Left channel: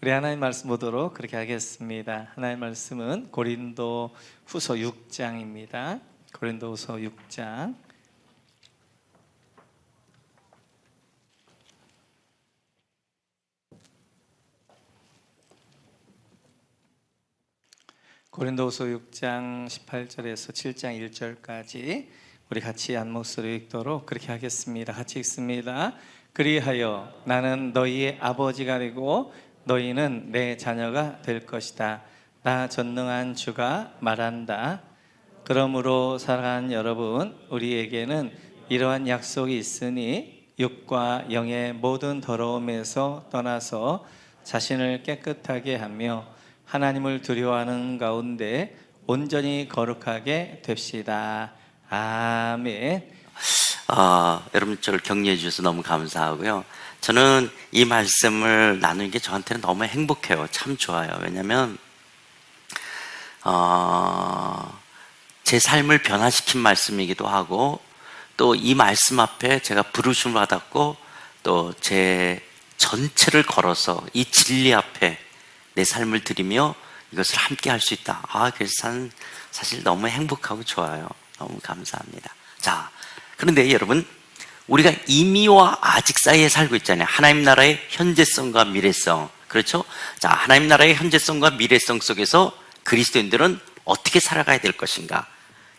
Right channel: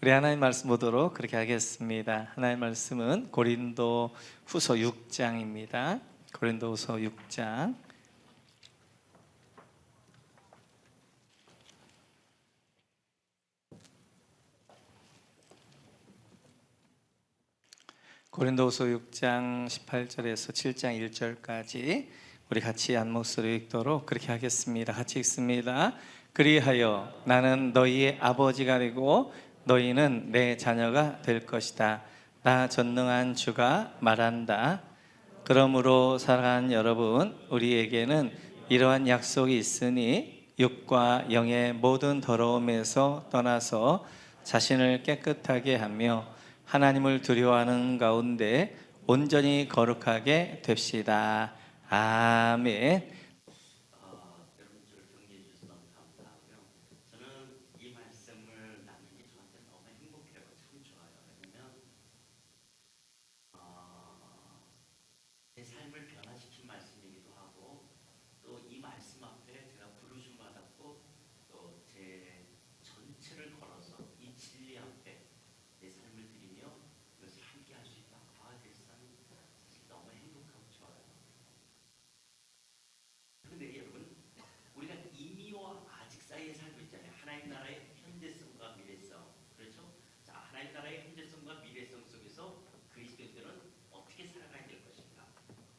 우리 하나님 말씀 보도록 그렇게 하겠습니다. 하나님 말씀은 고린도 후서 6장입니다. 고린도 후서 6장. 고린도후서 6장 18절에서 7장 1절까지 우리 같이 한 목소리 읽도록 그렇게 하겠습니다. 같이 읽습니다. 그리하여 나는 너희의 아버지가 되고 너희는 내 자녀가 될 것이다. 나 전능한 주가 말한다. 그러므로 사랑하는 여러분, 우리에게는 이러한 약속이 있으니 육과 영의 모든 더러움에서 떠나서 자신을 깨끗하게 하며 하나님을 두려워하는 가운데 온전히 거룩하게 됩시다. 아멘. 여러분 저를 격려해 주셔서 너무 감사하고요. 저는 이 말씀을 나누는 게 저한테는 너무 행복해요. 참 좋아요. 왜냐하면 제 삶을 변화시킨 말씀이기도 하고, 또 이 말씀 앞에 제가 부르심을 받았고, 또 제 전체를 걸어서 이 진리 앞에 내 삶을 드리며 이것을 함께 할 수 있다. 그래서 사실 너무 행복하고 좋아요. 너무 감사합니다. 자, 그런데 여러분, 우리가 이미와 아직 사이에 살고 있잖아요. 하나님 나라의 현재성과 미래성. 그렇죠? 자, 하나님 나라의 현재성과 미래성 속에서 그리스도인들은 어떻게 살아가야 될 것인가?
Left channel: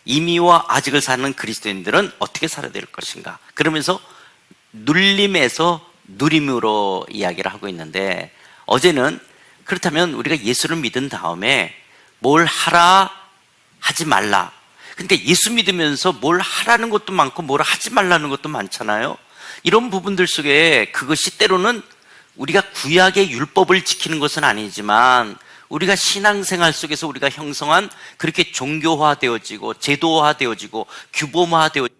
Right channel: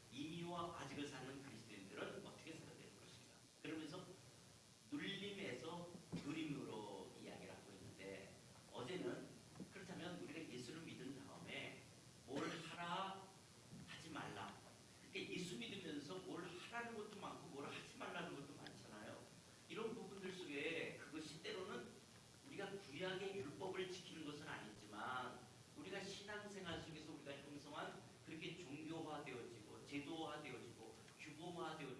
이미와 아직을 사는 그리스도인들은 어떻게 살아야 될 것인가? 그러면서 눌림에서 누림으로 이야기를 하고 있는데, 어제는 그렇다면 우리가 예수를 믿은 다음에 뭘 하라 하지 말라. 근데 예수 믿으면서 뭘 하라는 것도 많고 뭘 하지 말라는 것도 많잖아요. 이런 부분들 속에 그것이 때로는 우리가 구약의 율법을 지키는 것은 아니지만 우리가 신앙생활 속에서 우리가 형성한 그렇게 종교화되어지고 제도화되어지고 규범화되어지고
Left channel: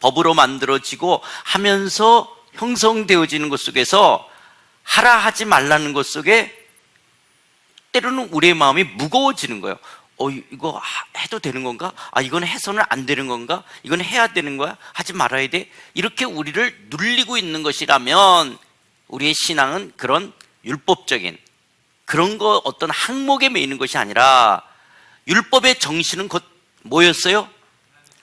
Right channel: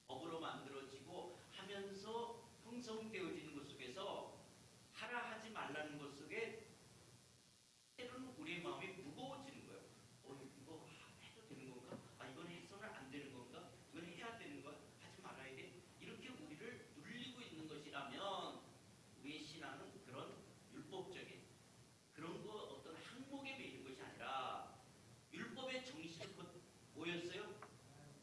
법으로 만들어지고 하면서 형성되어지는 것 속에서 하라 하지 말라는 것 속에 때로는 우리의 마음이 무거워지는 거예요. 이거 해도 되는 건가? 이건 해서는 안 되는 건가? 이건 해야 되는 거야? 하지 말아야 돼? 이렇게 우리를 눌리고 있는 것이라면 우리의 신앙은 그런 율법적인 그런 거 어떤 항목에 매이는 것이 아니라, 율법의 정신은 곧 뭐였어요?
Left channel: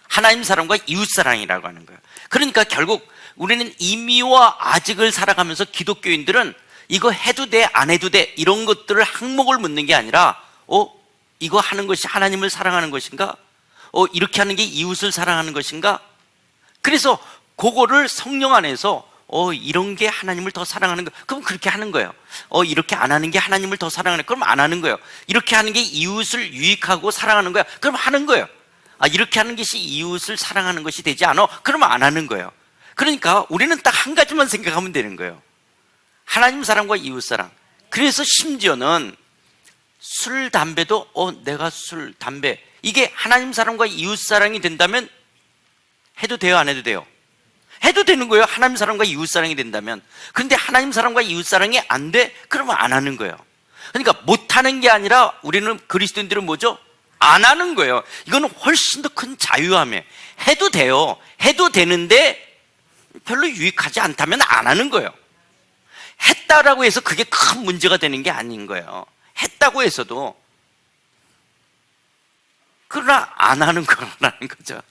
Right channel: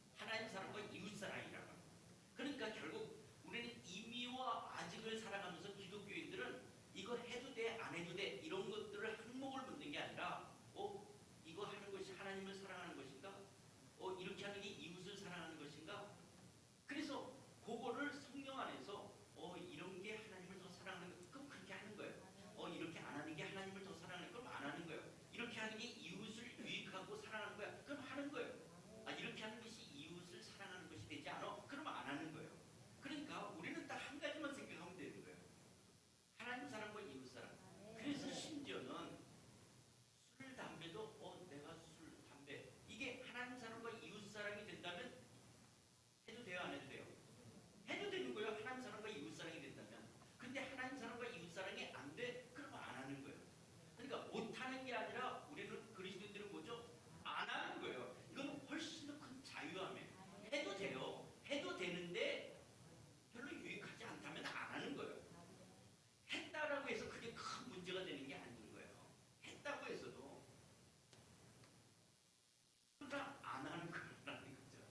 하나님 사랑과 이웃 사랑이라고 하는 거예요. 그러니까 결국 우리는 이미와 아직을 살아가면서 기독교인들은 이거 해도 돼, 안 해도 돼, 이런 것들을 항목을 묻는 게 아니라, 이거 하는 것이 하나님을 사랑하는 것인가? 이렇게 하는 게 이웃을 사랑하는 것인가? 그래서 그거를 성령 안에서 이런 게 하나님을 더 사랑하는 거, 그럼 그렇게 하는 거예요. 이렇게 안 하는 게 하나님을 더 사랑하는 거예요. 그럼 안 하는 거예요. 이렇게 하는 게 이웃을 유익하고 사랑하는 거야. 그럼 하는 거예요. 이렇게 하는 것이 이웃을 사랑하는 것이 되지 않아? 그러면 안 하는 거예요. 그러니까 우리는 딱 한 가지만 생각하면 되는 거예요. 하나님 사랑과 이웃 사랑. 그래서 심지어는 술, 담배도 내가 술, 담배, 이게 하나님 사랑과 이웃 사랑이 된다면 해도 돼요, 안 해도 돼요? 해도 되는 거예요. 하나님 사랑과 이웃 사랑이 된다면. 그런데 하나님 사랑과 이웃 사랑이 안 돼? 그러면 안 하는 거예요. 그러니까 못하는 게 아니라 우리는 그리스도인들은 뭐죠? 안 하는 거예요. 이거는 훨씬 더 큰 자유함이에요. 해도 돼요. 해도 되는데 별로 유익하지 않다면 안 하는 거예요. 했다라고 해서 그게 큰 문제가 되는 게 아닌 거예요. 했다고 해서도. 그러나 안 하는 거라는 거죠.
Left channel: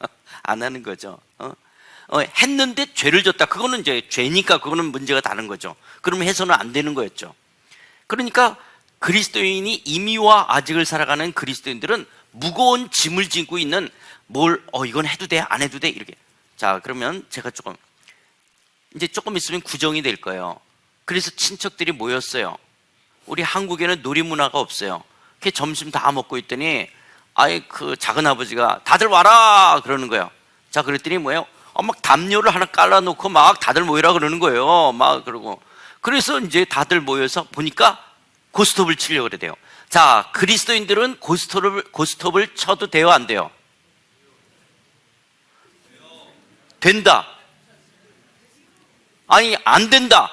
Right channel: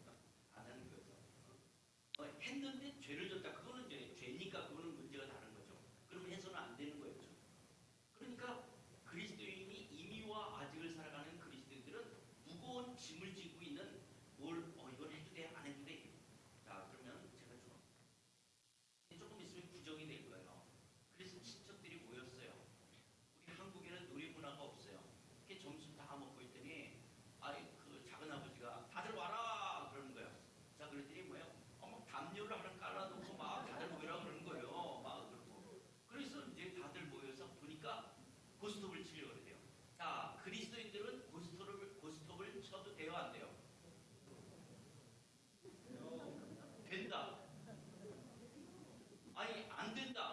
안 하는 거죠. 했는데 죄를 졌다. 그거는 이제 죄니까 그거는 문제가 다른 거죠. 그러면 해서는 안 되는 거였죠. 그러니까 그리스도인이 이미와 아직을 살아가는 그리스도인들은 무거운 짐을 지고 있는 이건 해도 돼, 안 해도 돼, 이렇게. 자, 그러면 제가 조금 있으면 구정이 될 거예요. 그래서 친척들이 모였어요. 우리 한국에는 놀이문화가 없어요. 그 점심 다 먹고 있더니 그 작은 아버지가 다들 와라 그러는 거예요. 자, 그랬더니 뭐예요? 막 담요를 하나 깔아놓고 막 다들 모이라 그러는 거예요. 막 그러고. 그래서 이제 다들 모여서 보니까 고스톱을 치려고 그래요. 자, 그리스도인들은 고스톱을 쳐도 돼요, 안 돼요? 된다. 안 된다.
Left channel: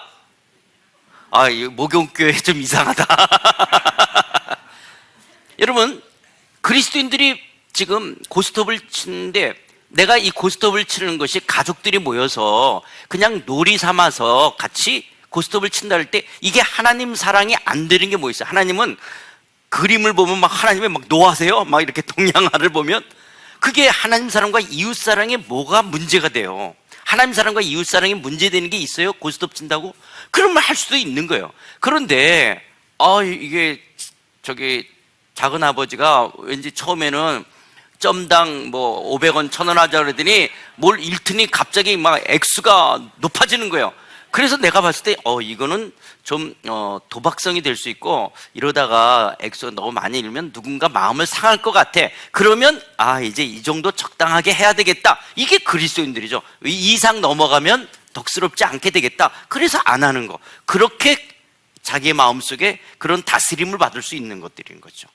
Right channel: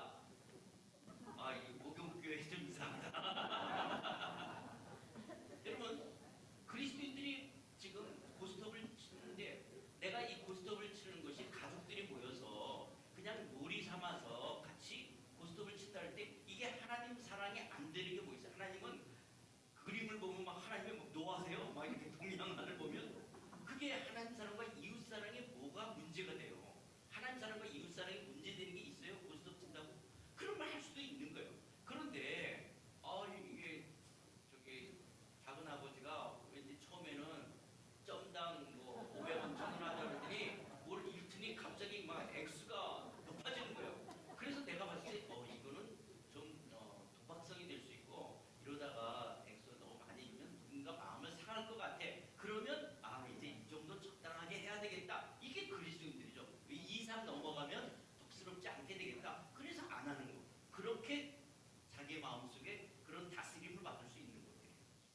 이 목욕교회 좀 이상하다. 여러분, 그리스도인들이 지금 고스톱을 치는데, 내가 이 고스톱을 치는 것이 가족들이 모여서 그냥 놀이 삼아서 같이 고스톱을 친다 할 때 이게 하나님 사랑이 안 되는 게 뭐 있어요? 하나님은 그림을 보면 막 하나님이 막 노하세요? 막 이렇게 동양화를 보면 그게 하나님 사랑과 이웃 사랑에 뭐가 문제가 돼요? 하나님 사랑과 이웃 사랑이 문제되는 게 있어요? 고스톱 친다고? 그러면 할 수도 있는 거예요. 그런데 이게 저기 작은 아버지가 왠지 처음에는 점당 뭐 500원, 1000원 하자 그러더니 뭘 읽더니 갑자기 막 액수가 높아지는 거예요. 그래서 내가 봤을 때 이거는 좀 도박성이 될 수 있고 이러다가 액수가 너무 많이 읽으면 누군가 마음을 상할 것 같아. 그러면 이제 이 정도 적당하게 해야 되겠다. 이게 그리스도인들이죠. 이 이상 넘어가면 덕스럽지 않게 되겠다. 그래서 안 하는 거. 그렇게 자기의 마음속에 그런 다스림을 받을 수 있는 것들인 거죠.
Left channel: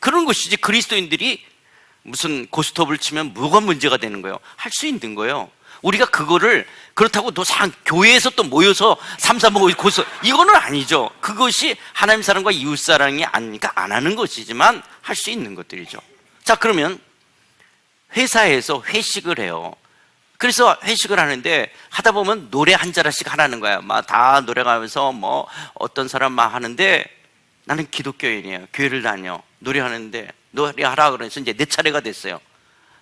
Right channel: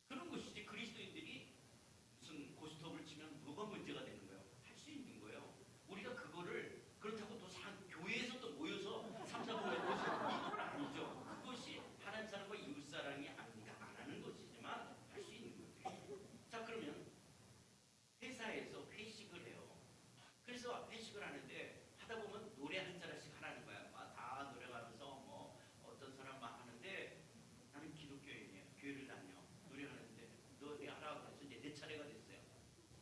그런 것이지 그리스도인들이 무슨 고스톱을 치면 뭐가 문제가 되는 거예요? 할 수 있는 거예요. 우리가 그거를 그렇다고 교회에서 또 모여서 삼삼오오 고스톱 이거는 아니죠. 그것이 하나님 사랑과 이웃 사랑이 아니니까 안 하는 것이지만 할 수 있는 것들이죠. 자, 그러면 회사에서 회식을 해요. 그래서 회식을 하는데 하다 보면 노래 한 자락씩 하라는 거야. 막 다 노래가면서 뭐 어떤 사람 막 하는데 나는 기독교인이에요. 교회를 다녀. 노래하는데 노래하라 그래서 이제 내 차례가 됐어요.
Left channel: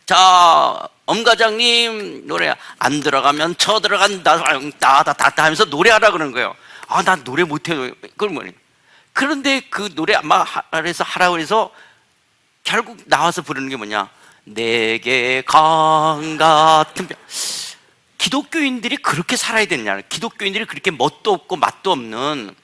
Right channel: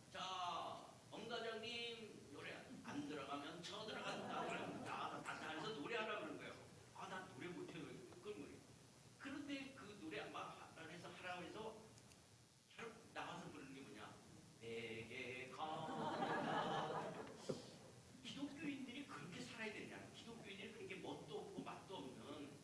자, 엄 과장님 노래 안 들어가면 쳐 들어간다 따다다다 하면서 노래하라 그러는 거예요. 난 노래 못해요. 그러면 그런데 그 노래 막 해서 하라고 해서 결국 나와서 부르는 게 뭐냐? 내게 강 같은 별. 기독교인들이 그렇게 살아야 되느냐? 기독교인들이 그렇게 멋도 없고 맛도 없는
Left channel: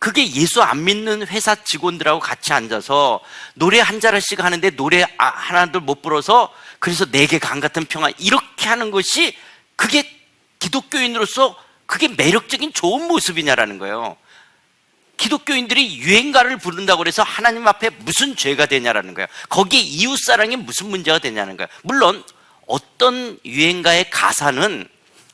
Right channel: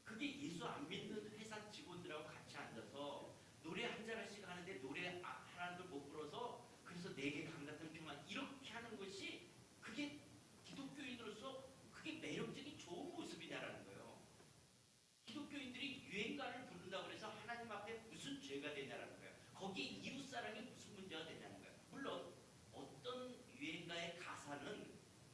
그게 예수 안 믿는 회사 직원들하고 같이 앉아서 노래 한 자락씩 하는데 노래 하나도 못 불어서 그래서 내게 강 같은 평화 이렇게 하는 것이 그게 기독교인으로서 그게 매력적인 좋은 모습이냐라는 거예요. 기독교인들이 유행가를 부른다고 해서 하나님 앞에 무슨 죄가 되냐라는 거예요. 거기에 이웃사랑에 무슨 문제가 되냐는 거예요. 물론 어떤 유행가의 가사는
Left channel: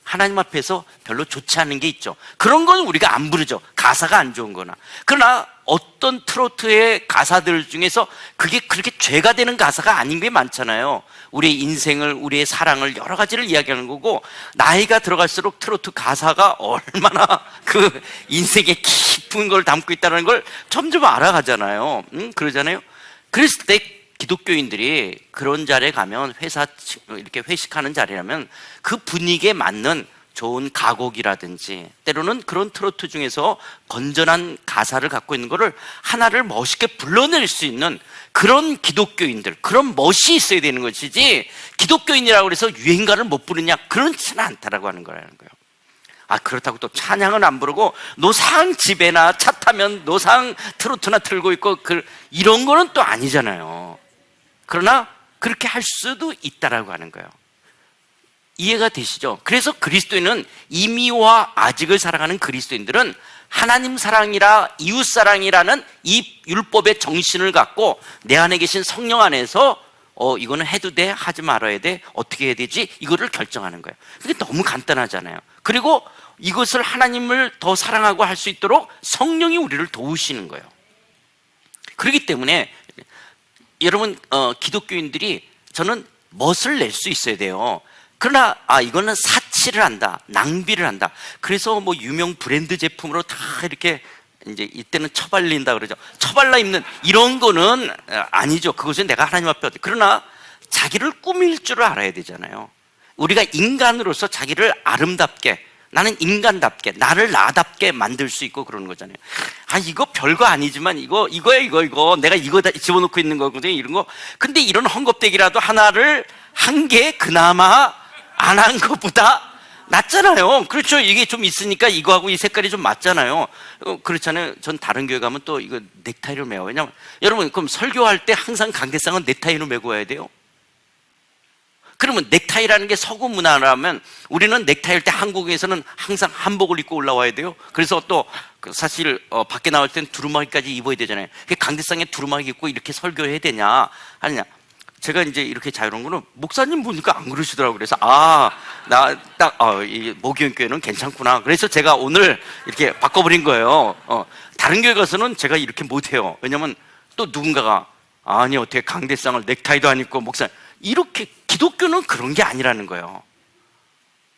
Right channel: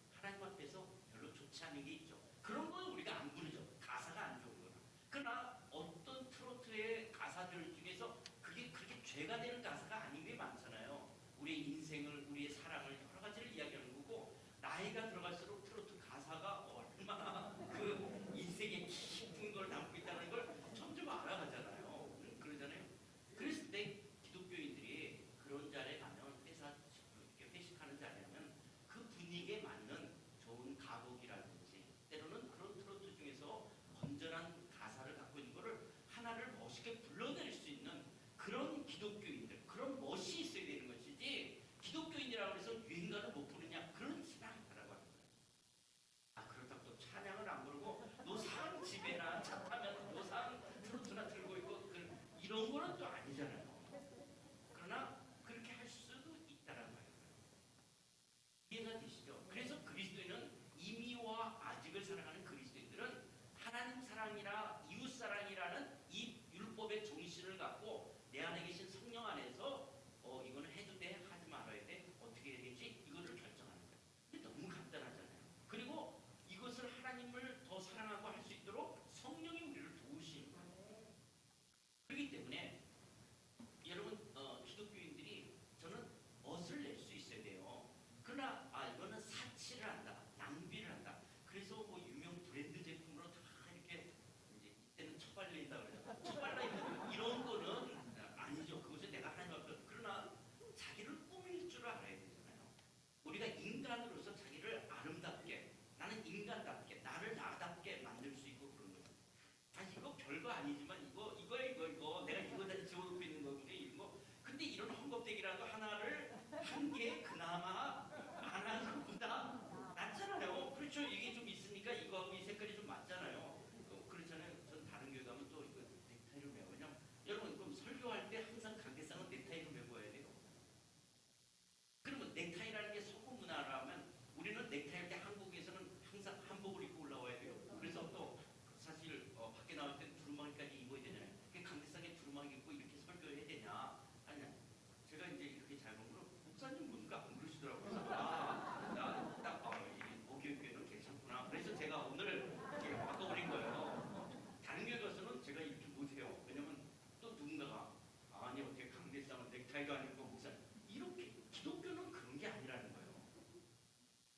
하나님 앞에서 별로 좋지 않은 게 있죠. 그런 건 우리가 안 부르죠. 가사가 안 좋은 거나. 그러나 어떤 트로트의 가사들 중에서 그게 그렇게 죄가 되는 가사가 아닌 게 많잖아요. 우리의 인생을, 우리의 사랑을 여러 가지를 이야기하는 거고 나이가 들어갈수록 트로트 가사가 얼마나 그 인생의 깊은 걸 담고 있다는 걸 점점 알아가잖아요. 그러잖아요. 그랬을 때 기독교인들이 그런 자리에 가면 회사 이렇게 회식하는 자리라면 그 분위기에 맞는 좋은 가곡이라든지 때로는 그런 트로트 중에서 건전한 가사를 갖고 있는 거를 하나를 멋있게 불러낼 수 있는 그런 기독교인들, 그런 멋이 있어야 되는 것이지 기독교인이라고 해서 유행가를 못 부르냐 그렇지는 않다라고 하는 거라는 거예요. 그렇다고 또 찬양은 안 부르고 노상 집에나 차 타면 노상 트로트나 틀고 있고 이런 거는 또 아니잖아요. 그러나 그렇게 할 수도 있다라고 하는 거예요. 이해가 되시죠? 그래서 그리스도인은 이미와 아직을 살아가는 그리스도인들은 하나님 사랑이라 이웃 사랑이라는 이 율법의 정신을 갖고 내 안에 계신 성령 안에서 이거는 해도 돼, 하지 말아야 돼, 어떻게 해야 되지? 이거를 결정하는 거예요. 그게 너무 간단하잖아요. 그리고 이것을 하나님을 더 사랑하고 할 수 있도록 성령이 우리를 도우시는 거예요. 그렇기 때문에 여러분 기독교인들이 저는 멋을 낼 수 있어야 돼요. 그러나 이거는 사치를 한다, 낭비를 한다. 그래서 뭐 유명 브랜드 제품으로 다 이렇게 이제 이때는 처발린다 그러죠. 처발라 입는 이런 거는 아니죠. 그것은 내가 하나님 앞에 그러나 자기를 꾸밀 줄 알아야 되잖아요. 우리가 인간으로서 자기를 아름답게 나는 인간답게 나를 나답게 만들 수 있고 그러는 거잖아요. 이거 별거 아니지만 이거 내가 이거 다 집어넣고 있는 거거든요. 이런 거. 근데 이런 헝겊대기라도 하나를 한 개 그나마 안 한 것보다 낫잖아요. 그렇죠. 이게 좀 있으니까 이거하고 이 색깔이 좀 맞잖아요. 그렇잖아요. 전 다른 교회 가면 또 이거 넥타이를 매요. 왜냐면 여러분 그럼 설교할 때 항상 강대상은 넥타이로 메고 와야 돼요. 그러면 넥타이라는 게 서구 문화라면 우리는 넥타이일 때 한국에서는 항상 한복을 입고 올라와야 돼요. 그래서 또 사실 밖에 나올 땐 두루마기까지 입어야 되잖아요. 강대상에 두루마기 입고 이렇게 설교해야 되냐 아니냐. 제가 이제 이렇게 자유로운 거는 목사님 보니까 안 그러시더라고요. 그래서 이 모기형 교회는 괜찮구나. 그래서 제가 오늘 이렇게 바꿔버린 거예요. 다른 교회 가서는 제가 이렇게 못해요. 왜냐면 또 누군가가 아니 어떻게 강대상을 넥타이도 안 입고 목사님 이렇게 기독교는 그런 게 아니라는 거예요.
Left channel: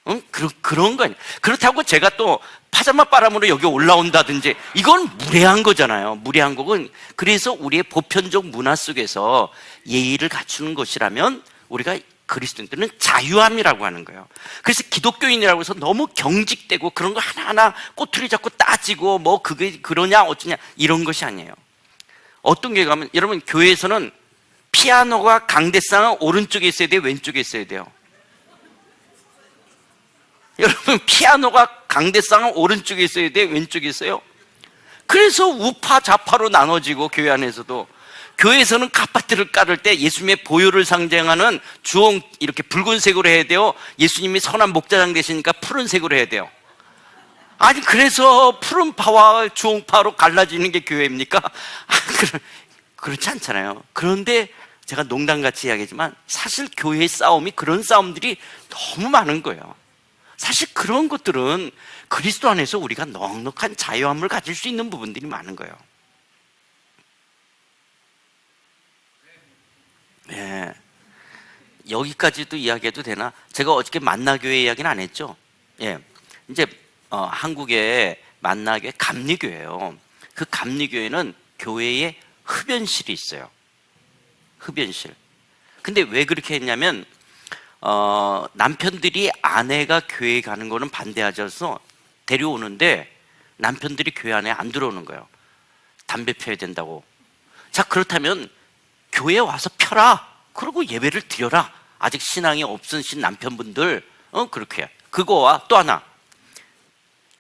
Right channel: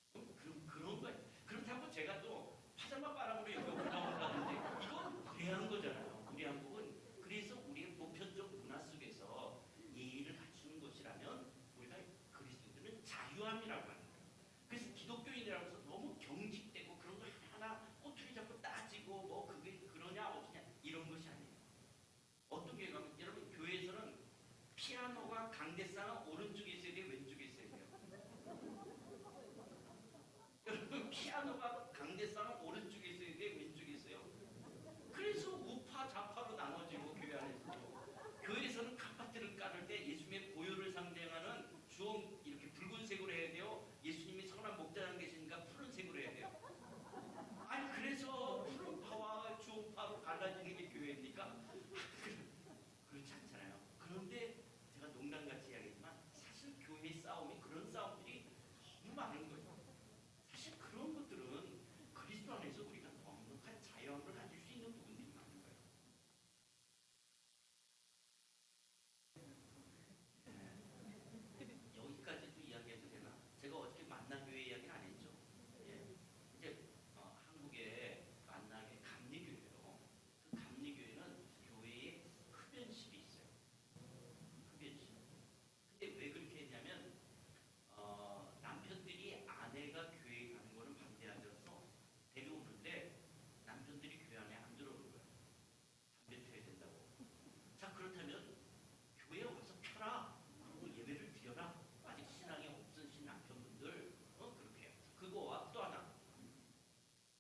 응? 그런 거 아니에요. 그렇다고 제가 또 파자마 바람으로 여기 올라온다든지 이건 무례한 거잖아요. 무례한 거는. 그래서 우리의 보편적 문화 속에서 예의를 갖추는 것이라면 우리가 그리스도인들은 자유함이라고 하는 거예요. 그래서 기독교인이라고 해서 너무 경직되고 그런 거 하나하나 꼬투리 잡고 따지고 뭐 그게 그러냐 어쩌냐 이런 것이 아니에요. 어떤 교회 가면 여러분 교회에서는 피아노가 강대상은 오른쪽에 있어야 돼요, 왼쪽에 있어야 돼요? 여러분 피아노가 강대상은 오른쪽에 있어야 돼요, 왼쪽에 있어요? 그래서 우파 좌파로 나눠지고 교회 안에서도 교회에서는 카파트를 깔을 때 예수님의 보혈을 상징하는 주홍 이렇게 붉은색으로 해야 돼요? 예수님이 선한 목자장 되시니까 푸른색으로 해야 돼요? 아니 그래서 푸른파와 주홍파로 갈라지는 게 교회입니까? 그렇지 않잖아요. 그런데 제가 농담같이 이야기하지만 사실 교회의 싸움이 그런 싸움들이 너무 많은 거예요. 사실 그런 것들은 그리스도 안에서 우리가 넉넉한 자유함을 가질 수 있는 부분들이 많은 거예요. 네. 여기까지도 이야기해도 되나? 제가 어저께 만나교회 이야기는 안 했죠? 예. 이제 한국의 만나교회 감리교회예요. 그 감리교회는 교회에 흡연실이 있어요. 흡연실. 근데 왜 그렇게 했냐면 남편들이 아내가 교회 가는 거는 반대하셔서 데려오는데 남편들이 교회 안에 안 들어오는 거예요. 담배 피워야 된다고. 자 그렇다면 교회에 와서 펴라. 그리고 예배를 드려라. 아직 신앙이 없으신 남편분들 그렇게 해요. 그거와 또 하나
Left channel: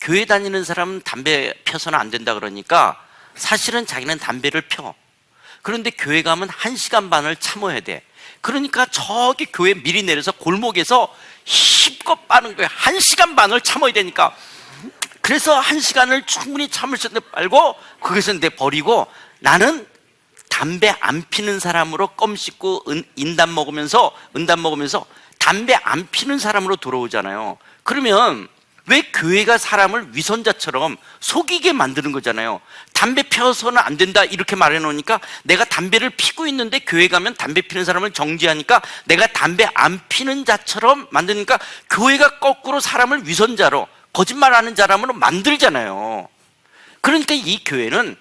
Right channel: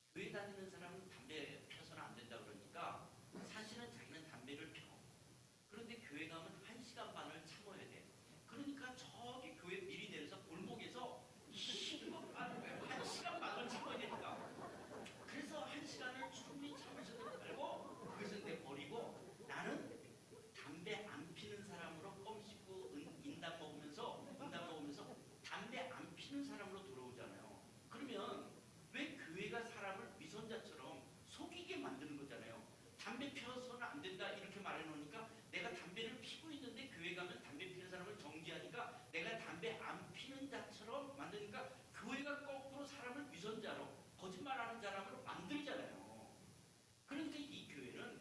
교회 다니는 사람은 담배 펴서는 안 된다 그러니까 사실은 자기는 담배를 펴. 그런데 교회 가면 1시간 반을 참아야 돼. 그러니까 저기 교회 미리 내려서 골목에서 힘껏 빠는 거예요. 1시간 반을 참아야 되니까. 그래서 1시간을 충분히 참을 수 있는데 빨고 거기서 내 버리고 나는 담배 안 피는 사람으로 껌 씹고 은담 먹으면서 담배 안 피는 사람으로 돌아오잖아요. 그러면 왜 교회가 사람을 위선자처럼 속이게 만드는 거잖아요. 담배 펴서는 안 된다 이렇게 말해 놓으니까 내가 담배를 피고 있는데 교회 가면 담배 피는 사람을 정지하니까 내가 담배 안 피는 자처럼 만드니까 교회가 거꾸로 사람을 위선자로 거짓말하는 사람으로 만들잖아요. 그러니까 이 교회는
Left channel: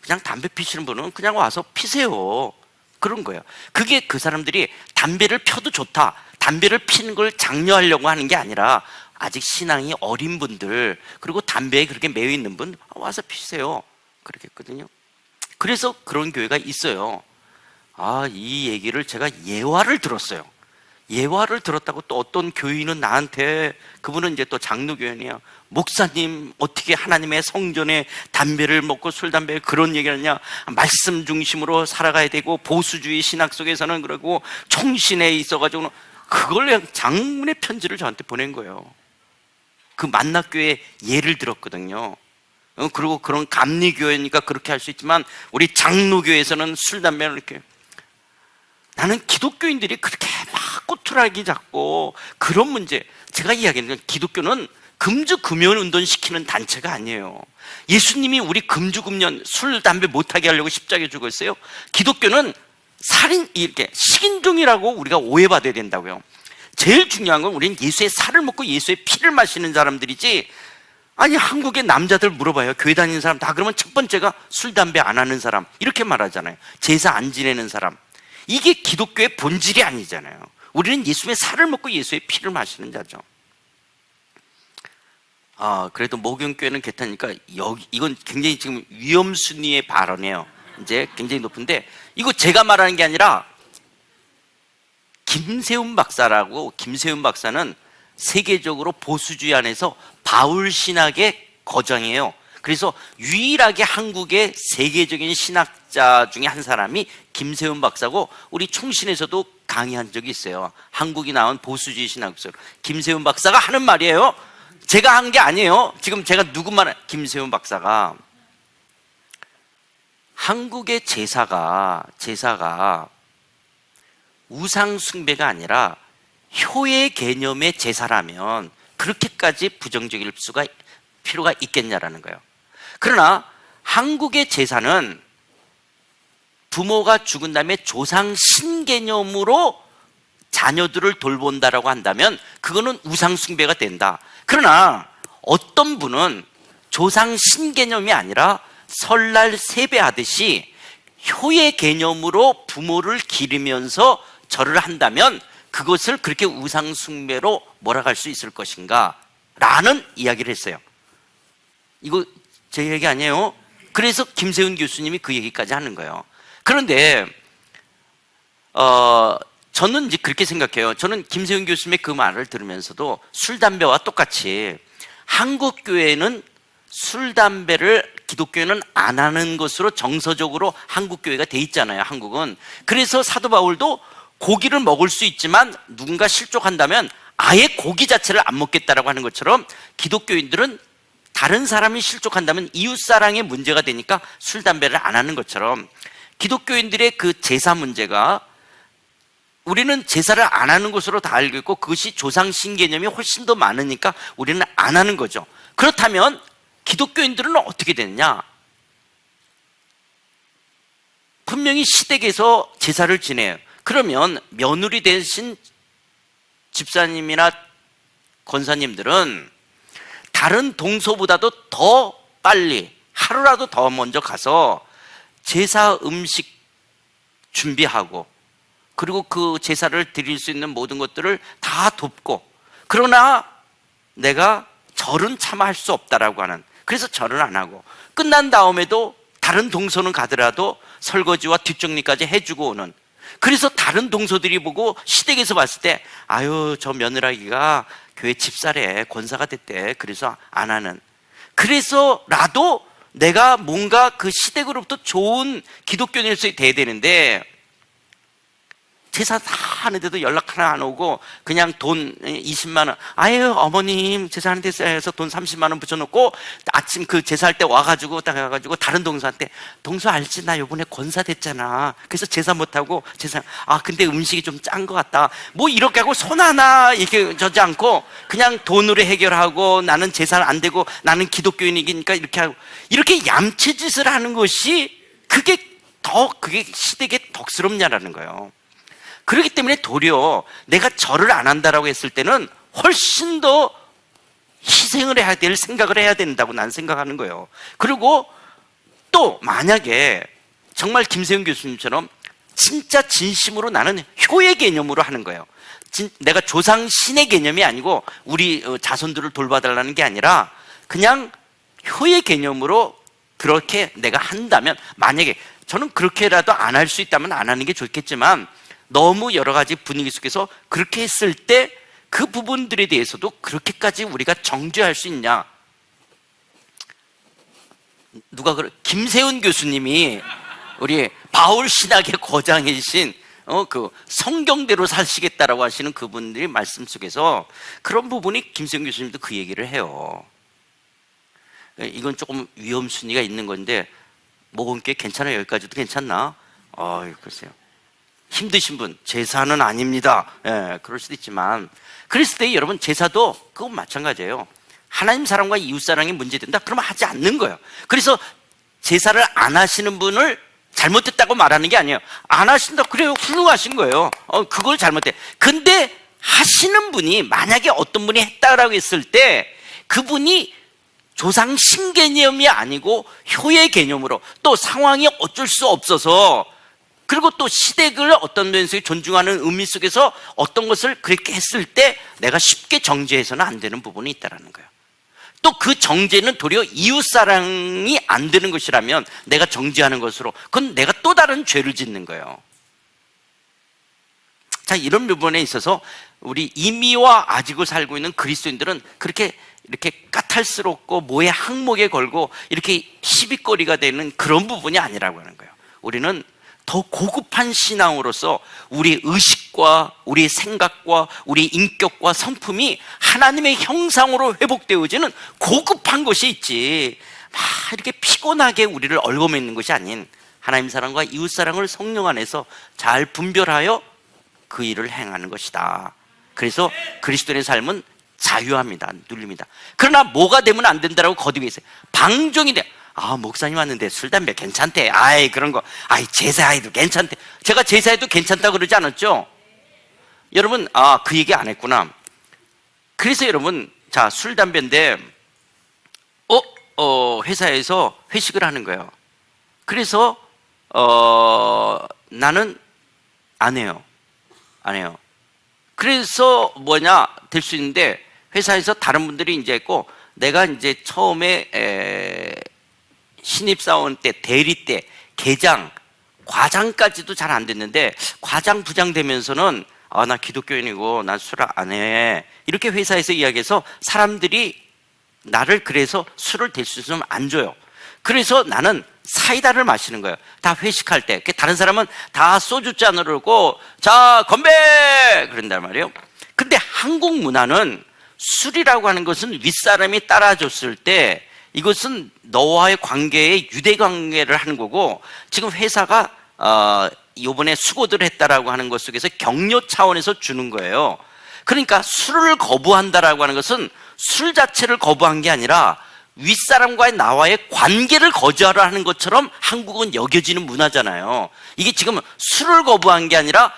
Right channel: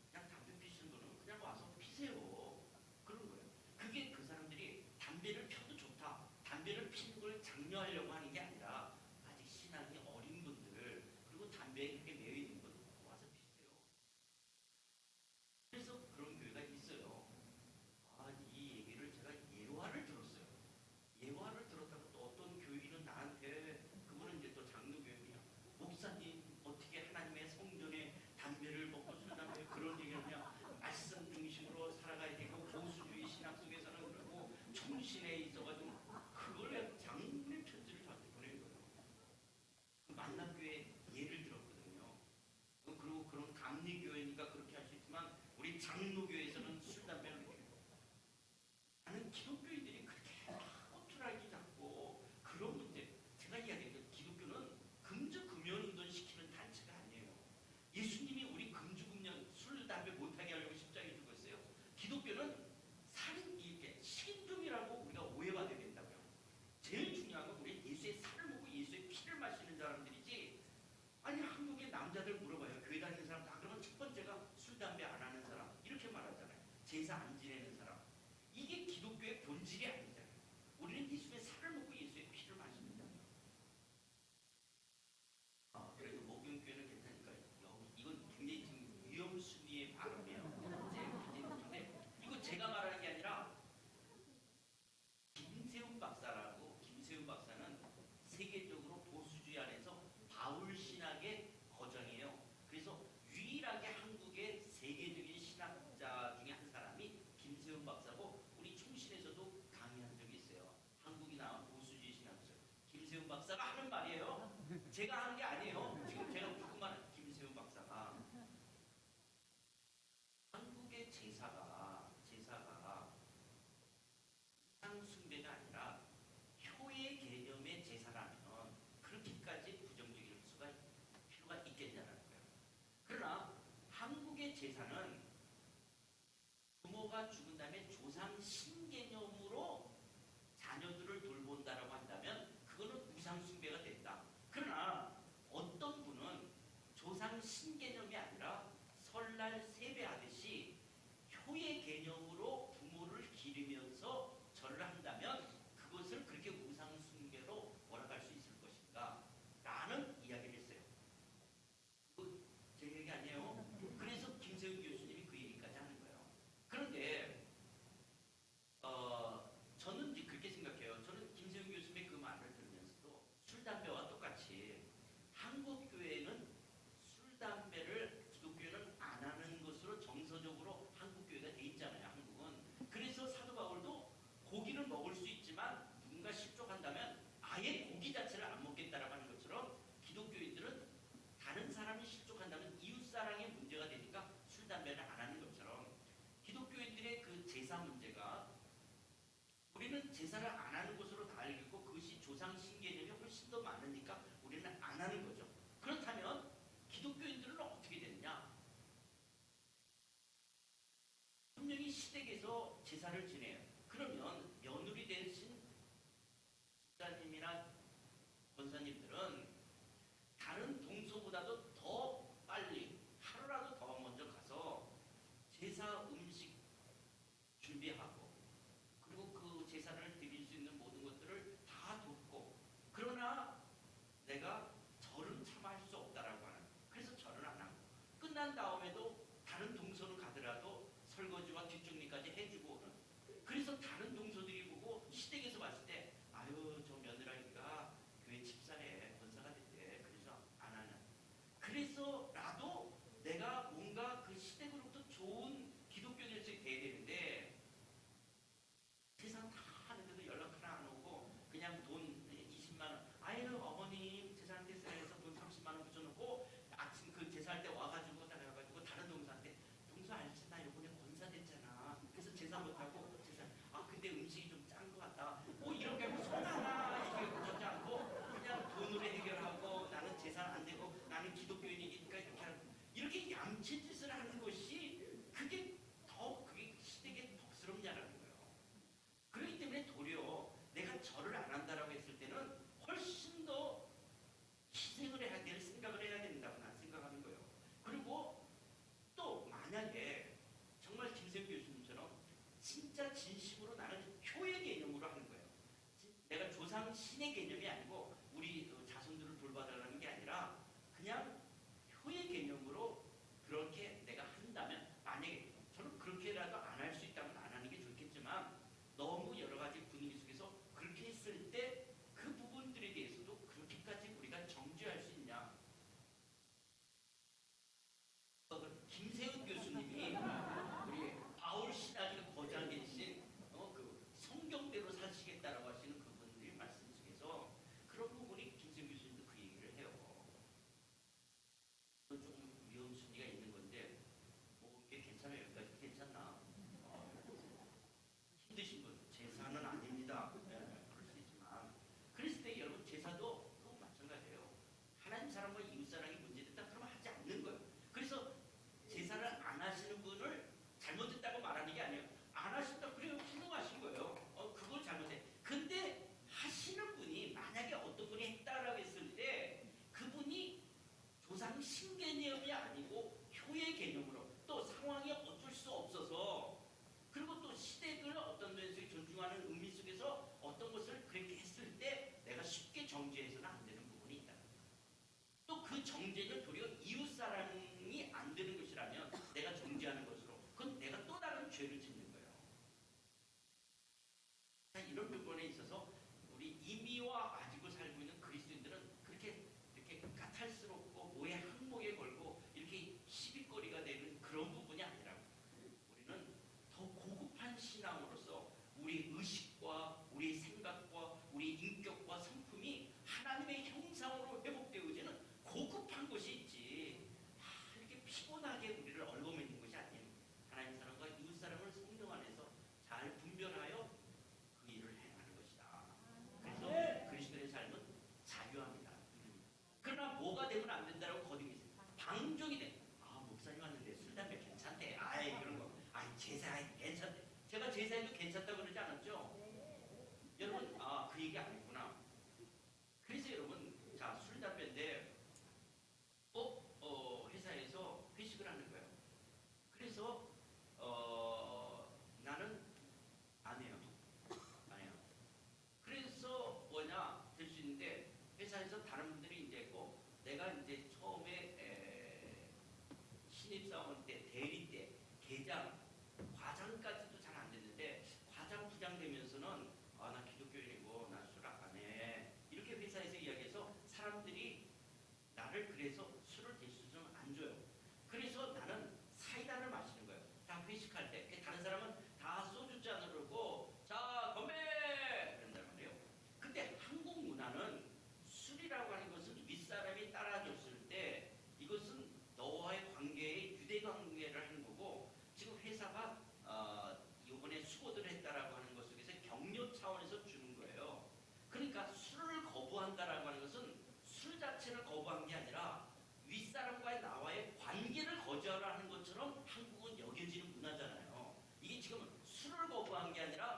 그냥 담배 피시는 분은 그냥 와서 피세요. 그런 거예요. 그게 그 사람들이 담배를 펴도 좋다, 담배를 피는 걸 장려하려고 하는 게 아니라 아직 신앙이 어린 분들 그리고 담배에 그렇게 매여 있는 분 와서 피세요. 그렇게 했거든요. 그래서 그런 교회가 있어요. 이 얘기를 제가 예화를 들었어요. 예화를 들었다고 또 어떤 교인은 나한테, 그분은 이제 또 장로교인이야, 목사님 어떻게 하나님의 성전에 담배를 먹고 술 담배 그런 얘기를 하냐, 말씀 중심으로 살아가야 되고 보수주의 신학 속에서는 그러고 총신에 있어가지고 그걸 그냥 장문의 편지를 저한테 보낸 거예요. 그 만나교회 예를 들었거든요. 그리고 그런 감리교회니까 그렇게 할 수 있지만 우리 장로교회에서는 술 담배를 이렇게. 나는 기독교인들이 그렇게 막 꼬투라기 잡고 그런 문제, 제가 이야기하는 건 기독교는 금주금연 운동시키는 단체가 아니에요. 예수님이 우리 금주금연 술 담배 못하게 하려고 십자가에 죽었어요. 기독교는 살인, 이렇게 식인종이라고 우리가 오해받아야 된다고요. 제일 중요한 건 우리는 예수의 살을 먹고 예수의 피를 마시는 사람들이지. 아니 한국의 남자들 물어봐요. 교회 다니는 사람 다 그러면 첫 번째가 술 담배 안 하는 사람 이렇게 말하잖아요. 제사 안 지내는 사람. 이게 기독교의 본질이 아니잖아요. 우리는 예수의 살을 먹고 예수의 피를 마시는 자죠. 그래도 모경교회는 괜찮으니까 이건 굉장히 지금 위험순위의 발언이에요. 이제 굉장히 높은데 이거 제가 말하는 게 아니라 김세훈 박사라고, 김세훈 박사는 세계적으로 보수주의 안에서 바울 신학의 거장이에요. 그래서 유일하게 한국의 세계적인 신학자 중에 한 사람이 김세훈 박사고 우리 총신에서도 강의한 적이 있어요. 한국이 나온 보수주의 신학설 김세훈 박사가 하는 말이에요. 제가 한 게 아니에요. 지금 제가 누구만, 김세훈 박사가 한국의 제사가 우상 숭배가 아니라 효의 개념의 제사라면 그렇게까지 부정적일 필요가 있겠냐라는 거예요. 그러나 한국의 제사는 부모가 죽은 다음에 조상 신개념으로 자녀들을 돌본다라고 한다면 그거는 우상숭배가 된다. 그러나 어떤 분은 조상 신개념이 아니라 설날 세배하듯이 효의 개념으로 부모를 기리면서 절을 한다면 그것을 그렇게 우상숭배로 몰아갈 수 있을 것인가 라는 이야기를 했어요. 이거 제 얘기 아니에요. 그래서 김세훈 교수님이 그 얘기까지 하는 거예요. 그런데 저는 이제 그렇게 생각해요. 저는 김세훈 교수님의 그 말을 들으면서도 술, 담배와 똑같이 한국 교회는 술, 담배를 기독교회는 안 하는 것으로 정서적으로 한국 교회가 돼 있잖아요. 한국은. 그래서 사도 바울도 고기를 먹을 수 있지만 누군가 실족한다면 아예 고기 자체를 안 먹겠다라고 하는 것처럼 기독교인들은 다른 사람이 실족한다면 이웃사랑의 문제가 되니까 술, 담배를 안 하는 것처럼 기독교인들의 그 제사 문제가 우리는 제사를 안 하는 것으로 다 알고 있고 그것이 조상 신개념이 훨씬 더 많으니까 우리는 안 하는 거죠. 그렇다면 기독교인들은 어떻게 됐냐? 분명히 시댁에서 제사를 지내요. 그러면 며느리 되신 집사님이나 권사님들은 다른 동서보다도 더 빨리 하루라도 더 먼저 가서 제사 음식 준비하고 그리고 그 제사를 드릴 수 있는 모든 것들을 다 돕고 그러나 내가 절은 차마 할 수 없다라고 하는 그래서 절은 안 하고 끝난 다음에도 다른 동서는 가더라도 설거지와 뒷정리까지 해주고 오는 그래서 다른 동서들이 보고 시댁에서 봤을 때 아유 저 며느라기가 교회 집사래 권사가 됐대 그래서 안 하는 그래서라도 내가 뭔가 그 시댁으로부터 좋은 기독교인으로서 돼야 되는데 제사 다 하는데도 연락 하나 안 오고 그냥 돈 20만 원 아유 어머님 제사하는데 해서 돈 30만 원 붙여놓고 아침 그 제사할 때 와가지고 딱 와가지고 다른 동서한테 동서 알지 나 요번에 권사 됐잖아 그래서 제사 못하고 제사 근데 음식이 좀 짠 것 같다 뭐 이렇게 하고 손 하나 이렇게 저지 않고 그냥 돈으로 해결하고 나는 제사 안 되고 나는 기독교인이니까 이렇게 하고 이렇게 얌체짓을 하는 것이 그게 시댁에 덕스럽냐라는 거예요. 그렇기 때문에 도리어 내가 절을 안 한다라고 했을 때는 훨씬 더 희생을 해야 될 생각을 해야 된다고 난 생각하는 거예요. 그리고 또 만약에 정말 김세훈 교수님처럼 진짜 진심으로 나는 효의 개념으로 하는 거예요. 내가 조상 신의 개념이 아니고 우리 자손들을 돌봐달라는 게 아니라 그냥 효의 개념으로 그렇게 내가 한다면 만약에 저는 그렇게라도 안 할 수 있다면 안 하는 게 좋겠지만 너무 여러 가지 분위기 속에서 그렇게 했을 때 그 부분들에 대해서도 그렇게까지 우리가 정죄할 수 있냐? 김세훈 교수님이 우리 바울 신학의 거장이신 그 성경대로 사시겠다라고 하시는 그분들이 말씀 속에서 그런 부분이 김세훈 교수님도 그 얘기를 해요. 이건 조금 위험순위가 있는 건데 먹은 게 괜찮아요? 여기까지도 괜찮나? 글쎄요. 힘드신 분 제사는 아닙니다. 그럴 수도 있지만 그랬을 때 여러분 제사도 그건 마찬가지예요. 하나님 사랑과 이웃 사랑이 문제된다 그러면 하지 않는 거예요. 그래서 제사를 안 하시는 분을 잘못했다고 말하는 게 아니에요. 안 하신다 그래요 훌륭하신 거예요. 그걸 잘못해. 근데 하시는 분이 만약에 어떤 분이 했다라고 했을 때 그분이 조상 신개념이 아니고 효의 개념으로 또 상황이 어쩔 수 없어서 그리고 또 시댁을 어떤 면에서 존중하는 의미 속에서 어떤 것을 그렇게 했을 때 내가 쉽게 정죄해서는 안 되는 부분이 있다는 거예요. 또 그 정죄는 도리어 이웃사랑이 안 되는 것이라면 내가 정죄하는 것으로 그건 내가 또 다른 죄를 짓는 거예요. 자, 이런 부분에 있어서 우리 이미와 아직을 살고 있는 그리스도인들은 그렇게 이렇게 까탈스럽고 뭐에 항목에 걸고 이렇게 시비거리가 되는 그런 부분이 아니라고 하는 거예요. 우리는 더 고급한 신앙으로서 우리 의식과 우리 생각과 우리 인격과 성품이 하나님의 형상으로 회복되어지는 고급한 것이 있지 막 이렇게 피곤하게 우리를 얽어매는 것이 아닌 하나님 사랑과 이웃 사랑을 성령 안에서 잘 분별하여 그 일을 행하는 것이다. 그래서 그리스도인의 삶은 자유합니다. 눌립니다. 그러나 뭐가 되면 안 된다라고 거듭이 있어요. 방종이 돼. 목사님 왔는데 술, 담배 괜찮대. 그런 거. 제사해도 괜찮대. 제가 제사해도 괜찮다고 그러지 않았죠? 여러분, 그 얘기 안 했구나. 그래서 여러분, 자, 술, 담배인데, 회사에서 회식을 하는 거예요. 그래서, 나는 안 해요. 안 해요. 그래서 될 수 있는데, 회사에서 다른 분들이 이제 있고, 내가 이제 처음에 신입사원 때, 대리 때, 계장, 과장까지도 잘 안 됐는데, 과장, 부장 되면서는 나 기독교인이고 난 술 안 해. 이렇게 회사에서 이야기해서 사람들이 나를 그래서 술을 댈 수 있으면 안 줘요. 그래서 나는 사이다를 마시는 거예요. 다 회식할 때. 다른 사람은 다 소주잔으로 오고, 자, 건배! 그런단 말이에요. 근데 한국 문화는 술이라고 하는 것은 윗사람이 따라줬을 때 이것은 너와의 관계에 유대관계를 하는 거고, 지금 회사가 요번에 수고들 했다라고 하는 것 속에서 격려 차원에서 주는 거예요. 그러니까 술을 거부한다라고 하는 것은 술 자체를 거부한 게 아니라 윗사람과의 나와의 관계를 거절하는 것처럼 한국은 여겨지는 문화잖아요. 이게 지금 술을 거부한 게 아니라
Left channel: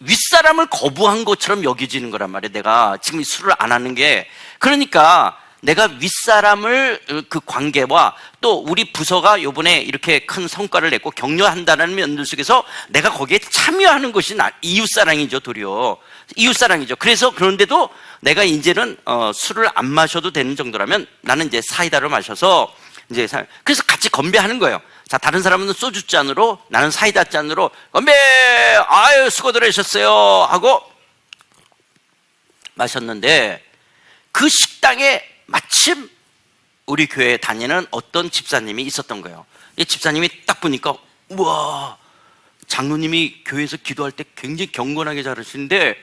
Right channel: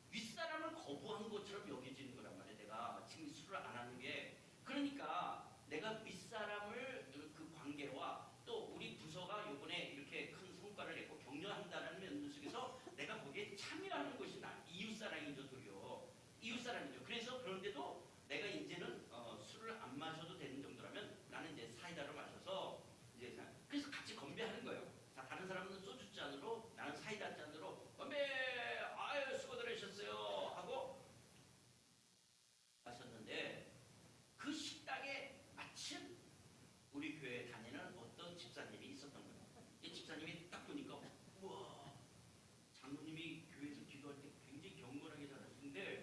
윗사람을 거부한 것처럼 여겨지는 거란 말이에요. 내가 지금 술을 안 하는 게. 그러니까 내가 윗사람을 그 관계와 또 우리 부서가 요번에 이렇게 큰 성과를 냈고 격려한다는 면들 속에서 내가 거기에 참여하는 것이 이웃사랑이죠. 도리어 이웃사랑이죠. 그래서 그런데도 내가 이제는 술을 안 마셔도 되는 정도라면 나는 이제 사이다를 마셔서 이제 그래서 같이 건배하는 거예요. 자, 다른 사람은 소주 잔으로, 나는 사이다 잔으로 건배! 아유, 수고들 하셨어요 하고 마셨는데, 그 식당에 마침 우리 교회에 다니는 어떤 집사님이 있었던 거예요. 이 집사님이 딱 보니까, 우와, 장로님이 교회에서 기도할 때 굉장히 경건하게 잘하시는데,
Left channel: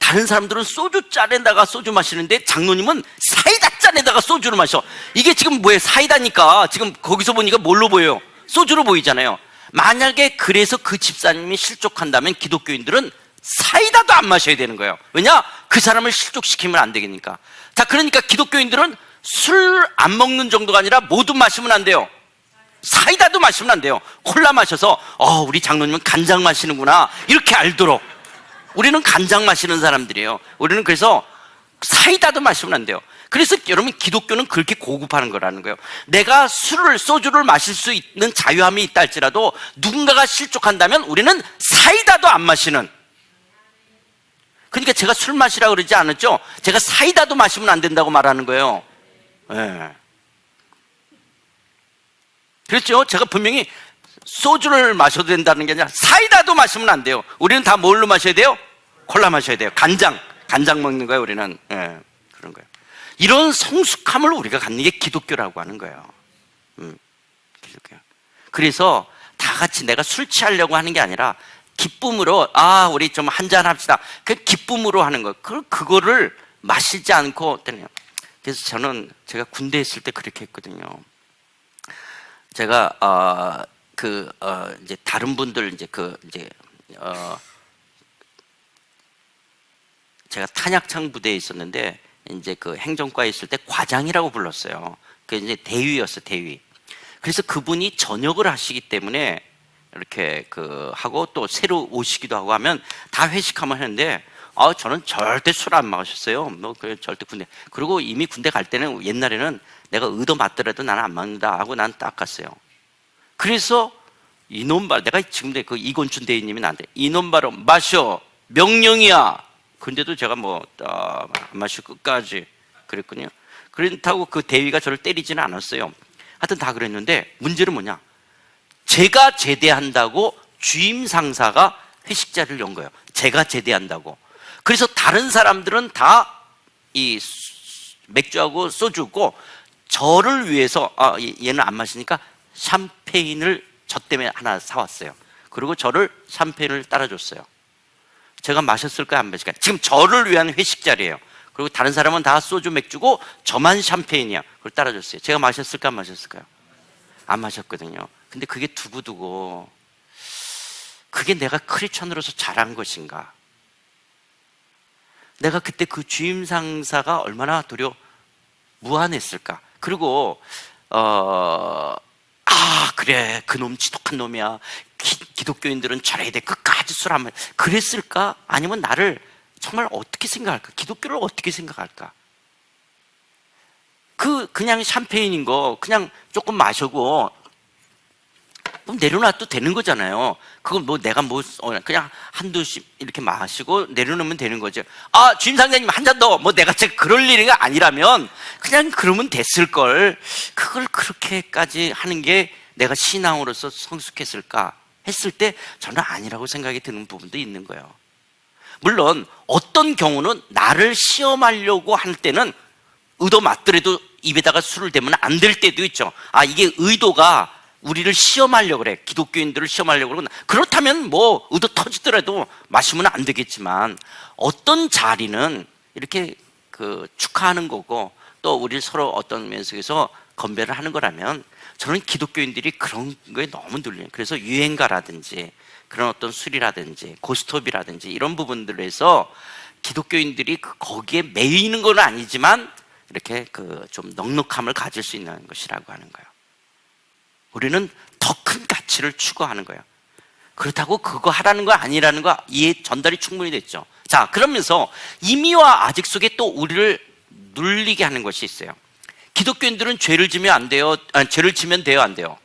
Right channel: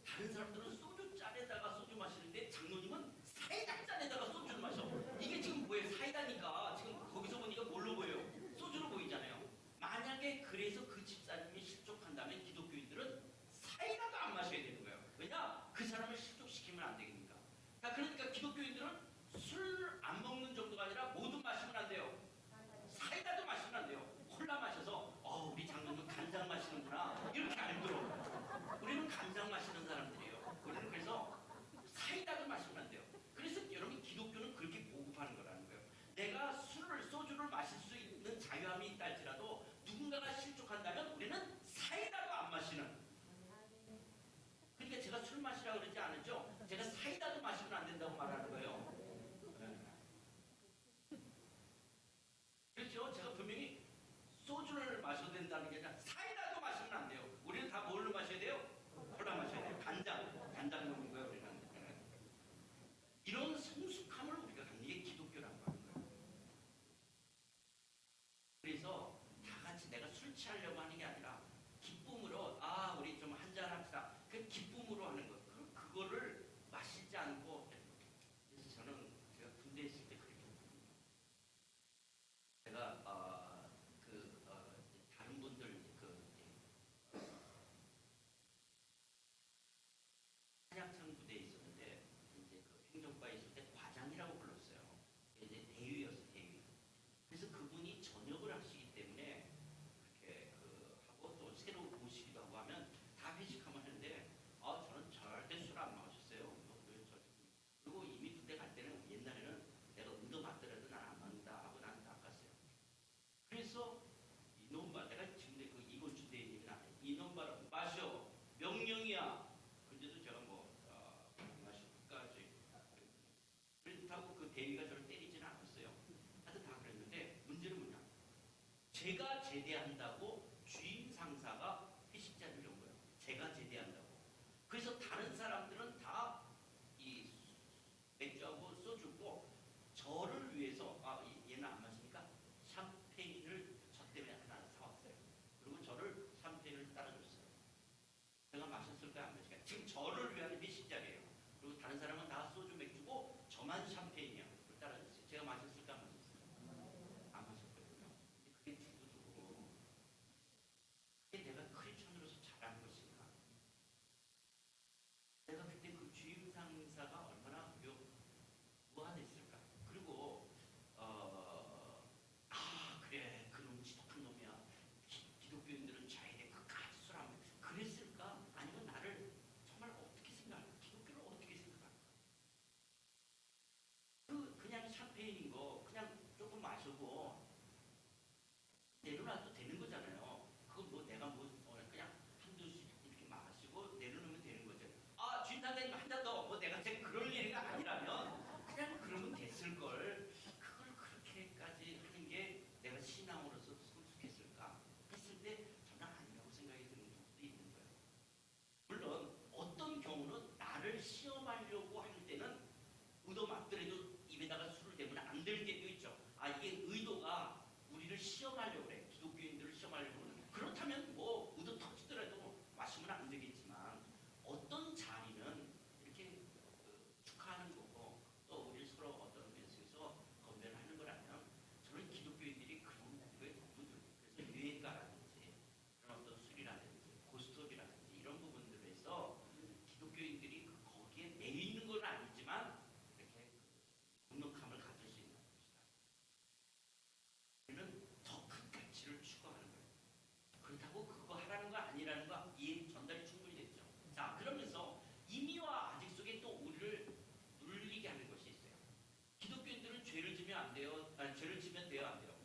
다른 사람들은 소주 잔에다가 소주 마시는데 장로님은 사이다 잔에다가 소주를 마셔. 이게 지금 뭐예요? 사이다니까. 지금 거기서 보니까 뭘로 보여요? 소주로 보이잖아요. 만약에 그래서 그 집사님이 실족한다면 기독교인들은 사이다도 안 마셔야 되는 거예요. 왜냐? 그 사람을 실족시키면 안 되겠니까. 자, 그러니까 기독교인들은 술 안 먹는 정도가 아니라 모두 마시면 안 돼요. 사이다도 마시면 안 돼요. 콜라 마셔서 우리 장로님은 간장 마시는구나 이렇게 알도록. 우리는 간장 마시는 사람들이에요. 우리는 그래서 사이다도 마시면 안 돼요. 그래서 여러분, 기독교는 그렇게 고급하는 거라는 거예요. 내가 소주를 마실 수 있는 자유함이 있다 할지라도 누군가가 실족한다면 우리는 사이다도 안 마시는. 그러니까 제가 술 마시라고 그러지 않았죠? 제가 사이다도 마시면 안 된다고 말하는 거예요. 네. 그렇죠? 제가 분명히 소주를 마셔도 된다는 게 아니라 사이다도 마시면 안 돼요. 우리는 다 뭘로 마셔야 돼요? 콜라 마셔야 돼요. 간장 먹는 거예요. 우리는. 그런 거예요. 이런 성숙함을 우리가 갖는 게 기독교라고 하는 거예요. 기독교. 그래서 다 같이 내가 술 취하려고 하는 게 아니라 기쁨으로, 우리 좀 한잔 합시다. 그 기쁨으로 하는 거. 그거를 마시지 않고. 그래서 제가 군대에 있을 때 그렇게 했거든요. 제가 이제 다른 분들 제가 탄약창 부대에 있었는데 이제 그 행정과에 있을 때 과장이라고 불렀어요. 그 이제 대위였어요, 대위. 그래서 그분이 전역을 하시기 때문에 이렇게 하고 또 새로 오시기도 하고 하면 다 회식하면 하는데, 저는 절대 술 안 마셨어요. 절대 군대. 그리고 이미 군대 갈 때는 옛날에는 내가 의도 맞더라도 나는 안 먹는다 하고 난 딱 갔어요. 그래서 내가 지금 그 이건춘 대위님이 나한테 이놈 바로 마셔, 명령이야. 근데도 제가 안 마시고 끝까지 그랬군요. 그렇다고 그 대위가 저를 때리지는 않았어요. 하여튼 다 그랬는데 문제는 뭐냐? 제가 제대한다고 주임 상사가 회식 자리를 연 거예요. 제가 제대한다고. 그래서 다른 사람들은 다 이 맥주하고 소주고, 저를 위해서 얘는 안 마시니까 샴페인을 저 때문에 하나 사왔어요. 그리고 저를 샴페인을 따라줬어요. 제가 마셨을까요, 안 마실까요? 지금 저를 위한 회식 자리예요. 그리고 다른 사람은 다 소주 맥주고 저만 샴페인이야. 그걸 따라줬어요. 제가 마셨을까, 안 마셨을까요? 안 마셨거든요. 근데 그게 두고두고, 그게 내가 크리스천으로서 잘한 것인가? 내가 그때 그 주임 상사가 얼마나 도리어 무안했을까? 그리고 그래, 그놈 지독한 놈이야. 기독교인들은 저래야 돼. 끝까지 술 안 마셔. 그랬을까? 아니면 나를 정말 어떻게 생각할까? 기독교를 어떻게 생각할까? 그냥 샴페인인 거 그냥 조금 마셔고 그럼 내려놔도 되는 거잖아요. 그건 뭐 내가 그냥 한두씩 이렇게 마시고 내려놓으면 되는 거죠. 아, 주임 상장님 한 잔 더. 뭐 내가 진짜 그럴 일이 아니라면 그냥 그러면 됐을 걸. 그걸 그렇게까지 하는 게 내가 신앙으로서 성숙했을까 했을 때 저는 아니라고 생각이 드는 부분도 있는 거예요. 물론 어떤 경우는 나를 시험하려고 할 때는 의도 맞더라도 입에다가 술을 대면 안 될 때도 있죠. 아, 이게 의도가 우리를 시험하려고 그래. 기독교인들을 시험하려고 그러고. 그렇다면 뭐 의도 터지더라도 마시면 안 되겠지만, 어떤 자리는 이렇게 축하하는 거고 또 우리 서로 어떤 면에서 건배를 하는 거라면, 저는 기독교인들이 그런 거에 너무 눌려요. 그래서 유행가라든지 그런 어떤 술이라든지 고스톱이라든지 이런 부분들에서 기독교인들이 거기에 매이는 건 아니지만 이렇게 좀 넉넉함을 가질 수 있는 것이라고 하는 거예요. 우리는 더 큰 가치를 추구하는 거예요. 그렇다고 그거 하라는 거 아니라는 거 이해 전달이 충분히 됐죠. 자, 그러면서 임의와 아직 속에 또 우리를 눌리게 하는 것이 있어요. 기독교인들은 죄를 지면 안 돼요? 아니, 죄를 지면 돼요, 안 돼요?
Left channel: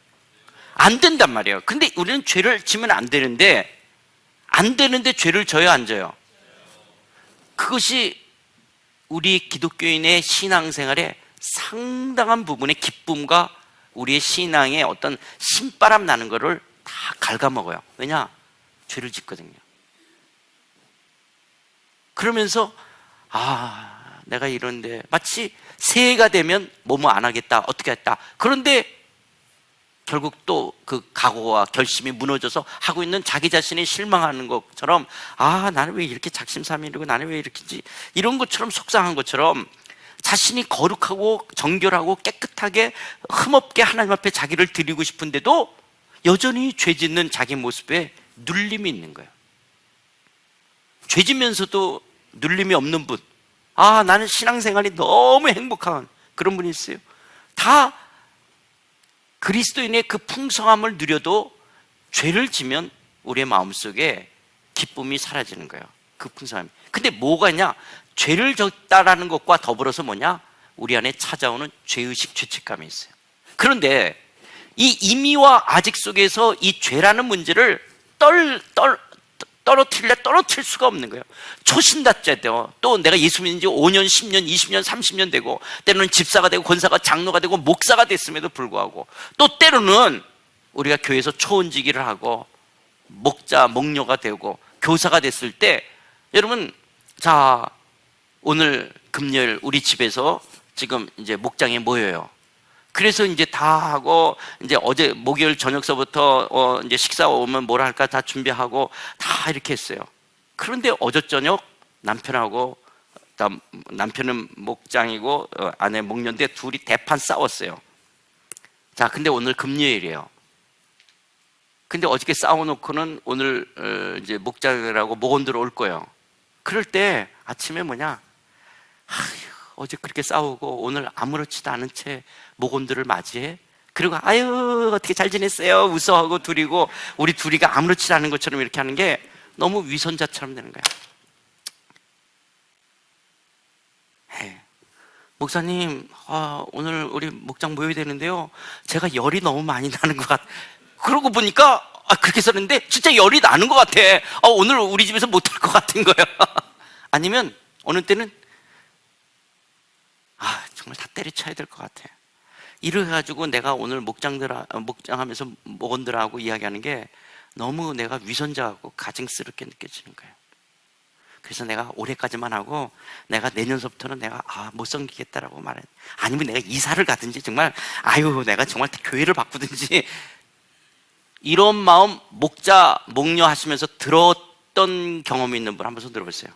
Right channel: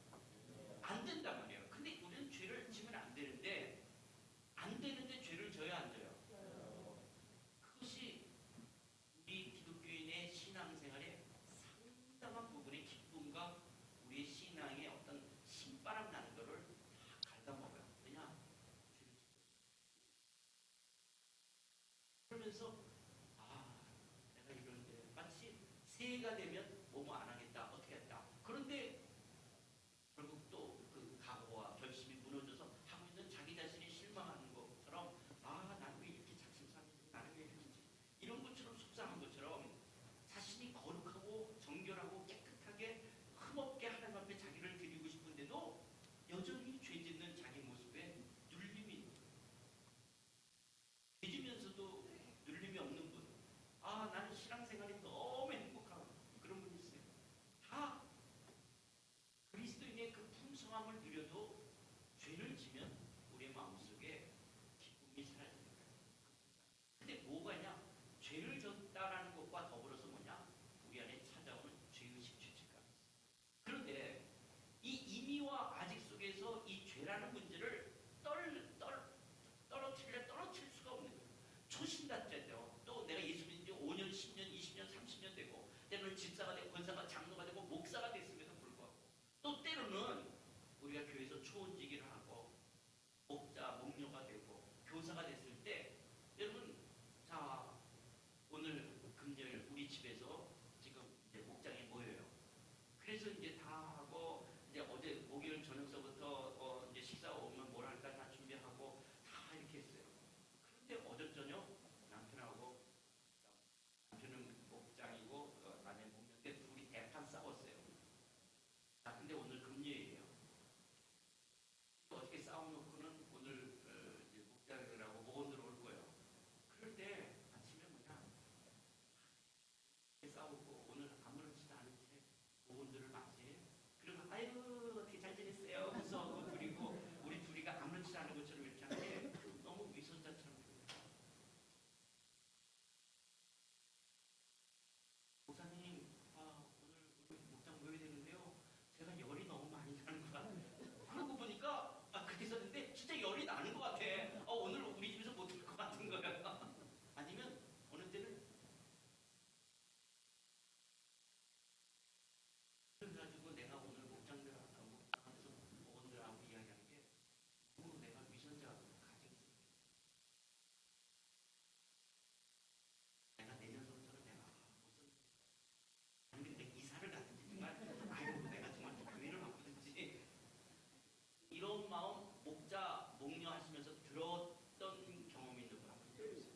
안 된단 말이에요. 근데 우리는 죄를 지면 안 되는데 죄를 져요, 안 져요? 그것이 우리 기독교인의 신앙생활에 상당한 부분의 기쁨과 우리의 신앙의 어떤 신바람 나는 거를 다 갉아먹어요. 왜냐? 죄를 짓거든요. 그러면서 내가 이런데 마치 새해가 되면 뭐뭐 안 하겠다, 어떻게 했다. 그런데 결국 또 그 각오와 결심이 무너져서 하고 있는 자기 자신이 실망하는 것처럼, 나는 왜 이렇게 작심삼일이고 나는 왜 이렇게지, 이런 것처럼 속상한 것처럼 자신이 거룩하고 정결하고 깨끗하게 흠없게 하나님 앞에 자기를 드리고 싶은데도 여전히 죄 짓는 자기 모습에 눌림이 있는 거예요. 죄 지면서도 눌림이 없는 분, 나는 신앙생활이 너무 행복한 그런 분이 있어요. 다 그리스도인의 그 풍성함을 누려도 죄를 지면 우리의 마음속에 기쁨이 사라지는 거예요. 그 풍성함이. 근데 뭐가 있냐? 죄를 졌다라는 것과 더불어서 뭐냐? 우리 안에 찾아오는 죄의식, 죄책감이 있어요. 그런데 이 임의와 아직 속에서 이 죄라는 문제를 떨어뜨릴 수가 없는 거예요. 초신자때 또 내가 예수 믿은 지 5년, 10년, 20년, 30년 되고, 때로는 집사가 되고 권사가, 장로가 되고 목사가 됐음에도 불구하고, 또 때로는 우리가 교회에서 초원지기를 하고 목자, 목녀가 되고 교사가 됐을 때, 여러분, 자, 오늘 금요일 우리 집에서 지금 이제 목장에 모여요. 그래서 이제 다 하고, 이제 어제 목요일 저녁서부터 이제 식사 오면 뭘 할까 다 준비하고 다 이렇게 했어요. 그런데 어제 저녁 남편하고, 남편은 목장이고 아내 목녀인데 둘이 대판 싸웠어요. 자, 근데 오늘 금요일이에요. 근데 어저께 싸워놓고는 오늘 이제 목장이라고 목원들 올 거예요. 그럴 때 아침에 어제 그렇게 싸우고 오늘 아무렇지도 않은 채 목원들을 맞이해. 그리고 어떻게 잘 지냈어요? 웃어하고 둘이고, 우리 둘이가 아무렇지도 않은 것처럼 이렇게 하는 게 너무 위선자처럼 되는 거야. 목사님, 오늘 우리 목장 모여야 되는데요, 제가 열이 너무 많이 나는 것 같아. 그러고 보니까 그렇게 썼는데 진짜 열이 나는 것 같아. 오늘 우리 집에서 못할 것 같은 거예요. 아니면 어느 때는 정말 다 때려쳐야 될 것 같아. 이래가지고 내가 오늘 목장하면서 목원들하고 이야기하는 게 너무 내가 위선자하고 가증스럽게 느껴지는 거예요. 그래서 내가 올해까지만 하고 내가 내년서부터는 내가 못 섬기겠다라고 말해. 아니면 내가 이사를 가든지, 정말 내가 정말 교회를 바꾸든지, 이런 마음 목자, 목녀 하시면서 들었던 경험이 있는 분 한번 손 들어보세요.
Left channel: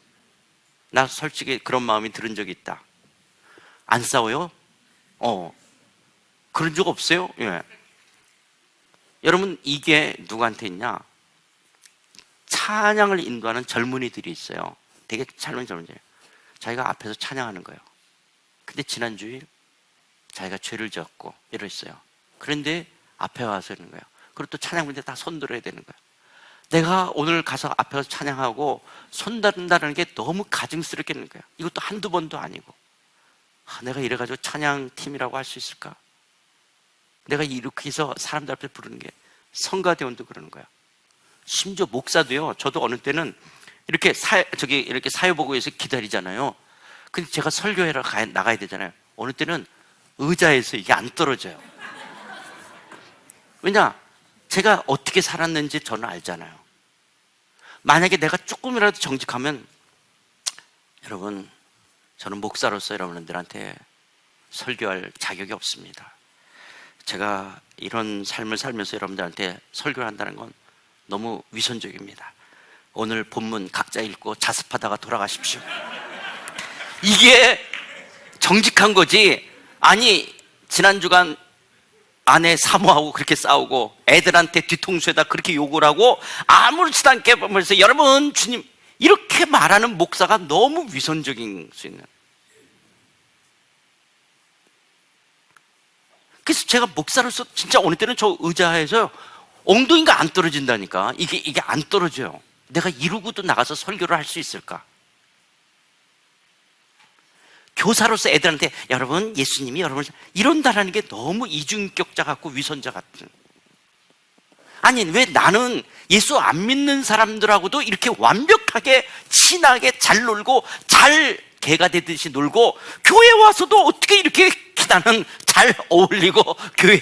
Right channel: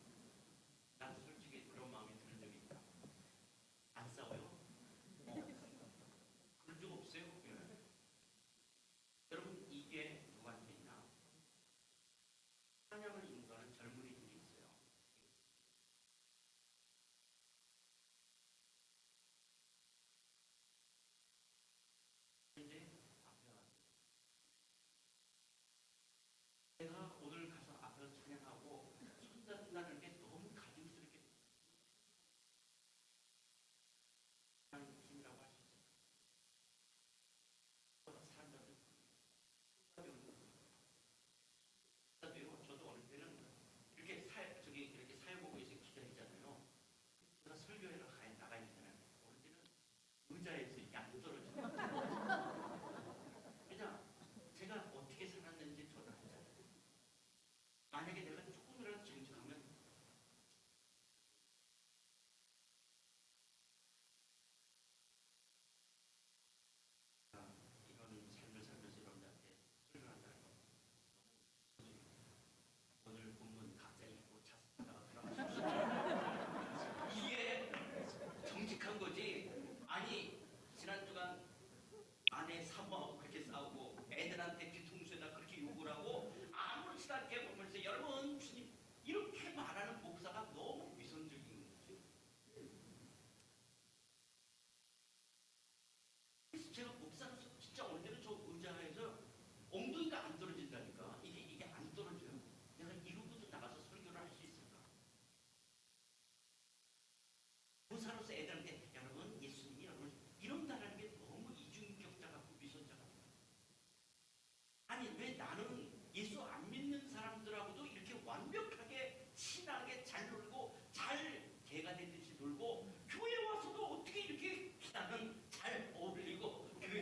나 솔직히 그런 마음이 들은 적이 있다. 안 싸워요? 그런 적 없어요? 예. 여러분, 이게 누구한테 있냐? 찬양을 인도하는 젊은이들이 있어요. 되게 젊은 젊은이에요. 자기가 앞에서 찬양하는 거예요. 근데 지난주에 자기가 죄를 지었고 이랬어요. 그런데 앞에 와서 있는 거예요. 그리고 또 찬양부인데 다 손들어야 되는 거예요. 내가 오늘 가서 앞에서 찬양하고 손다른다는 게 너무 가증스럽게 느껴요. 이것도 한두 번도 아니고, 내가 이래가지고 찬양팀이라고 할 수 있을까? 내가 이렇게 해서 사람들 앞에 부르는 게, 성가대원도 그러는 거야. 심지어 목사도요. 저도 어느 때는 이렇게 이렇게 사회보고에서 기다리잖아요. 근데 제가 설교회로 나가야 되잖아요. 어느 때는 의자에서 이게 안 떨어져요. 왜냐? 제가 어떻게 살았는지 저는 알잖아요. 만약에 내가 조금이라도 정직하면, 여러분, 저는 목사로서 여러분들한테 설교할 자격이 없습니다. 제가 이런 삶을 살면서 여러분들한테 설교를 한다는 건 너무 위선적입니다. 오늘 본문 각자 읽고 자습하다가 돌아가십시오. 이게 정직한 거지. 아니, 지난 주간 아내 사모하고 그렇게 싸우고 애들한테 뒤통수에다 그렇게 욕을 하고 아무렇지도 않게 보면서 여러분 주님 이렇게 말하는 목사가 너무 위선적인 수 있는. 그래서 제가 목사로서 진짜 어느 때는 저 의자에서 엉덩이가 안 떨어진다니까. 이게 안 떨어져요. 내가 이러고도 나가서 설교를 할 수 있을까? 교사로서 애들한테 여러분 예수님이 여러분 이런다라는 게 너무 이중인격자 같고 위선자 같은. 아니 왜 나는 예수 안 믿는 사람들하고도 이렇게 완벽하게 친하게 잘 놀고 잘 개가 되듯이 놀고, 교회 와서도 어떻게 이렇게 나는 잘 어울리고 교회에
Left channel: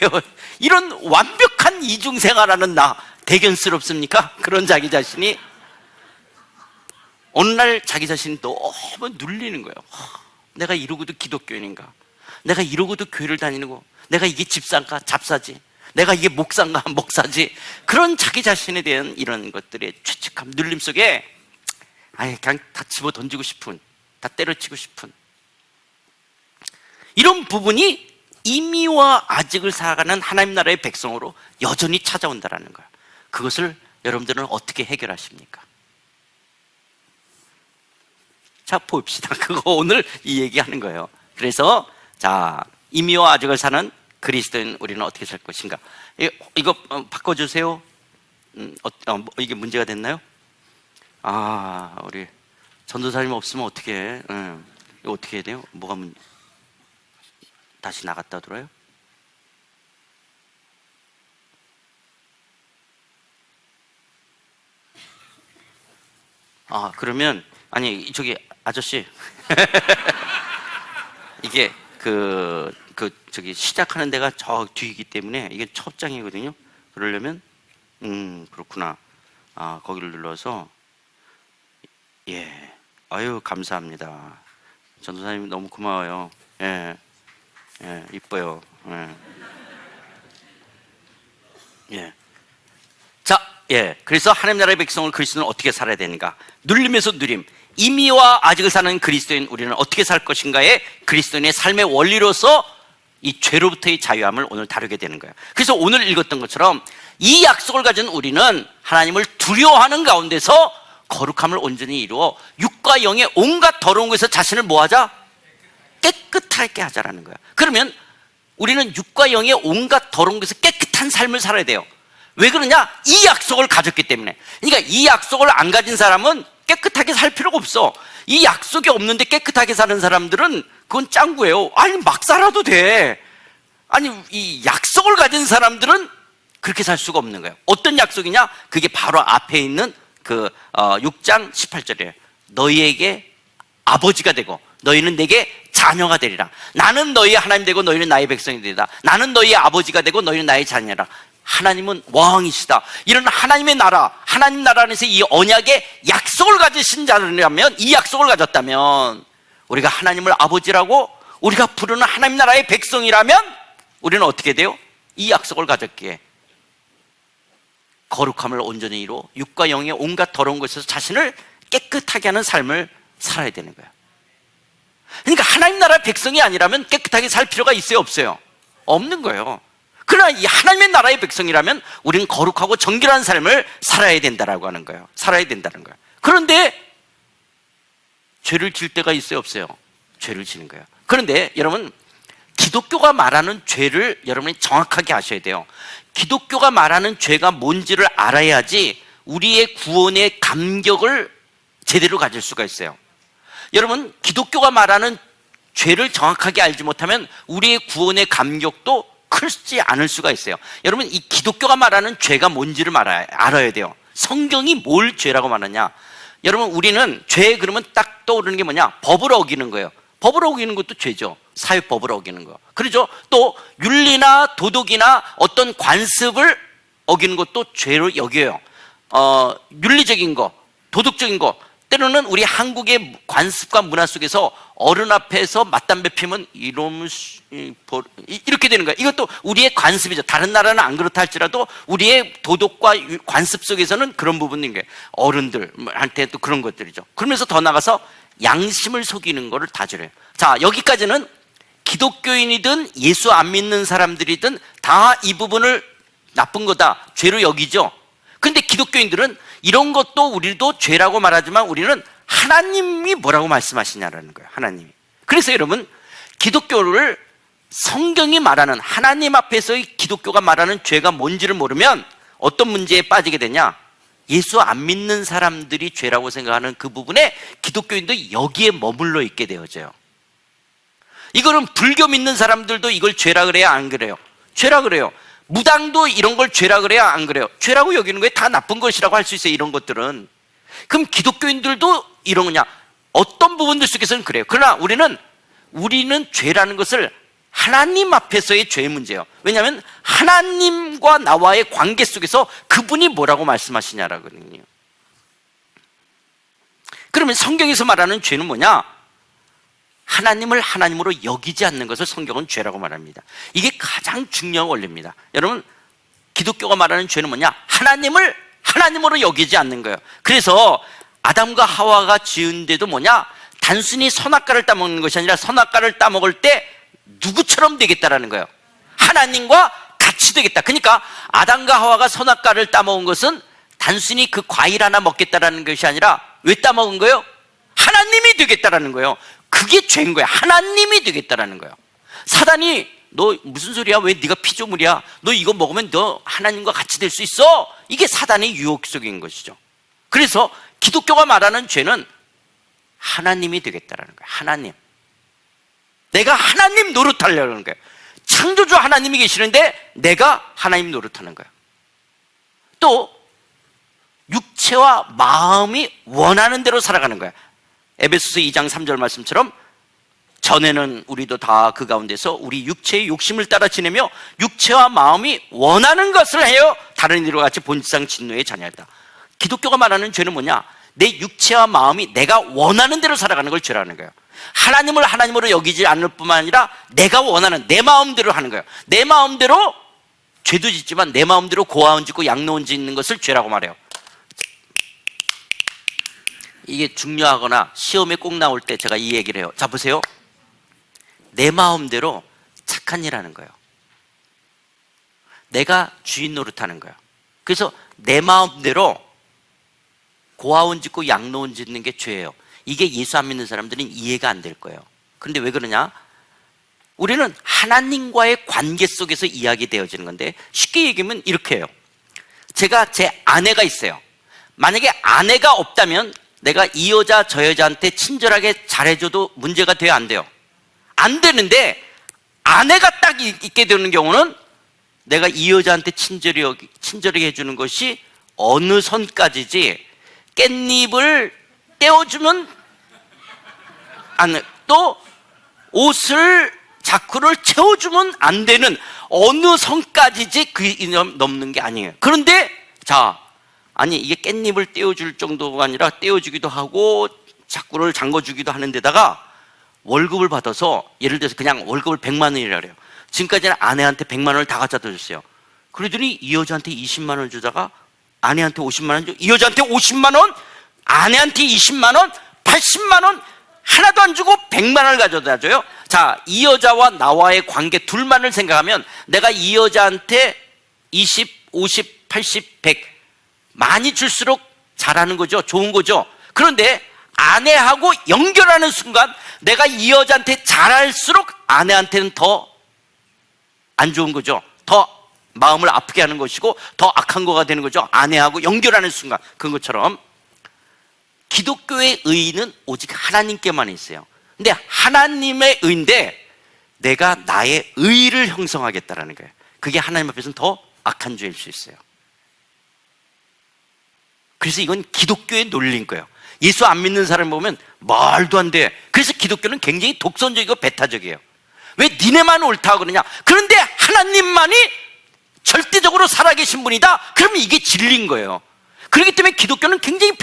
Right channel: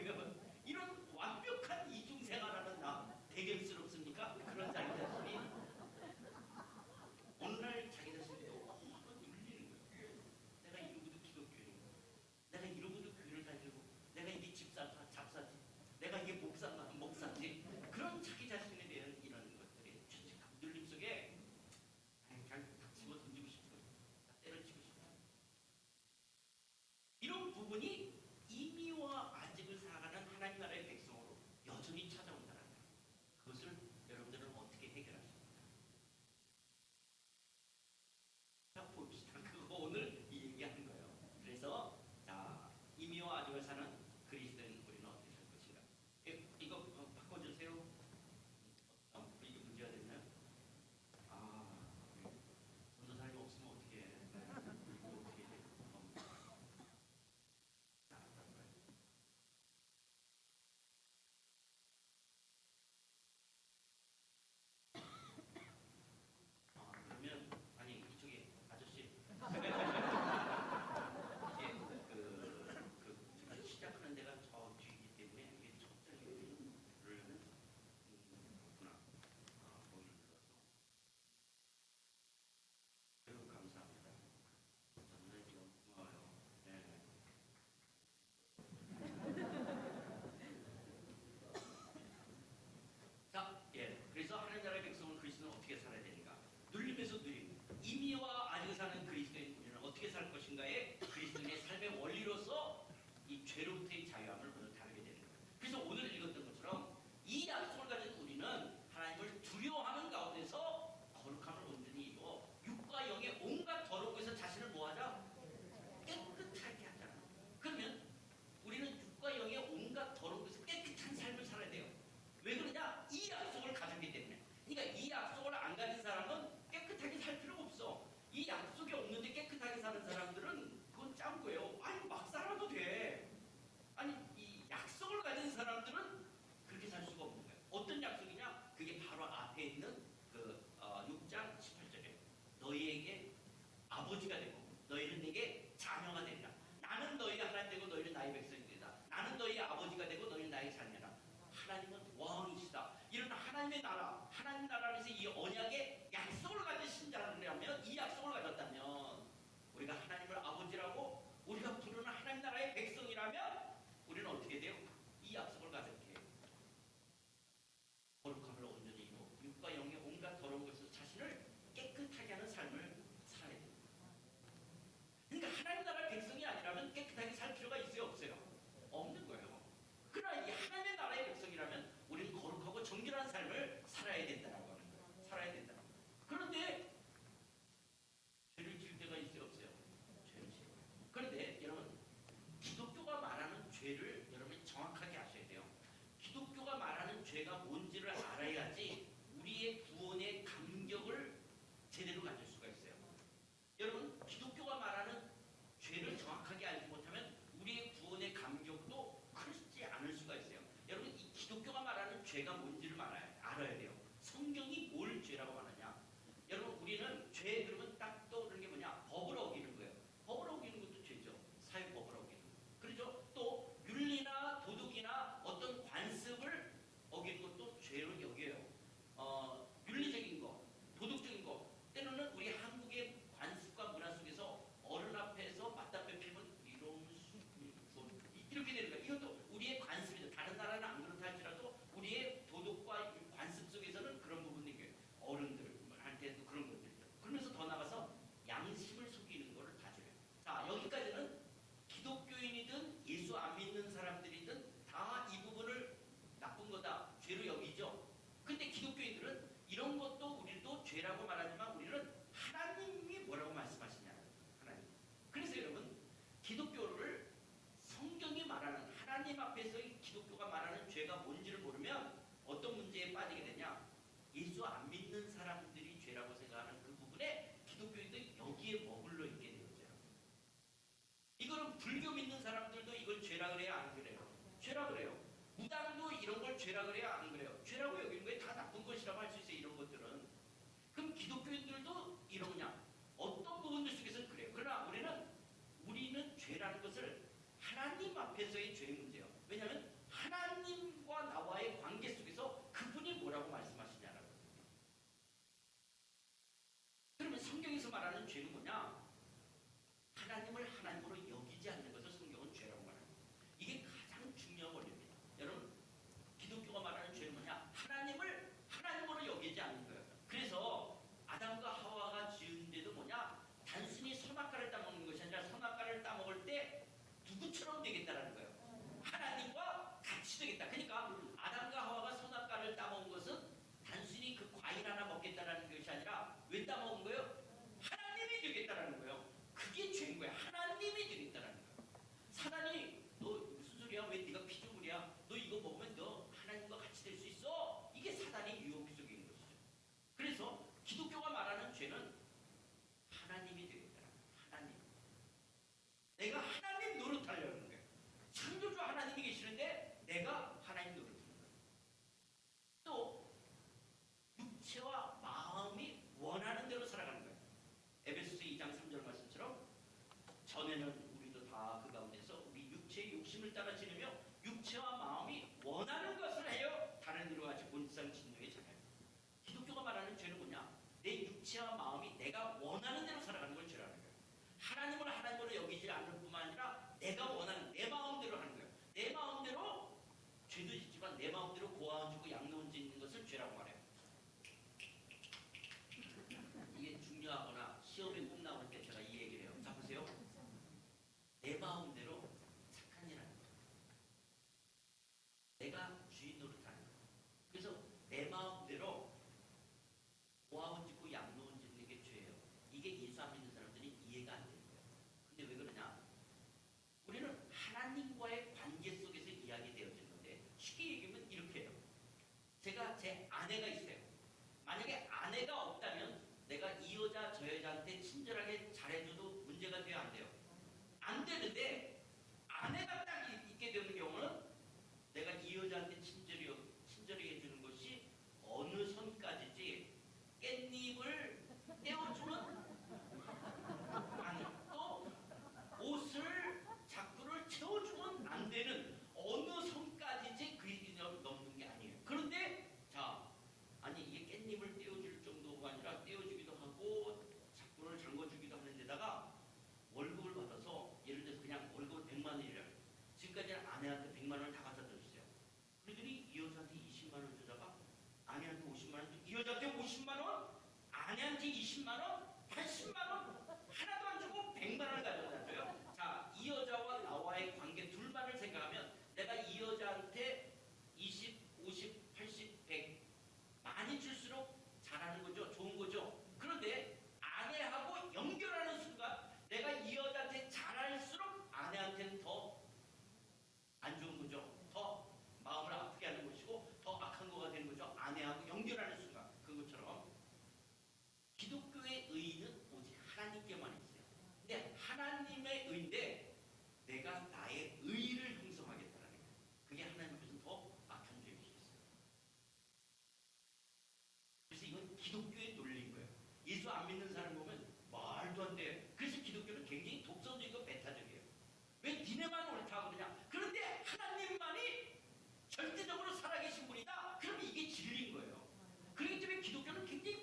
이런 완벽한 이중생활하는 나 대견스럽습니까? 그런 자기 자신이 어느 날 자기 자신이 너무 눌리는 거예요. 내가 이러고도 기독교인인가? 내가 이러고도 교회를 다니는 거? 내가 이게 집사인가? 잡사지? 내가 이게 목사인가? 목사지? 그런 자기 자신에 대한 이런 것들의 죄책감, 눌림 속에 그냥 다 집어 던지고 싶은, 다 때려치고 싶은 이런 부분이 이미와 아직을 살아가는 하나님 나라의 백성으로 여전히 찾아온다는 거예요. 그것을 여러분들은 어떻게 해결하십니까? 자, 봅시다. 그거 오늘 이 얘기하는 거예요. 그래서 자, 이미와 아직을 사는 그리스도인 우리는 어떻게 살 것인가? 이거 바꿔주세요. 이게 문제가 됐나요? 우리 전도사님 없으면 어떻게 해? 이거 어떻게 해야 돼요? 뭐가 문제? 다시 나갔다 들어요? 그러면 아니 저기 아저씨 이게 저기 시작하는 데가 저 뒤이기 때문에 이게 첫 장이거든요. 그러려면 그렇구나. 거기를 눌러서 아유 감사합니다. 전도사님 너무 고마워요. 이뻐요. 자, 그래서 하나님 나라의 백성을 그리스도는 어떻게 살아야 되는가? 눌림에서 누림. 이미와 아직을 사는 그리스도인 우리는 어떻게 살 것인가에 그리스도인의 삶의 원리로서 이 죄로부터의 자유함을 오늘 다루게 되는 거예요. 그래서 오늘 읽었던 것처럼 이 약속을 가진 우리는 하나님을 두려워하는 가운데서 거룩함을 온전히 이루어 육과 영의 온갖 더러운 것에서 자신을 뭐하자? 깨끗하게 하자라는 거야. 그러면 우리는 육과 영의 온갖 더러운 것에서 깨끗한 삶을 살아야 돼요. 왜 그러냐? 이 약속을 가졌기 때문에. 그러니까 이 약속을 안 가진 사람은 깨끗하게 살 필요가 없어. 이 약속이 없는데 깨끗하게 사는 사람들은 그건 짱구예요. 아니 막 살아도 돼. 아니 이 약속을 가진 사람들은 그렇게 살 수가 없는 거예요. 어떤 약속이냐? 그게 바로 앞에 있는 6장 18절이에요. 너희에게 아버지가 되고 너희는 내게 자녀가 되리라. 나는 너희의 하나님 되고 너희는 나의 백성이 되리라. 나는 너희의 아버지가 되고 너희는 나의 자녀라. 하나님은 왕이시다. 이런 하나님의 나라, 하나님 나라 안에서 이 언약의 약속을 가지신 자라면, 이 약속을 가졌다면 우리가 하나님을 아버지라고 우리가 부르는 하나님 나라의 백성이라면 우리는 어떻게 돼요? 이 약속을 가졌기에 거룩함을 온전히 이루어 육과 영의 온갖 더러운 것에서 자신을 깨끗하게 하는 삶을 살아야 되는 거예요. 그러니까 하나님 나라의 백성이 아니라면 깨끗하게 살 필요가 있어요, 없어요? 없는 거예요. 그러나 이 하나님의 나라의 백성이라면 우리는 거룩하고 정결한 삶을 살아야 된다라고 하는 거예요. 살아야 된다는 거예요. 그런데 죄를 질 때가 있어요, 없어요? 죄를 지는 거예요. 그런데 여러분, 기독교가 말하는 죄를 여러분이 정확하게 아셔야 돼요. 기독교가 말하는 죄가 뭔지를 알아야지 우리의 구원의 감격을 제대로 가질 수가 있어요. 여러분, 기독교가 말하는 죄를 정확하게 알지 못하면 우리의 구원의 감격도 크지 않을 수가 있어요. 여러분, 이 기독교가 말하는 죄가 뭔지를 알아야 돼요. 성경이 뭘 죄라고 말하냐? 여러분, 우리는 죄 그러면 딱 떠오르는 게 뭐냐? 법을 어기는 거예요. 법을 어기는 것도 죄죠. 사회법을 어기는 거. 그렇죠? 또 윤리나 도덕이나 어떤 관습을 어기는 것도 죄로 여겨요. 윤리적인 거, 도덕적인 거. 때로는 우리 한국의 관습과 문화 속에서 어른 앞에서 맞담배 피면 이렇게 되는 거예요. 이것도 우리의 관습이죠. 다른 나라는 안 그렇다 할지라도 우리의 도덕과 관습 속에서는 그런 부분인 거예요. 어른들한테 또 그런 것들이죠. 그러면서 더 나가서 양심을 속이는 거를 다 저래요. 자, 여기까지는 기독교인이든 예수 안 믿는 사람들이든 다 이 부분을 나쁜 거다, 죄로 여기죠. 근데 기독교인들은 이런 것도 우리도 죄라고 말하지만 우리는 하나님이 뭐라고 말씀하시냐라는 거예요. 하나님이. 그래서 여러분, 기독교를 성경이 말하는, 하나님 앞에서의 기독교가 말하는 죄가 뭔지를 모르면 어떤 문제에 빠지게 되냐? 예수 안 믿는 사람들이 죄라고 생각하는 그 부분에 기독교인도 여기에 머물러 있게 되어져요. 이거는 불교 믿는 사람들도 이걸 죄라 그래야 안 그래요? 죄라 그래요. 무당도 이런 걸 죄라 그래야 안 그래요? 죄라고 여기는 거에 다 나쁜 것이라고 할 수 있어요. 이런 것들은. 그럼 기독교인들도 이런 거냐? 어떤 부분들 속에서는 그래요. 그러나 우리는 죄라는 것을 하나님 앞에서의 죄의 문제예요. 왜냐하면 하나님과 나와의 관계 속에서 그분이 뭐라고 말씀하시냐라거든요. 그러면 성경에서 말하는 죄는 뭐냐? 하나님을 하나님으로 여기지 않는 것을 성경은 죄라고 말합니다. 이게 가장 중요한 원리입니다. 여러분, 기독교가 말하는 죄는 뭐냐? 하나님을 하나님으로 여기지 않는 거예요. 그래서 아담과 하와가 지은데도 뭐냐? 단순히 선악과를 따먹는 것이 아니라 선악과를 따먹을 때 누구처럼 되겠다라는 거예요. 하나님과 같이 되겠다. 그러니까 아담과 하와가 선악과를 따먹은 것은 단순히 그 과일 하나 먹겠다라는 것이 아니라 왜 따먹은 거예요? 하나님이 되겠다라는 거예요. 그게 죄인 거야. 하나님이 되겠다라는 거예요. 사단이 너 무슨 소리야? 왜 네가 피조물이야? 너 이거 먹으면 너 하나님과 같이 될 수 있어? 이게 사단의 유혹 속인 것이죠. 그래서 기독교가 말하는 죄는 하나님이 되겠다라는 거예요. 하나님. 내가 하나님 노릇하려는 거예요. 창조주 하나님이 계시는데 내가 하나님 노릇하는 거예요. 또 육체와 마음이 원하는 대로 살아가는 거예요. 에베소서 2장 3절 말씀처럼 전에는 우리도 다 그 가운데서 우리 육체의 욕심을 따라 지내며 육체와 마음이 원하는 것을 해요. 다른 이들과 같이 본성 진노의 자녀였다. 기독교가 말하는 죄는 뭐냐? 내 육체와 마음이 내가 원하는 대로 살아가는 걸 죄라는 거예요. 하나님을 하나님으로 여기지 않을 뿐만 아니라 내가 원하는 내 마음대로 하는 거예요. 내 마음대로 죄도 짓지만 내 마음대로 고아원 짓고 양로원 짓는 것을 죄라고 말해요. 이게 중요하거나 시험에 꼭 나올 때 제가 이 얘기를 해요. 자, 보세요. 내 마음대로 착한 일 하는 거예요. 내가 주인 노릇하는 거예요. 그래서 내 마음대로 고아원 짓고 양로원 짓는 게 죄예요. 이게 예수 안 믿는 사람들은 이해가 안 될 거예요. 그런데 왜 그러냐? 우리는 하나님과의 관계 속에서 이야기되어지는 건데, 쉽게 얘기하면 이렇게 해요. 제가 제 아내가 있어요. 만약에 아내가 없다면 내가 이 여자 저 여자한테 친절하게 잘해줘도 문제가 돼요, 안 돼요? 안 되는데 아내가 딱 있게 되는 경우는 내가 이 여자한테 친절하게 해주는 것이 어느 선까지지, 깻잎을 떼어주면 또 옷을 자크를 채워주면 안 되는 어느 선까지지 그 이념 넘는 게 아니에요. 그런데 자, 아니 이게 깻잎을 떼어줄 정도가 아니라 떼어주기도 하고 자꾸를 잠궈주기도 하는 데다가 월급을 받아서, 예를 들어서 그냥 월급을 100만 원이라 그래요. 지금까지는 아내한테 100만 원을 다 갖다 줬어요. 그러더니 이 여자한테 20만 원을 주다가 아내한테 50만 원 줘. 이 여자한테 50만 원, 아내한테 20만 원, 80만 원 하나도 안 주고 100만 원을 가져다 줘요. 자, 이 여자와 나와의 관계 둘만을 생각하면 내가 이 여자한테 20, 50, 80, 100 많이 줄수록 잘하는 거죠. 좋은 거죠. 그런데 아내하고 연결하는 순간 내가 이 여자한테 잘할수록 아내한테는 더 안 좋은 거죠. 더 마음을 아프게 하는 것이고 더 악한 거가 되는 거죠. 아내하고 연결하는 순간. 그런 것처럼 기독교의 의의는 오직 하나님께만 있어요. 근데 하나님의 의인데 내가 나의 의의를 형성하겠다라는 거예요. 그게 하나님 앞에서는 더 악한 죄일 수 있어요. 그래서 이건 기독교의 논리인 거예요. 예수 안 믿는 사람 보면 말도 안 돼. 그래서 기독교는 굉장히 독선적이고 배타적이에요. 왜 니네만 옳다 그러냐? 그런데 하나님만이 절대적으로 살아계신 분이다. 그러면 이게 진리인 거예요. 그렇기 때문에 기독교는 굉장히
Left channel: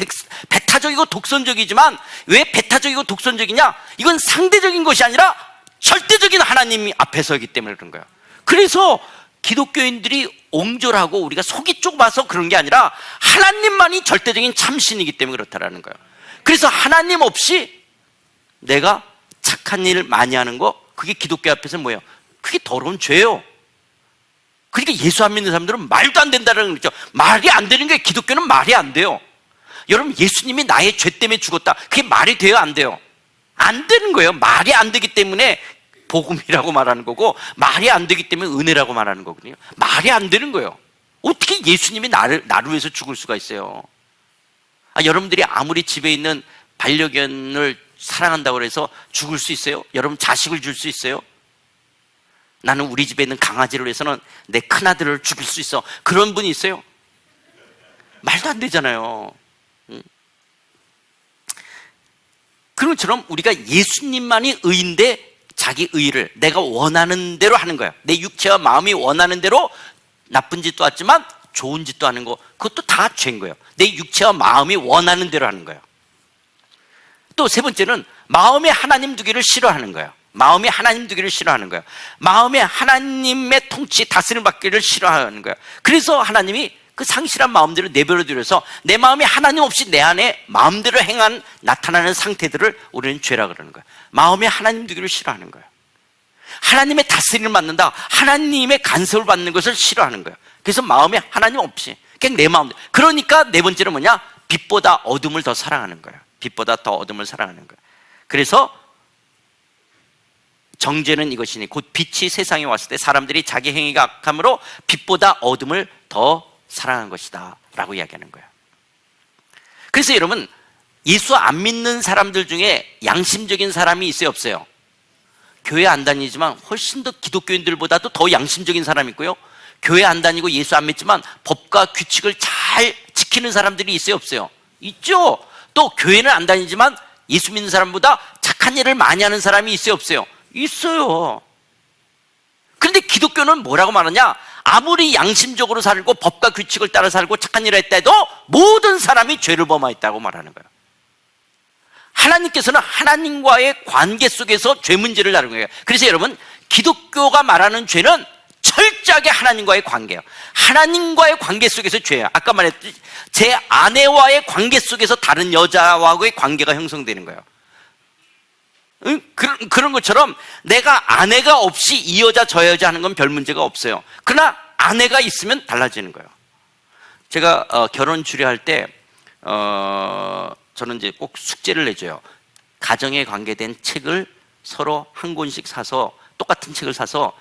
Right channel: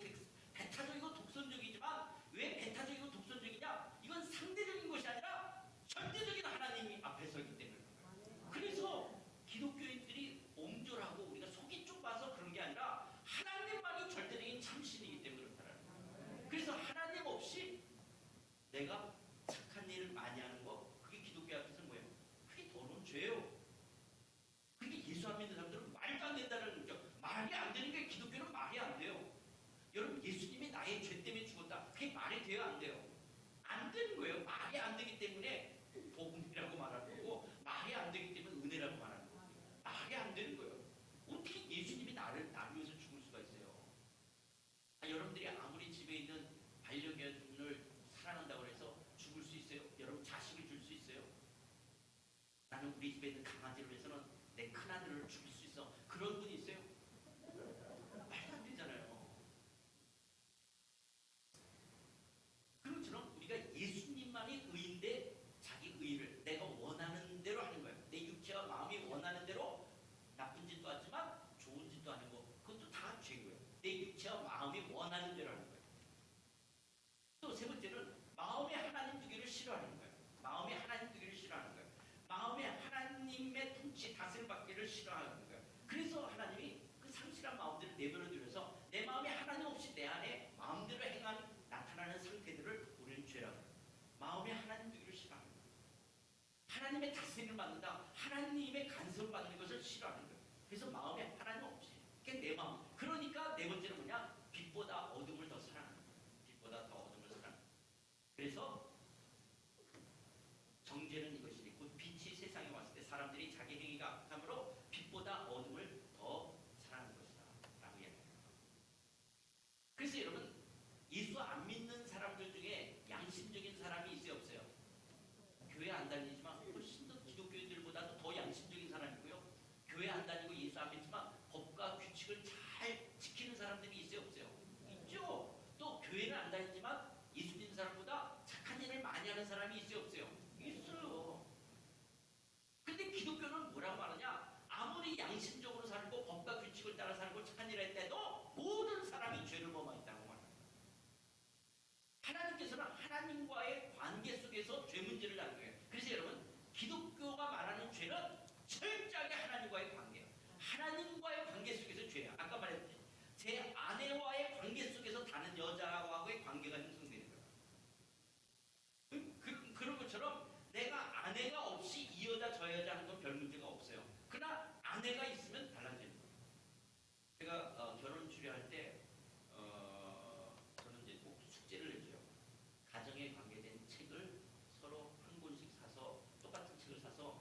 배타적이고 독선적이지만 왜 배타적이고 독선적이냐? 이건 상대적인 것이 아니라 절대적인 하나님 앞에 서기 때문에 그런 거예요. 그래서 기독교인들이 옹졸하고 우리가 속이 좁아서 그런 게 아니라 하나님만이 절대적인 참신이기 때문에 그렇다라는 거예요. 그래서 하나님 없이 내가 착한 일 많이 하는 거, 그게 기독교 앞에서 뭐예요? 그게 더러운 죄예요. 그러니까 예수 안 믿는 사람들은 말도 안 된다는 거죠. 말이 안 되는 게 기독교는 말이 안 돼요. 여러분, 예수님이 나의 죄 때문에 죽었다. 그게 말이 돼요? 안 돼요? 안 되는 거예요. 말이 안 되기 때문에 복음이라고 말하는 거고, 말이 안 되기 때문에 은혜라고 말하는 거거든요. 말이 안 되는 거예요. 어떻게 예수님이 나를 위해서 죽을 수가 있어요? 여러분들이 아무리 집에 있는 반려견을 사랑한다고 해서 죽을 수 있어요? 여러분 자식을 줄 수 있어요? 나는 우리 집에 있는 강아지를 위해서는 내 큰아들을 죽일 수 있어. 그런 분이 있어요? 말도 안 되잖아요. 그런 것처럼 우리가 예수님만이 의인데 자기 의를 내가 원하는 대로 하는 거예요. 내 육체와 마음이 원하는 대로 나쁜 짓도 하지만 좋은 짓도 하는 거, 그것도 다 죄인 거예요. 내 육체와 마음이 원하는 대로 하는 거예요. 또 세 번째는 마음에 하나님 두기를 싫어하는 거예요. 마음에 하나님 두기를 싫어하는 거예요. 마음에 하나님의 통치, 다스림 받기를 싫어하는 거예요. 그래서 하나님이 그 상실한 마음대로 내버려 두려서 내 마음이 하나님 없이 내 안에 마음대로 나타나는 상태들을 우리는 죄라 그러는 거예요. 마음에 하나님 두기를 싫어하는 거예요. 하나님의 다스림을 받는다, 하나님의 간섭을 받는 것을 싫어하는 거예요. 그래서 마음에 하나님 없이 그냥 내 마음대로. 그러니까 네 번째는 뭐냐? 빛보다 어둠을 더 사랑하는 거예요. 빛보다 더 어둠을 사랑하는 거예요. 그래서 정죄는 이것이니 곧 빛이 세상에 왔을 때 사람들이 자기 행위가 악함으로 빛보다 어둠을 더 사랑한 것이다 라고 이야기하는 거예요. 그래서 여러분, 예수 안 믿는 사람들 중에 양심적인 사람이 있어요, 없어요? 교회 안 다니지만 훨씬 더 기독교인들보다도 더 양심적인 사람이 있고요, 교회 안 다니고 예수 안 믿지만 법과 규칙을 잘 지키는 사람들이 있어요, 없어요? 있죠. 또 교회는 안 다니지만 예수 믿는 사람보다 착한 일을 많이 하는 사람이 있어요, 없어요? 있어요. 그런데 기독교는 뭐라고 말하냐? 아무리 양심적으로 살고 법과 규칙을 따라 살고 착한 일을 했다 해도 모든 사람이 죄를 범하였다고 말하는 거예요. 하나님께서는 하나님과의 관계 속에서 죄 문제를 다루는 거예요. 그래서 여러분, 기독교가 말하는 죄는 철저하게 하나님과의 관계예요. 하나님과의 관계 속에서 죄예요. 아까 말했듯이 제 아내와의 관계 속에서 다른 여자와의 관계가 형성되는 거예요. 그런 것처럼 내가 아내가 없이 이 여자 저 여자 하는 건 별 문제가 없어요. 그러나 아내가 있으면 달라지는 거예요. 제가 결혼 주례할 때 저는 이제 꼭 숙제를 내줘요. 가정에 관계된 책을 서로 한 권씩 사서, 똑같은 책을 사서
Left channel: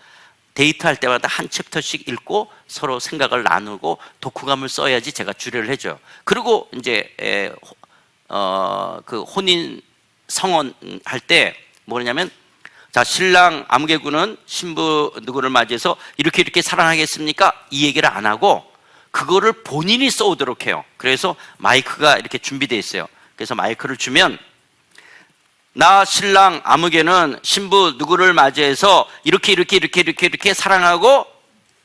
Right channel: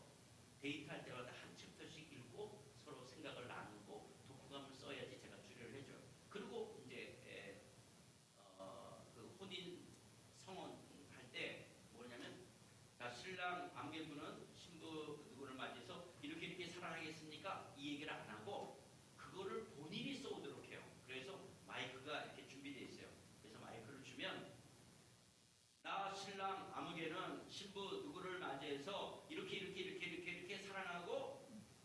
데이트할 때마다 한 챕터씩 읽고 서로 생각을 나누고 독후감을 써야지 제가 주례를 해줘요. 그리고 이제 그 혼인 성원 할 때 뭐냐면, 자, 신랑 아무개군은 신부 누구를 맞이해서 이렇게 사랑하겠습니까? 이 얘기를 안 하고 그거를 본인이 써오도록 해요. 그래서 마이크가 이렇게 준비되어 있어요. 그래서 마이크를 주면, 나 신랑 아무개는 신부 누구를 맞이해서 이렇게 사랑하고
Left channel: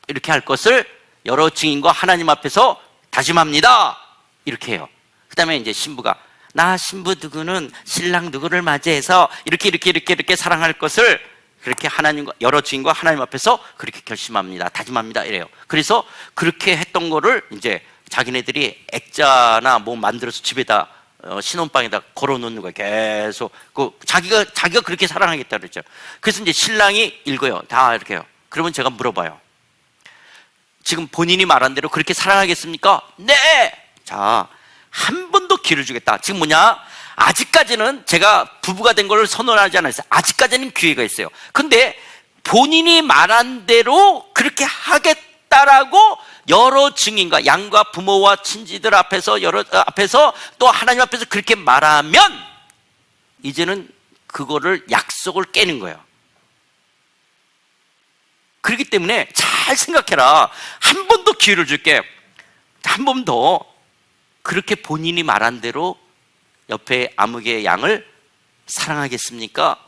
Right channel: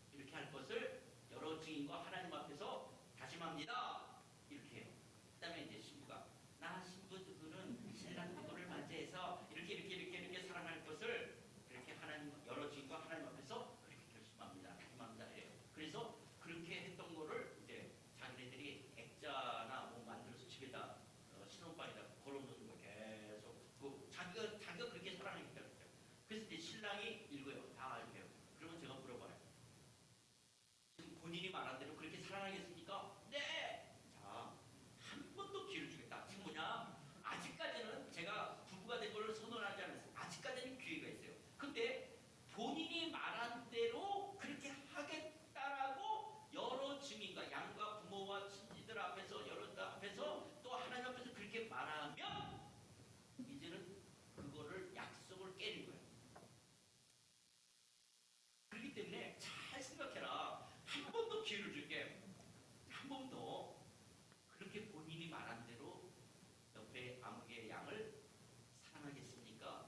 이렇게 할 것을 여러 증인과 하나님 앞에서 다짐합니다. 이렇게 해요. 그 다음에 이제 신부가, 나 신부 누구는 신랑 누구를 맞이해서 이렇게 사랑할 것을 그렇게 하나님과 여러 증인과 하나님 앞에서 그렇게 결심합니다, 다짐합니다, 이래요. 그래서 그렇게 했던 거를 이제 자기네들이 액자나 뭐 만들어서 집에다 신혼방에다 걸어놓는 거예요. 계속 자기가 그렇게 사랑하겠다 그랬죠. 그래서 이제 신랑이 읽어요. 다 이렇게 해요. 그러면 제가 물어봐요. 지금 본인이 말한 대로 그렇게 사랑하겠습니까? 네. 자, 한 번 더 기회를 주겠다. 지금 뭐냐? 아직까지는 제가 부부가 된 걸 선언하지 않았어요. 아직까지는 기회가 있어요. 근데 본인이 말한 대로 그렇게 약속했다라고 여러 증인과 양과 부모와 친지들 앞에서 앞에서 또 하나님 앞에서 그렇게 말하면 이제는 그거를 약속을 깨는 거예요. 그렇기 때문에 잘 생각해라. 한 번 더 기회를 줄게. 한 번 더 그렇게 본인이 말한 대로 옆에 아무개 양을 사랑하겠습니까?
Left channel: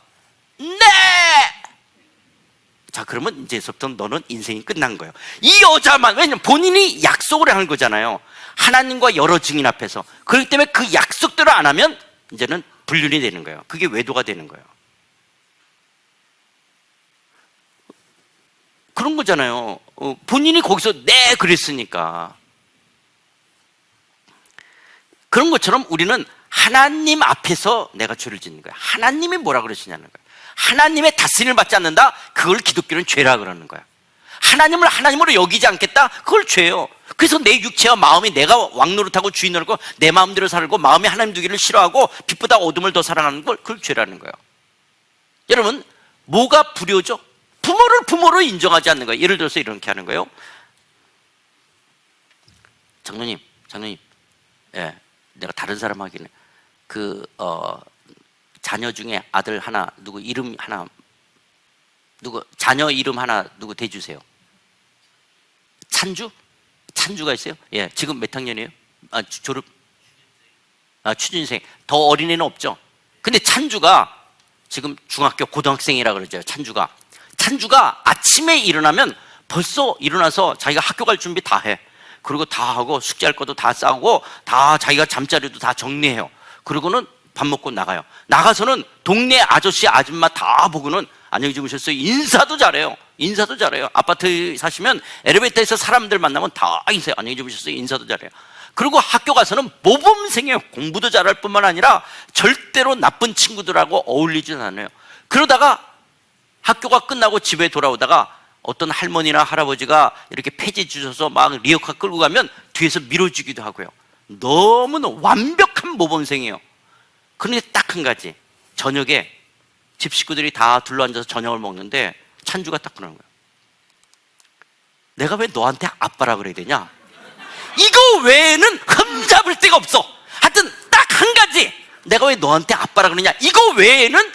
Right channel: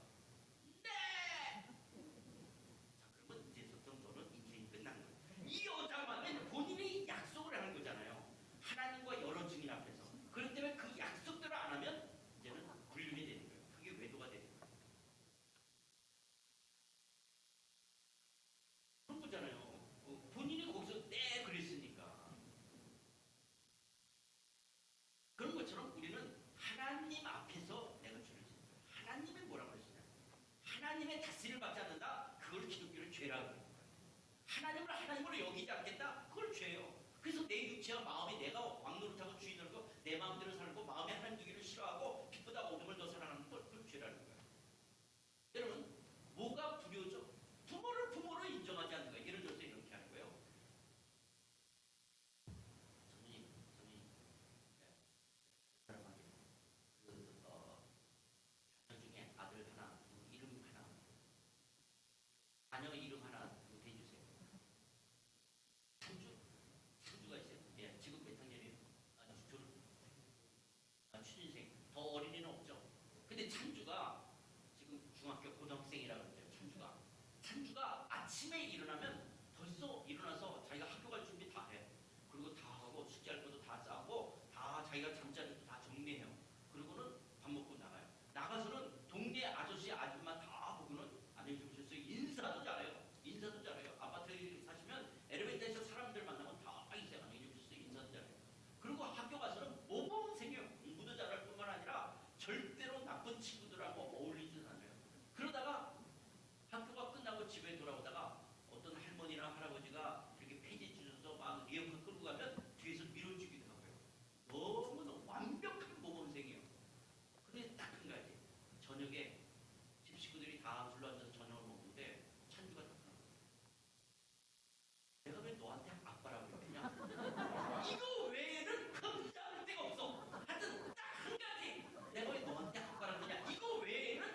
네! 자, 그러면 이제부터 너는 인생이 끝난 거예요. 이 여자만, 왜냐면 본인이 약속을 하는 거잖아요. 하나님과 여러 증인 앞에서. 그렇기 때문에 그 약속대로 안 하면 이제는 불륜이 되는 거예요. 그게 외도가 되는 거예요. 그런 거잖아요. 본인이 거기서 네 그랬으니까. 그런 것처럼 우리는 하나님 앞에서 내가 죄를 짓는 거야. 하나님이 뭐라 그러시냐는 거야. 하나님의 다스림을 받지 않는다? 그걸 기독교는 죄라 그러는 거야. 하나님을 하나님으로 여기지 않겠다? 그걸 죄예요. 그래서 내 육체와 마음이 내가 왕노릇하고 주인 노릇하고 내 마음대로 살고 마음이 하나님 두기를 싫어하고 빛보다 어둠을 더 사랑하는 걸 그걸 죄라는 거예요. 여러분, 뭐가 불효죠? 부모를 부모로 인정하지 않는 거예요. 예를 들어서 이렇게 하는 거예요. 장로님, 예, 내가 다른 사람 하기는 자녀 중에 아들 하나 누구 이름 하나 누구 자녀 이름 하나 누구 대주세요. 찬주가 있어요? 예, 지금 몇 학년이에요? 졸업? 취준생. 더 어린애는 없죠. 근데 찬주가 지금 중학교 고등학생이라 그러죠. 찬주가 아침에 일어나면 벌써 일어나서 자기가 학교 갈 준비 다 해. 그리고 다 하고 숙제할 것도 다 싸고 다 자기가 잠자리도 다 정리해요. 그리고는 밥 먹고 나가요. 나가서는 동네 아저씨 아줌마 다 보고는 안녕히 주무셨어요. 인사도 잘해요. 아파트 사시면 엘리베이터에서 사람들 만나면 다 인사해요. 안녕히 주무셨어요. 인사도 잘해요. 그리고 학교 가서는 모범생이에요. 공부도 잘할 뿐만 아니라 절대로 나쁜 친구들하고 어울리진 않아요. 그러다가 학교가 끝나고 집에 돌아오다가 어떤 할머니나 할아버지가 이렇게 폐지 주셔서 막 리어카 끌고 가면 뒤에서 밀어주기도 하고요. 너무나 완벽한 모범생이에요. 그런데 딱 한 가지, 저녁에 집 식구들이 다 둘러앉아서 저녁을 먹는데 찬주가 딱 그러는 거예요. 내가 왜 너한테 아빠라 그래야 되냐? 이거 외에는 흠잡을 데가 없어. 하여튼 딱 한 가지, 내가 왜 너한테 아빠라 그러냐? 이거 외에는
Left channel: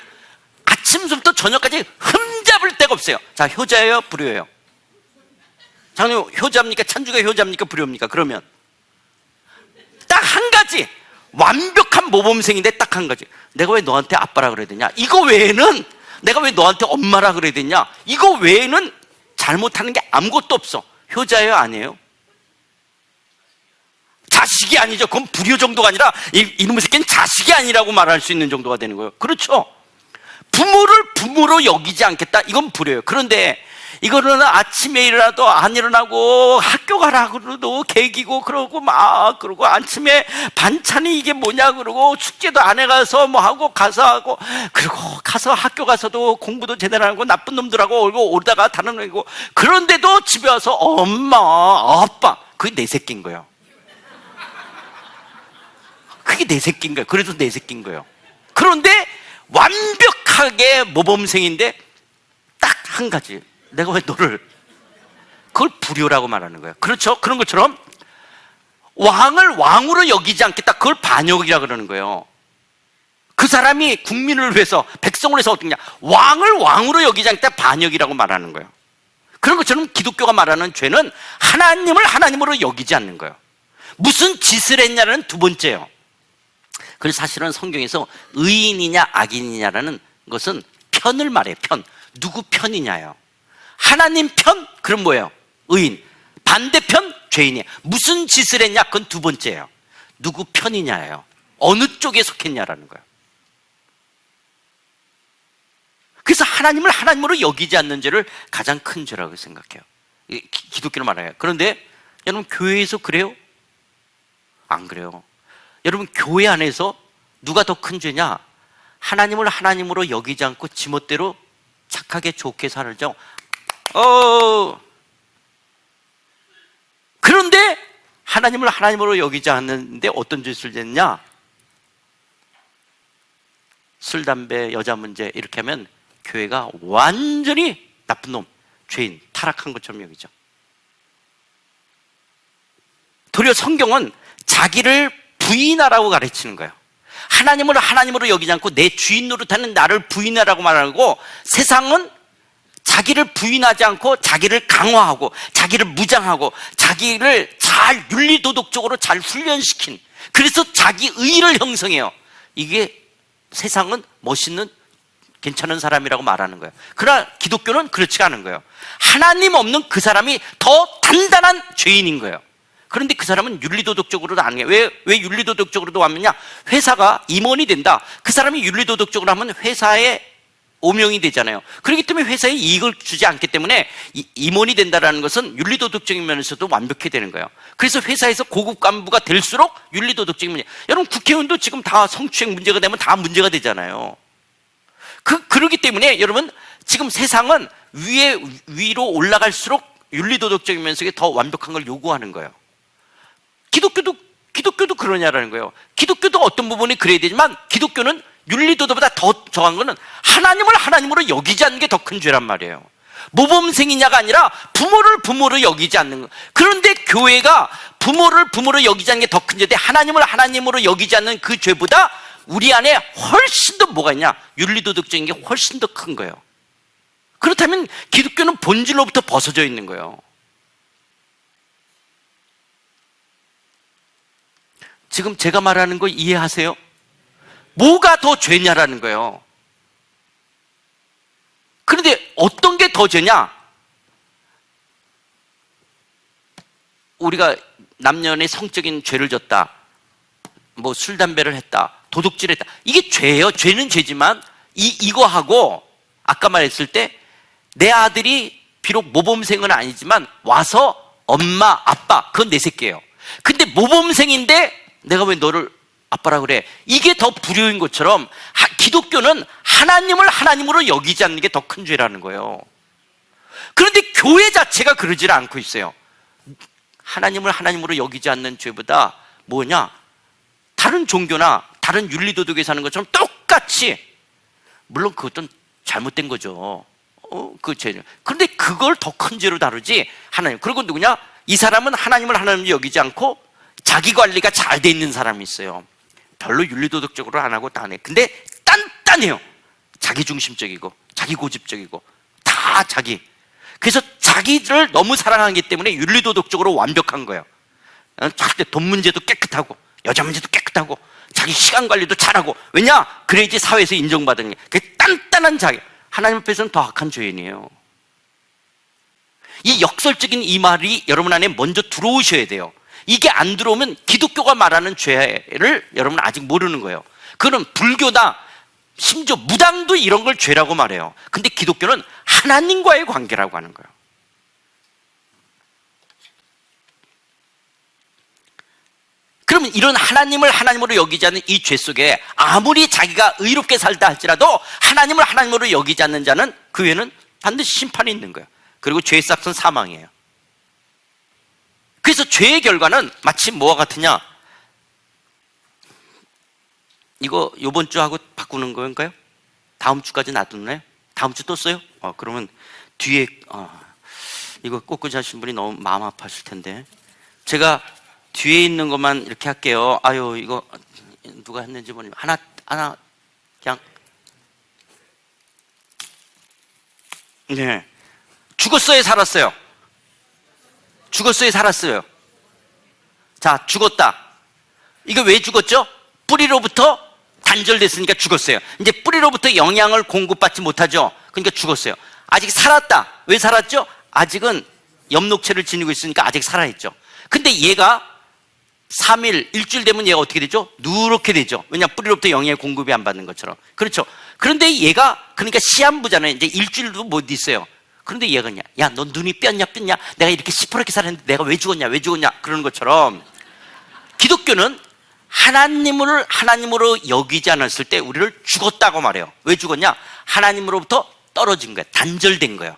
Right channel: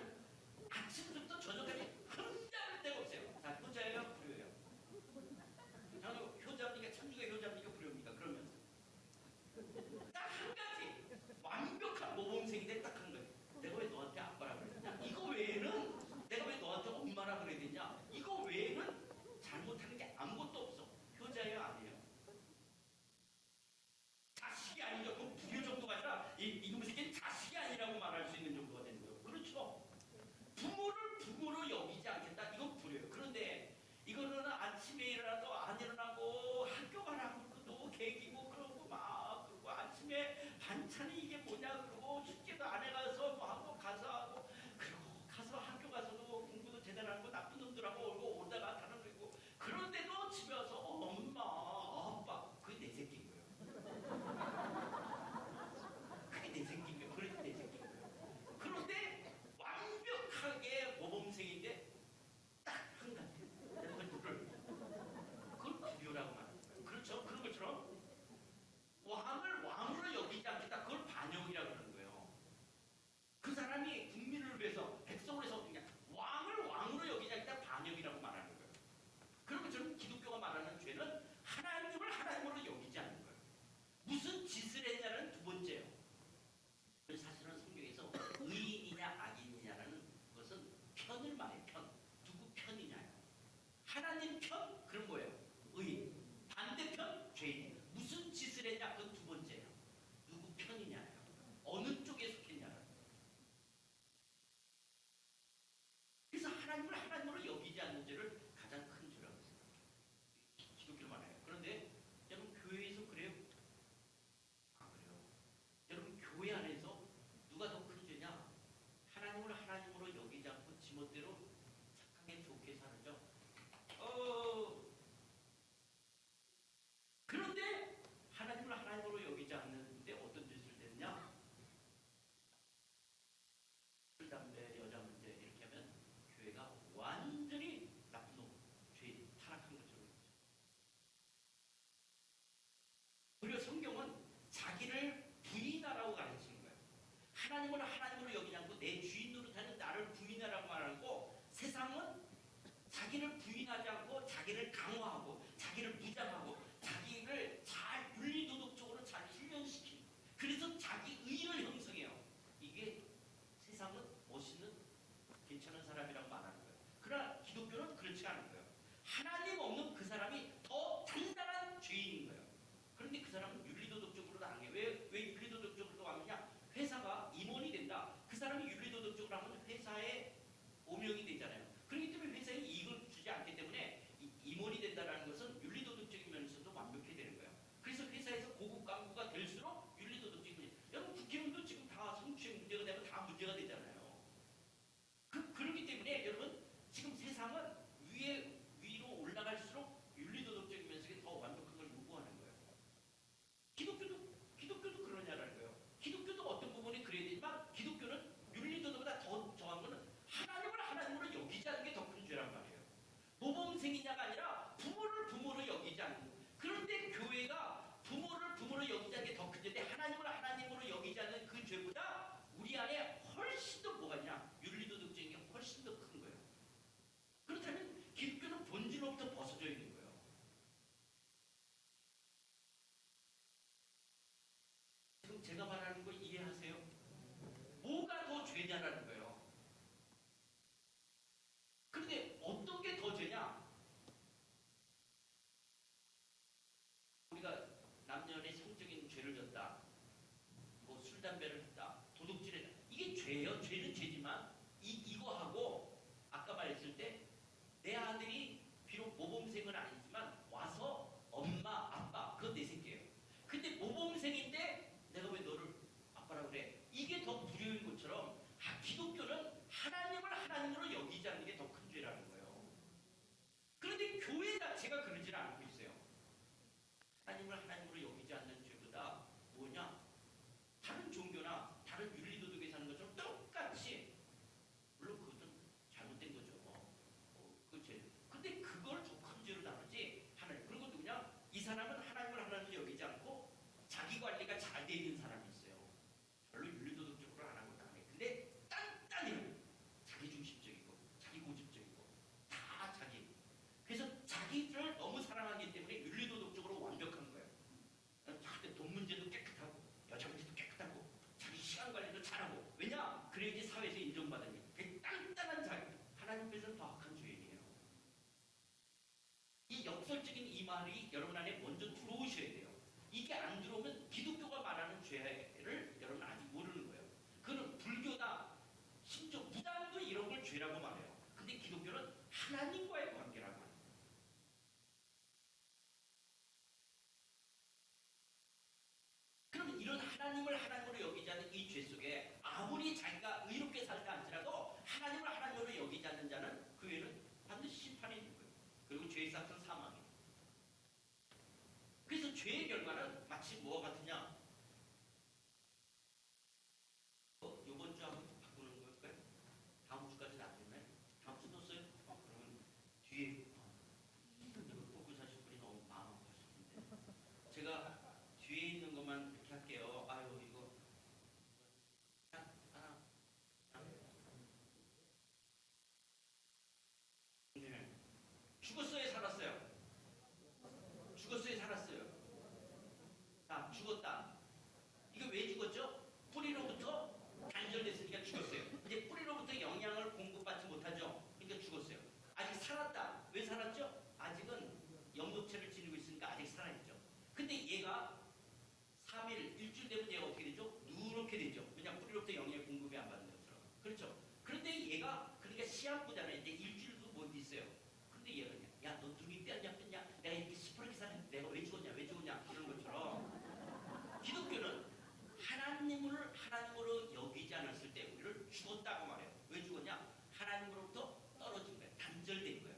아침부터 저녁까지 흠잡을 데가 없어요. 자, 효자예요? 불효예요? 장님, 효자입니까? 찬주가 효자입니까? 불효입니까? 그러면 딱 한 가지, 완벽한 모범생인데 딱 한 가지, 내가 왜 너한테 아빠라 그래야 되냐? 이거 외에는, 내가 왜 너한테 엄마라 그래야 되냐? 이거 외에는 잘못하는 게 아무것도 없어. 효자예요? 아니에요? 자식이 아니죠. 그건 불효 정도가 아니라 이놈의 새끼는 자식이 아니라고 말할 수 있는 정도가 되는 거예요. 그렇죠? 부모를 부모로 여기지 않겠다, 이건 불효예요. 그런데 이거는 아침에 일어나도 안 일어나고 학교 가라 그러도 개기고 그러고 막 그러고 아침에 반찬이 이게 뭐냐 그러고 숙제도 안 해가서 뭐 하고 가서 하고 그리고 가서 학교 가서도 공부도 제대로 안 하고 나쁜 놈들하고 얼고 오르다가 다른 놈이고, 그런데도 집에 와서 엄마 아빠, 그게 내 새끼인 거예요. 그게 내 새끼인 거예요. 그래도 내 새끼인 거예요. 그런데 완벽하게 모범생인데 딱 한 가지, 내가 왜 너를, 그걸 불효라고 말하는 거예요. 그렇죠? 그런 것처럼 왕을 왕으로 여기지 않겠다, 그걸 반역이라 그러는 거예요. 그 사람이 국민을 위해서, 백성을 위해서 어떻게 냐, 왕을 왕으로 여기지 않겠다, 반역이라고 말하는 거예요. 그런 것처럼 기독교가 말하는 죄는 하나님을 하나님으로 여기지 않는 거예요. 무슨 짓을 했냐는 두 번째예요. 그래서 사실은 성경에서 의인이냐 악인이냐라는 것은 편을 말해요. 편. 누구 편이냐요. 하나님 편? 그럼 뭐예요? 의인. 반대편? 죄인이에요. 무슨 짓을 했냐? 그건 두 번째예요. 누구 편이냐예요. 어느 쪽에 속했냐라는 거예요. 그래서 하나님을 하나님으로 여기지 않는 죄를 가장 큰 죄라고 생각해요. 기독교로 말해요. 그런데 여러분, 교회에서 그래요? 안 그래요. 여러분, 교회 안에서 누가 더 큰 죄냐? 하나님을 하나님으로 여기지 않고 지멋대로 착하게 좋게 살죠. 그런데 하나님을 하나님으로 여기지 않는데 어떤 짓을 했냐? 술, 담배, 여자 문제 이렇게 하면 교회가 완전히 나쁜 놈, 죄인, 타락한 것처럼 여기죠. 도리어 성경은 자기를 부인하라고 가르치는 거예요. 하나님을 하나님으로 여기지 않고 내 주인 노릇하는 나를 부인하라고 말하고, 세상은 자기를 부인하지 않고 자기를 강화하고 자기를 무장하고 자기를 잘 윤리도덕적으로 잘 훈련시킨, 그래서 자기 의를 형성해요. 이게 세상은 멋있는 괜찮은 사람이라고 말하는 거예요. 그러나 기독교는 그렇지가 않은 거예요. 하나님 없는 그 사람이 더 단단한 죄인인 거예요. 그런데 그 사람은 윤리도덕적으로도 안 해요. 왜 윤리도덕적으로도 하느냐? 회사가 임원이 된다. 그 사람이 윤리도덕적으로 하면 회사의 오명이 되잖아요. 그렇기 때문에 회사에 이익을 주지 않기 때문에 임원이 된다는 것은 윤리도덕적인 면에서도 완벽해야 되는 거예요. 그래서 회사에서 고급 간부가 될수록 윤리도덕적인 문제. 여러분, 국회의원도 지금 다 성추행 문제가 되면 다 문제가 되잖아요. 그러기 때문에 여러분, 지금 세상은 위로 올라갈수록 윤리도덕적인 면에서 더 완벽한 걸 요구하는 거예요. 기독교도 그러냐라는 거예요. 기독교도 어떤 부분이 그래야 되지만, 기독교는 윤리도덕보다 더 정한 거는 하나님을 하나님으로 여기지 않는 게 더 큰 죄란 말이에요. 모범생이냐가 아니라 부모를 부모로 여기지 않는 거. 그런데 교회가 부모를 부모로 여기지 않는 게 더 큰 죄인데, 하나님을 하나님으로 여기지 않는 그 죄보다 우리 안에 훨씬 더 뭐가 있냐? 윤리도덕적인 게 훨씬 더 큰 거예요. 그렇다면 기독교는 본질로부터 벗어져 있는 거예요. 지금 제가 말하는 거 이해하세요? 뭐가 더 죄냐라는 거예요. 그런데 어떤 게 더 죄냐? 우리가 남녀의 성적인 죄를 졌다, 뭐 술 담배를 했다, 도둑질을 했다, 이게 죄예요. 죄는 죄지만 이거하고 아까 말했을 때 내 아들이 비록 모범생은 아니지만 와서 엄마 아빠, 그건 내 새끼예요. 근데 모범생인데 내가 왜 너를 아빠라 그래? 이게 더 불효인 것처럼 기독교는 하나님을 하나님으로 여기지 않는 게 더 큰 죄라는 거예요. 그런데 교회 자체가 그러질 않고 있어요. 하나님을 하나님으로 여기지 않는 죄보다 뭐냐? 다른 종교나 다른 윤리도덕에 사는 것처럼 똑같이, 물론 그것도 잘못된 거죠. 그 죄. 그런데 그걸 더 큰 죄로 다루지 하나님. 그리고 누구냐? 이 사람은 하나님을 하나님으로 여기지 않고 자기 관리가 잘 돼 있는 사람이 있어요. 별로 윤리도덕적으로 안 하고 다 안 해. 근데 단단해요. 자기중심적이고 자기고집적이고 다 자기. 그래서 자기를 너무 사랑하기 때문에 윤리도덕적으로 완벽한 거예요. 절대 돈 문제도 깨끗하고 여자 문제도 깨끗하고 자기 시간 관리도 잘하고. 왜냐? 그래야지 사회에서 인정받는 게. 그 단단한 자기. 하나님 앞에서는 더 악한 죄인이에요. 이 역설적인 이 말이 여러분 안에 먼저 들어오셔야 돼요. 이게 안 들어오면 기독교가 말하는 죄를 여러분 아직 모르는 거예요. 그건 불교다, 심지어 무당도 이런 걸 죄라고 말해요. 근데 기독교는 하나님과의 관계라고 하는 거예요. 그러면 이런 하나님을 하나님으로 여기지 않는 이 죄 속에 아무리 자기가 의롭게 살다 할지라도 하나님을 하나님으로 여기지 않는 자는 그 외에는 반드시 심판이 있는 거예요. 그리고 죄의 싹은 사망이에요. 그래서 죄의 결과는 마치 뭐와 같으냐? 이거 요번 주하고 바꾸는 건가요? 다음 주까지 놔두나요? 다음 주 또 써요? 그러면 뒤에 이거 꽂고 자신 분이 너무 마음 아파하실 텐데, 제가 뒤에 있는 것만 이렇게 할게요. 아유, 이거 누가 했는지 모르겠는데 하나 그냥. 네. 죽었어요, 살았어요? 죽었어요, 살았어요? 자, 죽었다. 이거 왜 죽었죠? 뿌리로부터 단절됐으니까 죽었어요. 이제 뿌리로부터 영양을 공급받지 못하죠. 그러니까 죽었어요. 아직 살았다. 왜 살았죠? 아직은 엽록체를 지니고 있으니까 아직 살아있죠. 근데 얘가 3일, 일주일 되면 얘가 어떻게 되죠? 누렇게 되죠. 왜냐? 뿌리로부터 영양의 공급이 안 받는 것처럼. 그렇죠. 그런데 얘가, 그러니까 시한부잖아요. 이제 일주일도 못 있어요. 그런데 얘가 그냥, 야, 너 눈이 뼈냐? 내가 이렇게 시퍼렇게 살았는데 내가 왜 죽었냐? 그러는 것처럼 기독교는 하나님을 하나님으로 여기지 않았을 때 우리를 죽었다고 말해요. 왜 죽었냐? 하나님으로부터 떨어진 거예요. 단절된 거예요.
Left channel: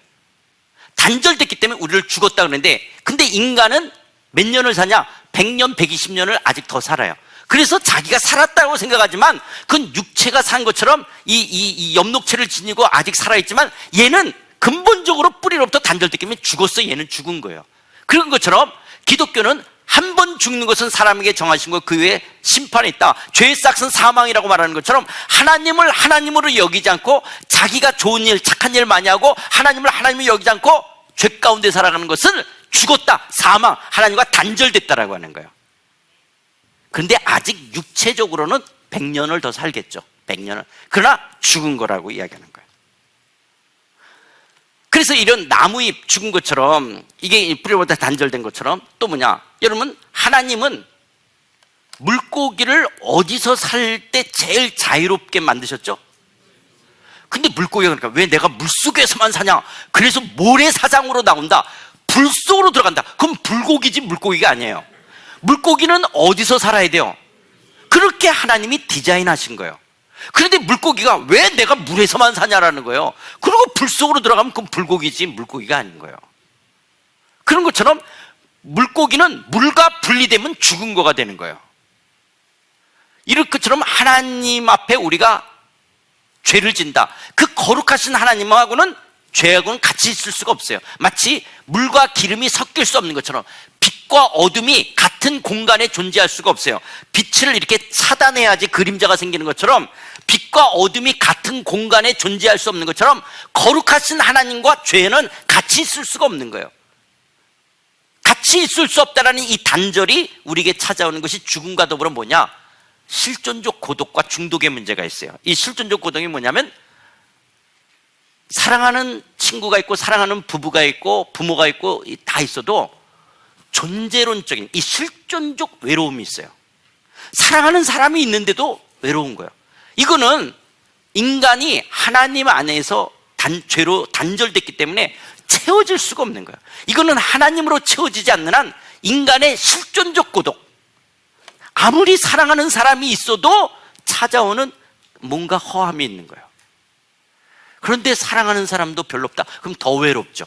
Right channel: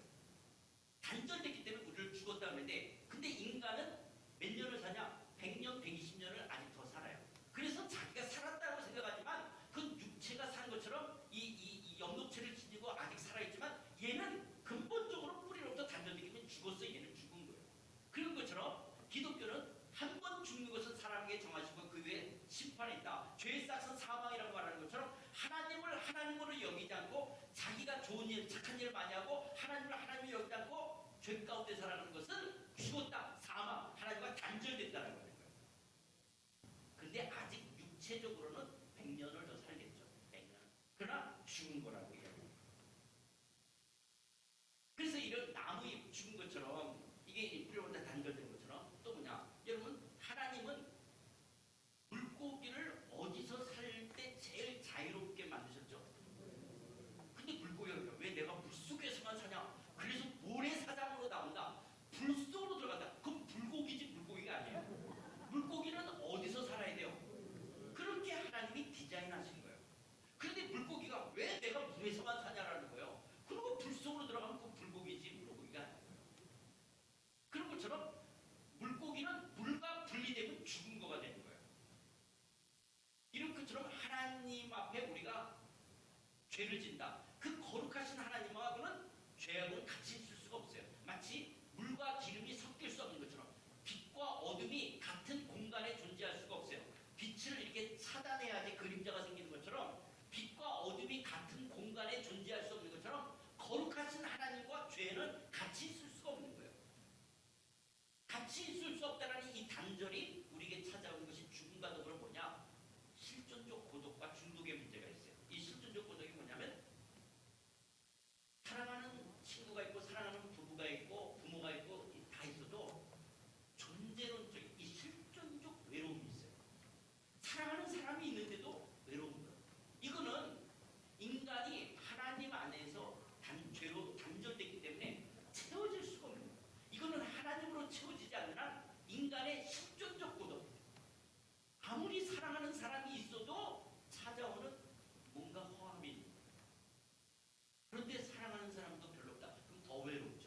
단절됐기 때문에 우리를 죽었다 그러는데, 근데 인간은 몇 년을 사냐? 100년, 120년을 아직 더 살아요. 그래서 자기가 살았다고 생각하지만 그건 육체가 산 것처럼 이 엽록체를 지니고 아직 살아있지만, 얘는 근본적으로 뿌리로부터 단절됐기 때문에 죽었어. 얘는 죽은 거예요. 그런 것처럼 기독교는 한 번 죽는 것은 사람에게 정하신 것, 그 외에 심판이 있다. 죄의 싹은 사망이라고 말하는 것처럼 하나님을 하나님으로 여기지 않고 자기가 좋은 일, 착한 일 많이 하고 하나님을 하나님으로 여기지 않고 죄 가운데 살아가는 것은 죽었다, 사망, 하나님과 단절됐다라고 하는 거예요. 그런데 아직 육체적으로는 100년을 더 살겠죠. 100년을. 그러나 죽은 거라고 이야기하는 거예요. 그래서 이런 나무잎 죽은 것처럼, 이게 뿌리보다 단절된 것처럼, 또 뭐냐, 여러분, 하나님은 물고기를 어디서 살 때 제일 자유롭게 만드셨죠? 근데 물고기가 그러니까 왜 내가 물속에서만 사냐? 그래서 모래사장으로 나온다, 불 속으로 들어간다. 그럼 불고기지 물고기가 아니에요. 물고기는 어디서 살아야 돼요? 그렇게 하나님이 디자인하신 거예요. 그런데 물고기가 왜 내가 물에서만 사냐라는 거예요. 그리고 불 속으로 들어가면 그건 불고기지 물고기가 아닌 거예요. 그런 것처럼 물고기는 물과 분리되면 죽은 거가 되는 거예요. 이럴 것처럼 하나님 앞에 우리가 죄를 진다. 그 거룩하신 하나님하고는, 죄하고는 같이 있을 수가 없어요. 마치 물과 기름이 섞일 수 없는 것처럼 빛과 어둠이 같은 공간에 존재할 수가 없어요. 빛을 이렇게 차단해야지 그림자가 생기는 것처럼 빛과 어둠이 같은 공간에 존재할 수 없는 것처럼 거룩하신 하나님과 죄는 같이 있을 수가 없는 거예요. 같이 있을 수 없다라는 이 단절이 우리에게 찾아오는 것이 죽음과 더불어 뭐냐? 실존적 고독과 중독의 문제가 있어요. 이 실존적 고독이 뭐냐면, 사랑하는 친구가 있고 사랑하는 부부가 있고 부모가 있고 다 있어도 존재론적인 이 실존적 외로움이 있어요. 사랑하는 사람이 있는데도 외로운 거예요. 이거는 인간이 하나님 안에서 죄로 단절됐기 때문에 채워질 수가 없는 거예요. 이거는 하나님으로 채워지지 않는 한 인간의 실존적 고독, 아무리 사랑하는 사람이 있어도 찾아오는 뭔가 허함이 있는 거예요. 그런데 사랑하는 사람도 별로 없다. 그럼 더 외롭죠.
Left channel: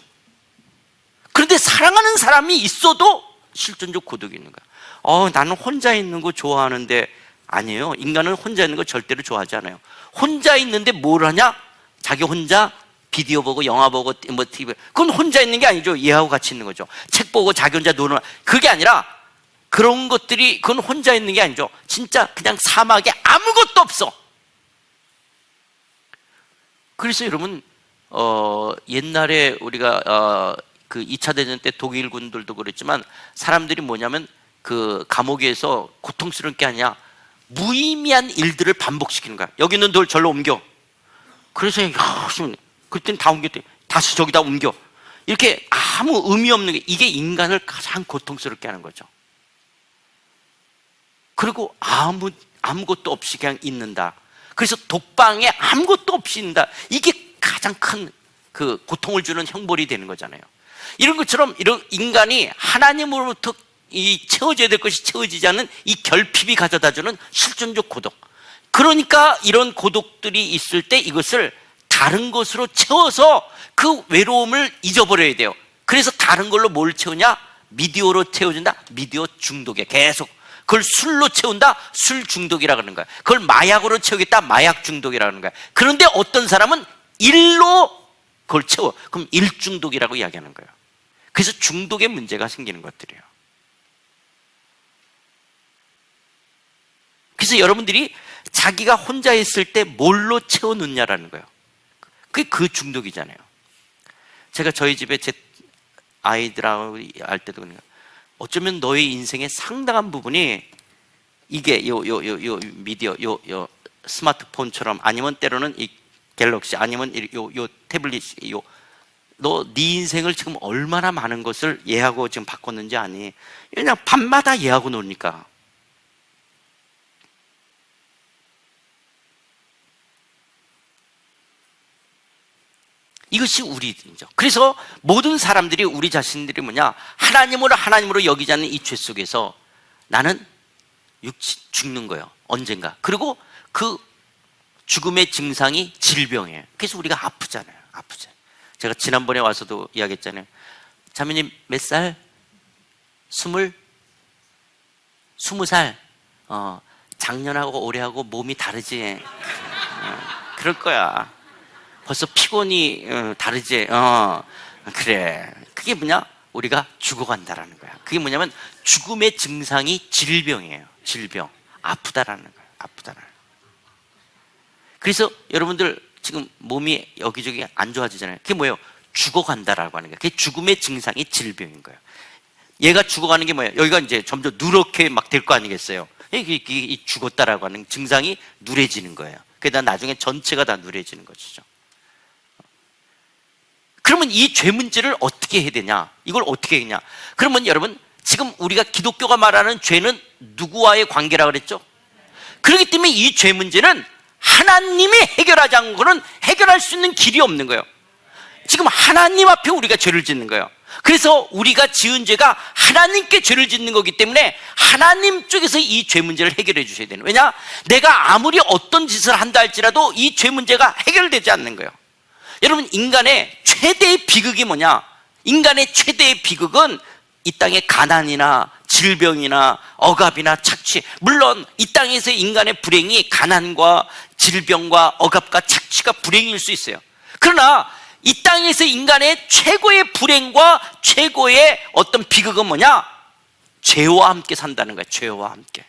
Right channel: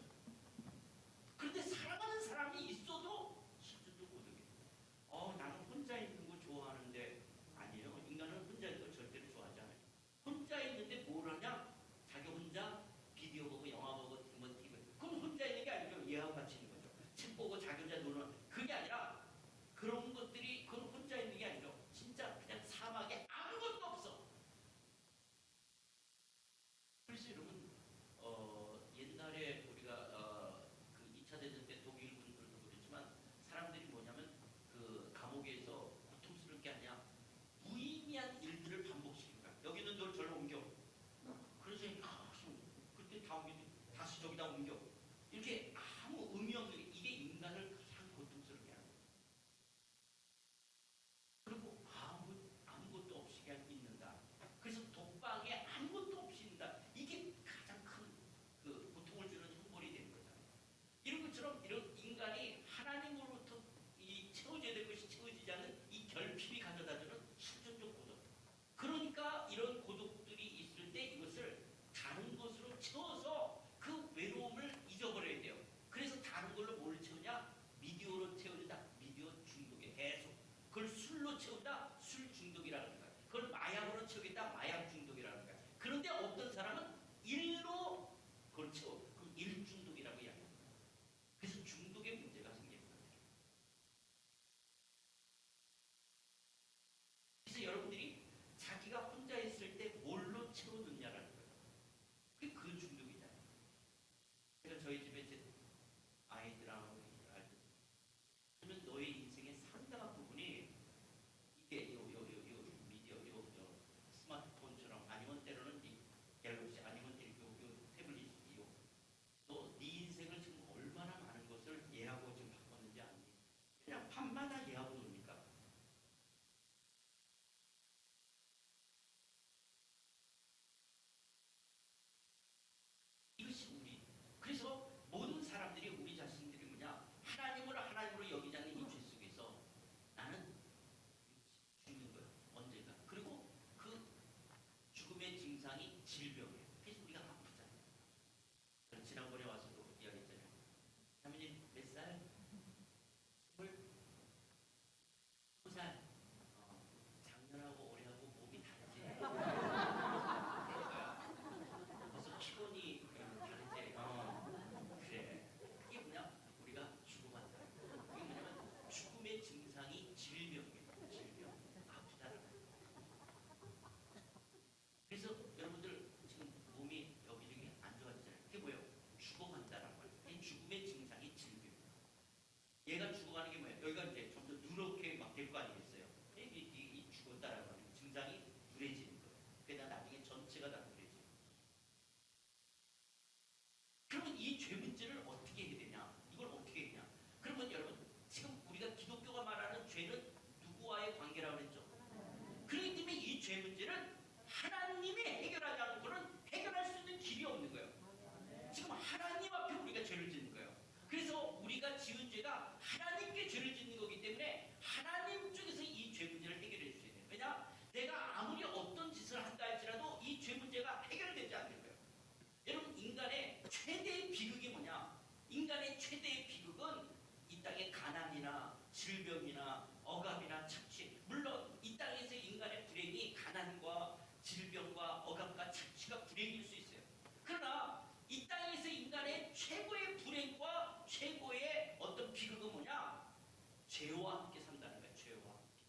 그런데 사랑하는 사람이 있어도 실존적 고독이 있는 거야. 나는 혼자 있는 거 좋아하는데, 아니에요. 인간은 혼자 있는 거 절대로 좋아하지 않아요. 혼자 있는데 뭘 하냐? 자기 혼자 비디오 보고 영화 보고 뭐 TV, 그건 혼자 있는 게 아니죠. 얘하고 같이 있는 거죠. 책 보고 자기 혼자 노는, 그게 아니라 그런 것들이, 그건 혼자 있는 게 아니죠. 진짜 그냥 사막에 아무것도 없어. 그래서 여러분, 옛날에 우리가 그 2차 대전 때 독일 군들도 그랬지만, 사람들이 뭐냐면 그 감옥에서 고통스러운 게 아니야, 무의미한 일들을 반복시키는 거야. 여기 있는 돌 절로 옮겨. 그래서 그때는 다 옮겼대. 다시 저기다 옮겨. 이렇게 아무 의미 없는 게, 이게 인간을 가장 고통스럽게 하는 거죠. 그리고 아무것도 없이 그냥 있는다. 그래서 독방에 아무것도 없이 있는다. 이게 가장 큰 그 고통을 주는 형벌이 되는 거잖아요. 이런 것처럼 이런 인간이 하나님으로부터 이 채워져야 될 것이 채워지지 않는 이 결핍이 가져다주는 실존적 고독. 그러니까 이런 고독들이 있을 때 이것을 다른 것으로 채워서 그 외로움을 잊어버려야 돼요. 그래서 다른 걸로 뭘 채우냐? 미디어로 채워준다. 미디어 중독에 계속. 그걸 술로 채운다. 술 중독이라 그러는 거야. 그걸 마약으로 채우겠다. 마약 중독이라 그러는 거야. 그런데 어떤 사람은 일로 그걸 채워. 그럼 일 중독이라고 이야기하는 거예요. 그래서 중독의 문제가 생기는 것들이에요. 그래서 여러분들이 자기가 혼자 있을 때 뭘로 채워놓냐라는 거예요. 그게 그 중독이잖아요. 제가 저희 집에 제 아이들하고 할 때도 그러니까, 어쩌면 너의 인생의 상당한 부분이 이게 요 미디어, 요 스마트폰처럼, 아니면 때로는 이 갤럭시, 아니면 요 태블릿, 너 네 인생을 지금 얼마나 많은 것을 얘하고 지금 바꿨는지 아니? 그냥 밤마다 얘하고 노니까. 이것이 우리죠. 그래서 모든 사람들이, 우리 자신들이 뭐냐? 하나님으로 여기지 않는 이 죄 속에서 나는 죽는 거예요. 언젠가. 그리고 그 죽음의 증상이 질병이에요. 그래서 우리가 아프잖아요. 제가 지난번에 와서도 이야기했잖아요. 자매님 몇 살? 20살? 작년하고 올해하고 몸이 다르지. 그럴 거야. 벌써 피곤이 다르지. 그래. 그게 뭐냐? 우리가 죽어간다라는 거야. 그게 뭐냐면 죽음의 증상이 질병이에요. 질병. 아프다라는 거야. 아프다라는 거야. 그래서 여러분들 지금 몸이 여기저기 안 좋아지잖아요. 그게 뭐예요? 죽어간다라고 하는 거예요. 그게 죽음의 증상이 질병인 거예요. 얘가 죽어가는 게 뭐예요? 여기가 이제 점점 누렇게 막 될 거 아니겠어요? 이게 죽었다라고 하는 증상이 누래지는 거예요. 그러다 나중에 전체가 다 누래지는 것이죠. 그러면 이 죄 문제를 어떻게 해야 되냐? 이걸 어떻게 했냐? 그러면 여러분, 지금 우리가 기독교가 말하는 죄는 누구와의 관계라 그랬죠? 그렇기 때문에 이 죄 문제는 하나님이 해결하지 않고는 해결할 수 있는 길이 없는 거예요. 지금 하나님 앞에 우리가 죄를 짓는 거예요. 그래서 우리가 지은 죄가 하나님께 죄를 짓는 거기 때문에 하나님 쪽에서 이 죄 문제를 해결해 주셔야 되는 거예요. 왜냐? 내가 아무리 어떤 짓을 한다 할지라도 이 죄 문제가 해결되지 않는 거예요. 여러분, 인간의 최대의 비극이 뭐냐? 인간의 최대의 비극은 이 땅의 가난이나 질병이나 억압이나 착취. 물론 이 땅에서 인간의 불행이 가난과 질병과 억압과 착취가 불행일 수 있어요. 그러나 이 땅에서 인간의 최고의 불행과 최고의 어떤 비극은 뭐냐? 죄와 함께 산다는 거예요. 죄와 함께.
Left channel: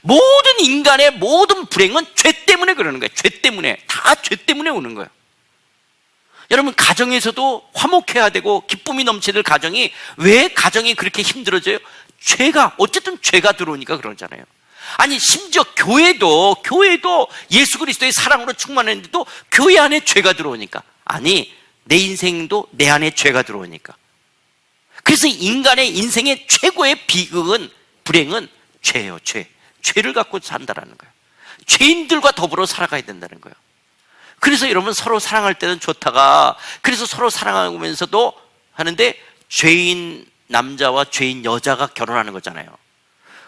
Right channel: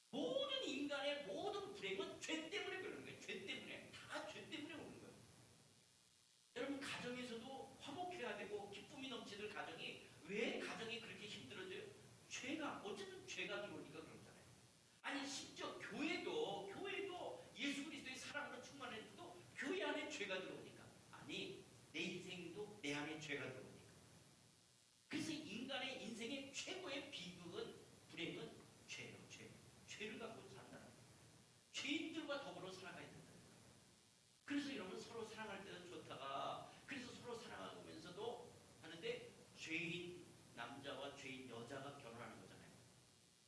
모든 인간의 모든 불행은 죄 때문에 그러는 거예요. 죄 때문에. 다 죄 때문에 오는 거예요. 여러분, 가정에서도 화목해야 되고 기쁨이 넘치는 가정이, 왜 가정이 그렇게 힘들어져요? 죄가, 어쨌든 죄가 들어오니까 그러잖아요. 아니, 심지어 교회도 예수 그리스도의 사랑으로 충만했는데도 교회 안에 죄가 들어오니까. 아니, 내 인생도 내 안에 죄가 들어오니까. 그래서 인간의 인생의 최고의 비극은, 불행은 죄예요. 죄를 갖고 산다라는 거예요. 죄인들과 더불어 살아가야 된다는 거예요. 그래서 여러분, 서로 사랑할 때는 좋다가, 그래서 서로 사랑하면서도 하는데 죄인 남자와 죄인 여자가 결혼하는 거잖아요.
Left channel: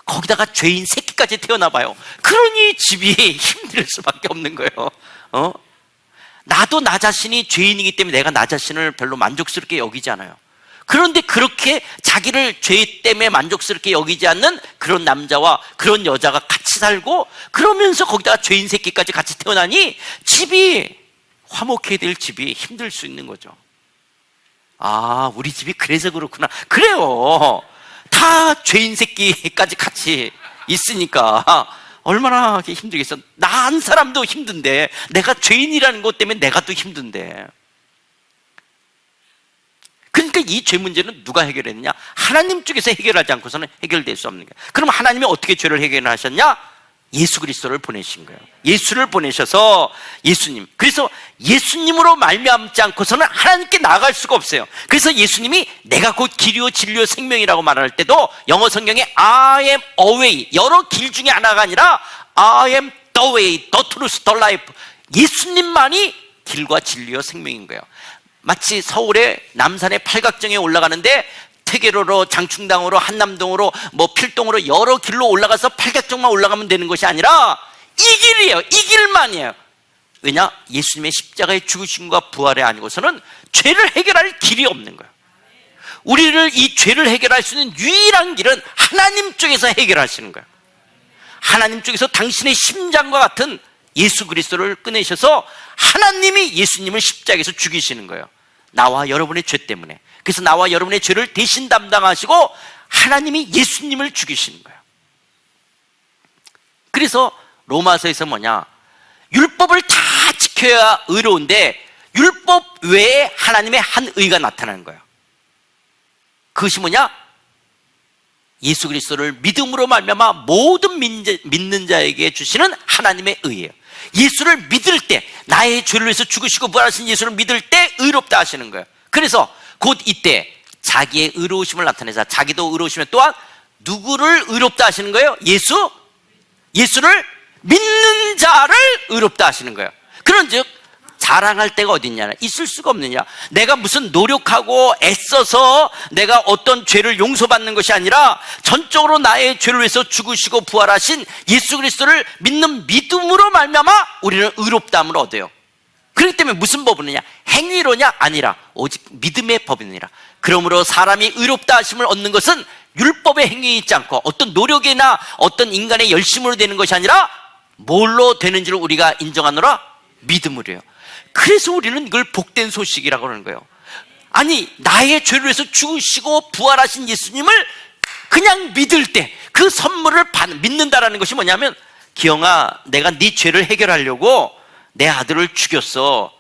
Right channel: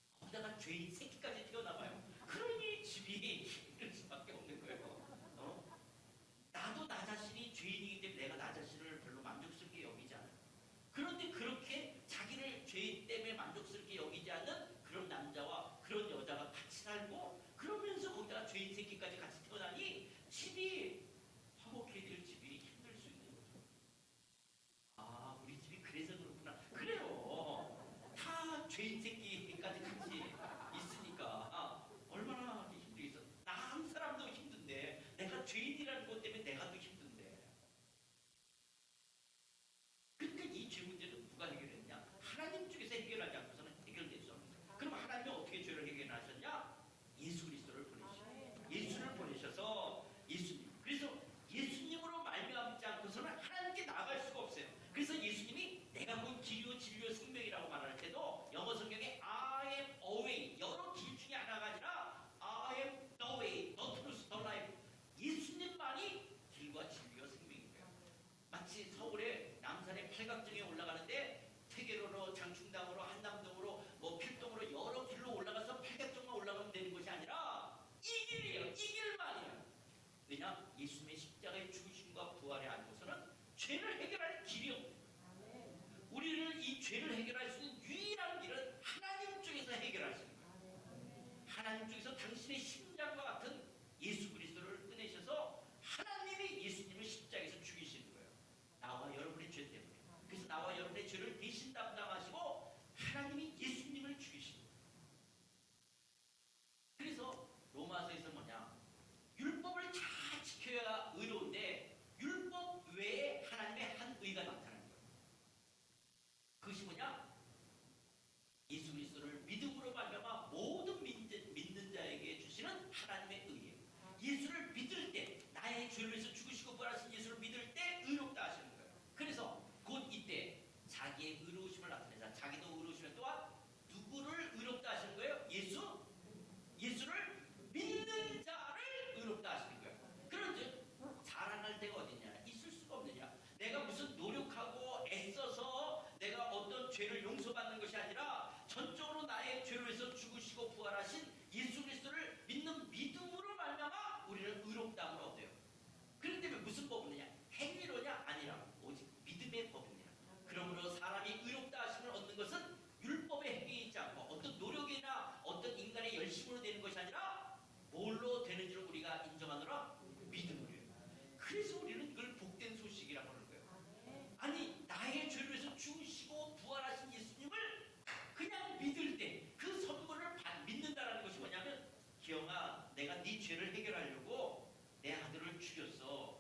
거기다가 죄인 새끼까지 태어나 봐요. 그러니 집이 힘들 수밖에 없는 거예요. 나도 나 자신이 죄인이기 때문에 내가 나 자신을 별로 만족스럽게 여기지 않아요. 그런데 그렇게 자기를 죄 때문에 만족스럽게 여기지 않는 그런 남자와 그런 여자가 같이 살고, 그러면서 거기다가 죄인 새끼까지 같이 태어나니 집이, 화목해야 될 집이 힘들 수 있는 거죠. 아, 우리 집이 그래서 그렇구나. 그래요. 다 죄인 새끼까지 같이 있으니까 얼마나 힘들겠어. 나 한 사람도 힘든데, 내가 죄인이라는 것 때문에 내가 또 힘든데. 그러니까 이 죄 문제는 누가 해결했느냐? 하나님 쪽에서 해결하지 않고서는 해결될 수 없는 거예요. 그럼 하나님이 어떻게 죄를 해결하셨냐? 예수 그리스도를 보내신 거예요. 예수를 보내셔서, 예수님, 그래서 예수님으로 말미암지 않고서는 하나님께 나아갈 수가 없어요. 그래서 예수님이 내가 곧 길이요 진리요 생명이라고 말할 때도 영어 성경에 I am a way, 여러 길 중에 하나가 아니라 I am the way, the truth, the life. 예수님만이 길과 진리요 생명인 거예요. 마치 서울의 남산의 팔각정에 올라가는데 태계로로, 장충당으로, 한남동으로, 필동으로 여러 길로 올라가서 팔각정만 올라가면 되는 것이 아니라 이 길이에요. 이 길만이에요. 왜냐? 예수님의 십자가의 죽으심과 부활에 아니고서는 죄를 해결할 길이 없는 거예요. 우리를, 이 죄를 해결할 수 있는 유일한 길은 하나님 쪽에서 해결하시는 거예요. 하나님 쪽에서 당신의 심장과 같은 예수 그리스도를 꺼내셔서 하나님이 예수님을 십자가에서 죽이시는 거예요. 나와 여러분의 죄 때문에. 그래서 나와 여러분의 죄를 대신 담당하시고 하나님이 예수님을 죽이시는 거예요. 그래서 로마서에서 뭐냐? 율법을 다 지켜야 의로운데 율법 외에 하나님의 한 의가 나타나는 거예요. 그것이 뭐냐? 예수 그리스도를 믿음으로 말미암아 모든 믿는 자에게 주시는 하나님의 의예요. 예수를 믿을 때, 나의 죄를 위해서 죽으시고 부활하신 예수를 믿을 때 의롭다 하시는 거예요. 그래서 곧 이때 자기의 의로우심을 나타내자. 자기도 의로우시면 또한 누구를 의롭다 하시는 거예요? 예수를 믿는 자를 의롭다 하시는 거예요. 그런즉 자랑할 데가 어디 있냐? 있을 수가 없느냐? 내가 무슨 노력하고 애써서 내가 어떤 죄를 용서받는 것이 아니라 전적으로 나의 죄를 위해서 죽으시고 부활하신 예수 그리스도를 믿는 믿음으로 말미암아 우리는 의롭다함을 얻어요. 그렇기 때문에 무슨 법이느냐? 행위로냐? 아니라 오직 믿음의 법이니라. 그러므로 사람이 의롭다 하심을 얻는 것은 율법의 행위에 있지 않고 어떤 노력이나 어떤 인간의 열심으로 되는 것이 아니라 뭘로 되는지를 우리가 인정하노라? 믿음으로요. 그래서 우리는 이걸 복된 소식이라고 하는 거예요. 아니, 나의 죄를 위해서 죽으시고 부활하신 예수님을 그냥 믿을 때 그 선물을 믿는다라는 것이 뭐냐면, 기영아, 내가 네 죄를 해결하려고 내 아들을 죽였어.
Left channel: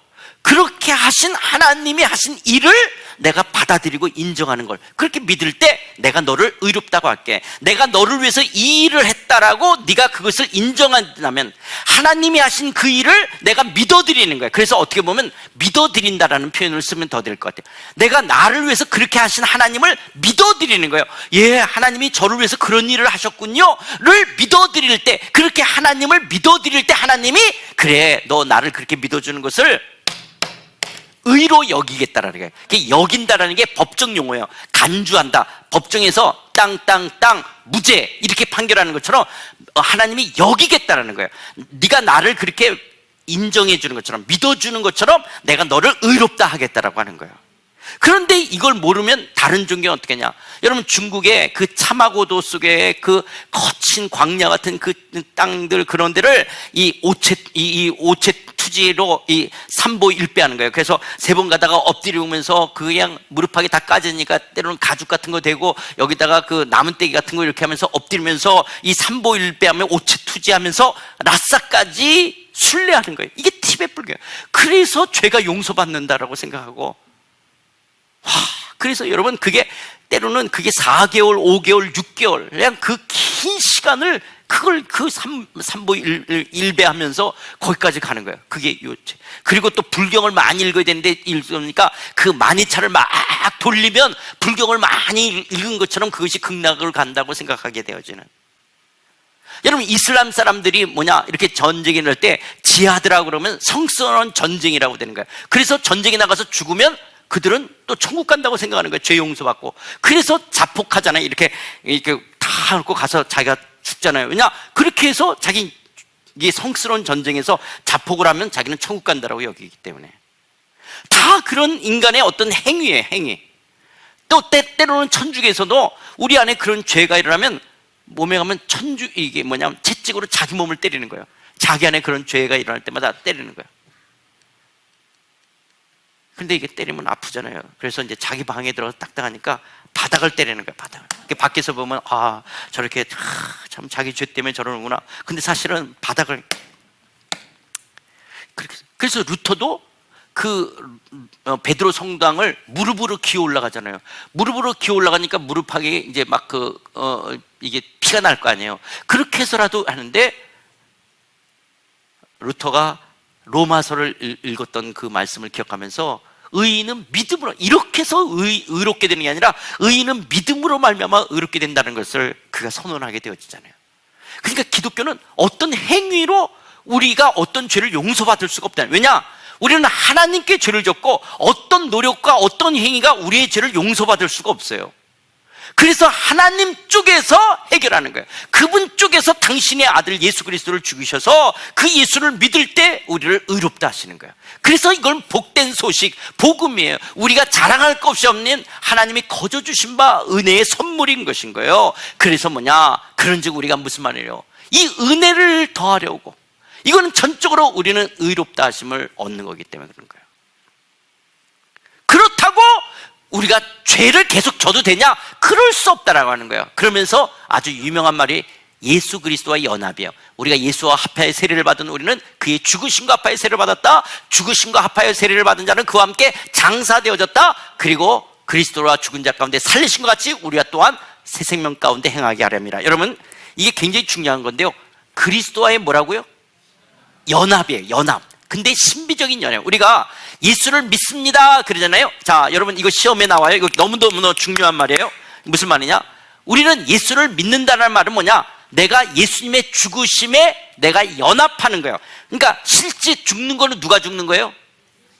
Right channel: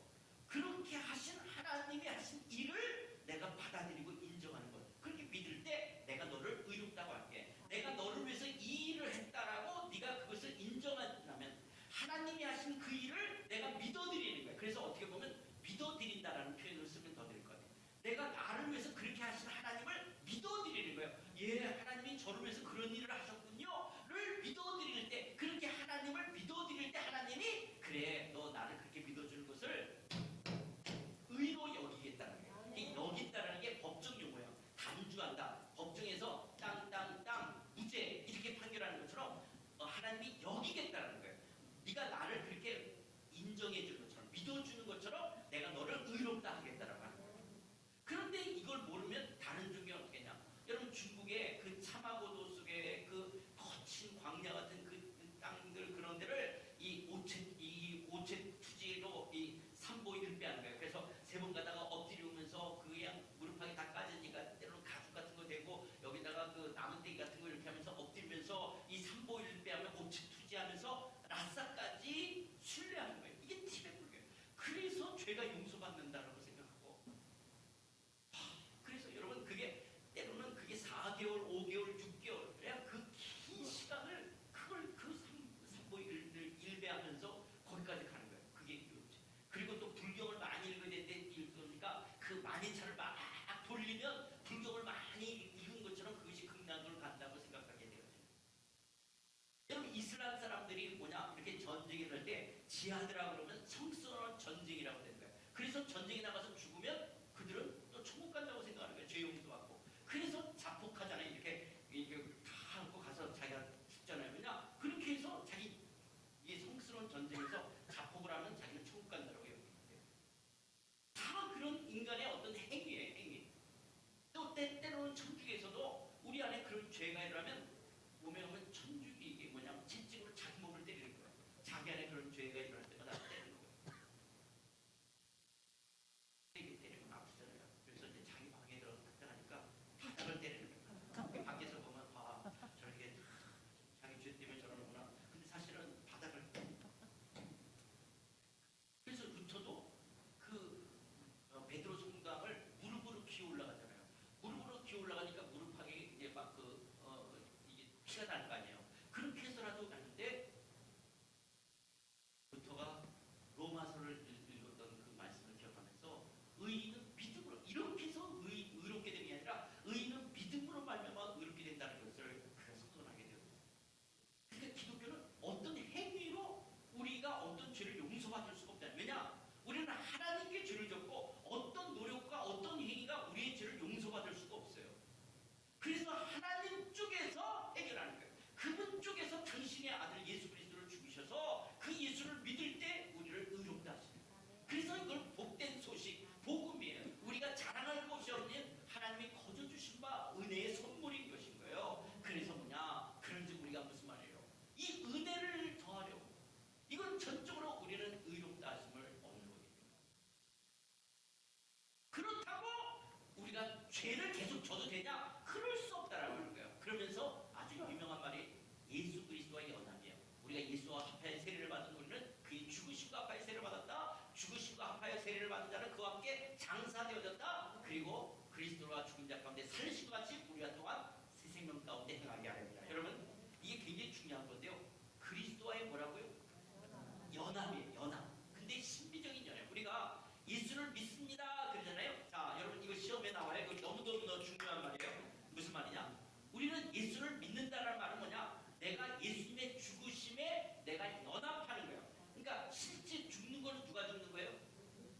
그렇게 하신 하나님이 하신 일을 내가 받아들이고 인정하는 걸, 그렇게 믿을 때 내가 너를 의롭다고 할게. 내가 너를 위해서 이 일을 했다라고 네가 그것을 인정한다면 하나님이 하신 그 일을 내가 믿어드리는 거야. 그래서 어떻게 보면 믿어드린다라는 표현을 쓰면 더 될 것 같아요. 내가 나를 위해서 그렇게 하신 하나님을 믿어드리는 거예요. 예, 하나님이 저를 위해서 그런 일을 하셨군요 를 믿어드릴 때, 그렇게 하나님을 믿어드릴 때 하나님이 그래, 너 나를 그렇게 믿어주는 것을 의로 여기겠다라는 거예요. 여긴다라는 게 법정 용어예요. 간주한다. 법정에서 땅 무죄 이렇게 판결하는 것처럼 하나님이 여기겠다라는 거예요. 네가 나를 그렇게 인정해 주는 것처럼, 믿어주는 것처럼 내가 너를 의롭다 하겠다라고 하는 거예요. 그런데 이걸 모르면 다른 종교는 어떻게 하냐? 여러분, 중국의 그 차마고도 속에 그 거친 광야 같은 그 땅들, 그런 데를 이 오체 투지로 이 삼보일배하는 거예요. 그래서 3번 가다가 엎드리면서 그냥 무릎팍이 다 까지니까 때로는 가죽 같은 거 대고 여기다가 그 나무떼기 같은 거 이렇게 하면서 엎드리면서 이 삼보일배하며 오체 투지하면서 라싸까지 순례하는 거예요. 이게 티베트 불교예요. 그래서 죄가 용서받는다라고 생각하고, 그래서 여러분, 그게 때로는 그게 4개월, 5개월, 6개월, 그냥 그 긴 시간을 그걸 그 삼보일배하면서 거기까지 가는 거예요. 그게 요체. 그리고 또 불경을 많이 읽어야 되는데, 읽으니까 그 만이차를 막 돌리면 불경을 많이 읽은 것처럼 그것이 극락을 간다고 생각하게 되어지는. 여러분, 이슬람 사람들이 뭐냐, 이렇게 전쟁에 날 때 지하드라고 그러면 성스러운 전쟁이라고 되는 거예요. 그래서 전쟁에 나가서 죽으면 그들은 또 천국 간다고 생각하는 거예요. 죄 용서받고. 그래서 자폭하잖아요. 이렇게 다 놓고 가서 자기가 죽잖아요. 왜냐? 그렇게 해서 자기 이 성스러운 전쟁에서 자폭을 하면 자기는 천국 간다라고 여기기 때문에. 다 그런 인간의 어떤 행위예요. 행위. 또 때로는 천주교에서도 우리 안에 그런 죄가 일어나면 몸에 가면 이게 뭐냐면 채찍으로 자기 몸을 때리는 거예요. 자기 안에 그런 죄가 일어날 때마다 때리는 거예요. 근데 이게 때리면 아프잖아요. 그래서 이제 자기 방에 들어가서 딱딱하니까 바닥을 때리는 거예요. 바닥을. 밖에서 보면 저렇게 참 자기 죄 때문에 저러는구나. 근데 사실은 바닥을 그렇게. 그래서 루터도 그 베드로 성당을 무릎으로 기어 올라가잖아요. 무릎으로 기어 올라가니까 무릎팍에 이제 막 이게 피가 날 거 아니에요. 그렇게 해서라도 하는데, 루터가 로마서를 읽었던 그 말씀을 기억하면서 의인은 믿음으로, 이렇게 해서 의롭게 되는 게 아니라 의인은 믿음으로 말미암아 의롭게 된다는 것을 그가 선언하게 되어지잖아요. 그러니까 기독교는 어떤 행위로 우리가 어떤 죄를 용서받을 수가 없다. 왜냐? 우리는 하나님께 죄를 졌고 어떤 노력과 어떤 행위가 우리의 죄를 용서받을 수가 없어요. 그래서 하나님 쪽에서 해결하는 거예요. 그분 쪽에서 당신의 아들 예수 그리스도를 죽이셔서 그 예수를 믿을 때 우리를 의롭다 하시는 거예요. 그래서 이건 복된 소식, 복음이에요. 우리가 자랑할 것 없이 없는 하나님이 거저 주신 바 은혜의 선물인 것인 거예요. 그래서 뭐냐, 그런즉 우리가 무슨 말이에요? 이 은혜를 더하려고, 이거는 전적으로 우리는 의롭다 하심을 얻는 거기 때문에 그런 거예요. 그렇다고 우리가 죄를 계속 져도 되냐? 그럴 수 없다라고 하는 거예요. 그러면서 아주 유명한 말이 예수 그리스도와 연합이에요. 우리가 예수와 합하여 세례를 받은 우리는 그의 죽으심과 합하여 세례를 받았다. 죽으심과 합하여 세례를 받은 자는 그와 함께 장사되어졌다. 그리고 그리스도와 죽은 자 가운데 살리신 것 같이 우리가 또한 새 생명 가운데 행하게 하렵니다. 여러분, 이게 굉장히 중요한 건데요, 그리스도와의 뭐라고요? 연합이에요. 연합. 근데 신비적인 연합. 우리가 예수를 믿습니다 그러잖아요. 자, 여러분, 이거 시험에 나와요. 이거 너무너무 중요한 말이에요. 무슨 말이냐? 우리는 예수를 믿는다는 말은 뭐냐? 내가 예수님의 죽으심에 내가 연합하는 거예요. 그러니까 실제 죽는 거는 누가 죽는 거예요?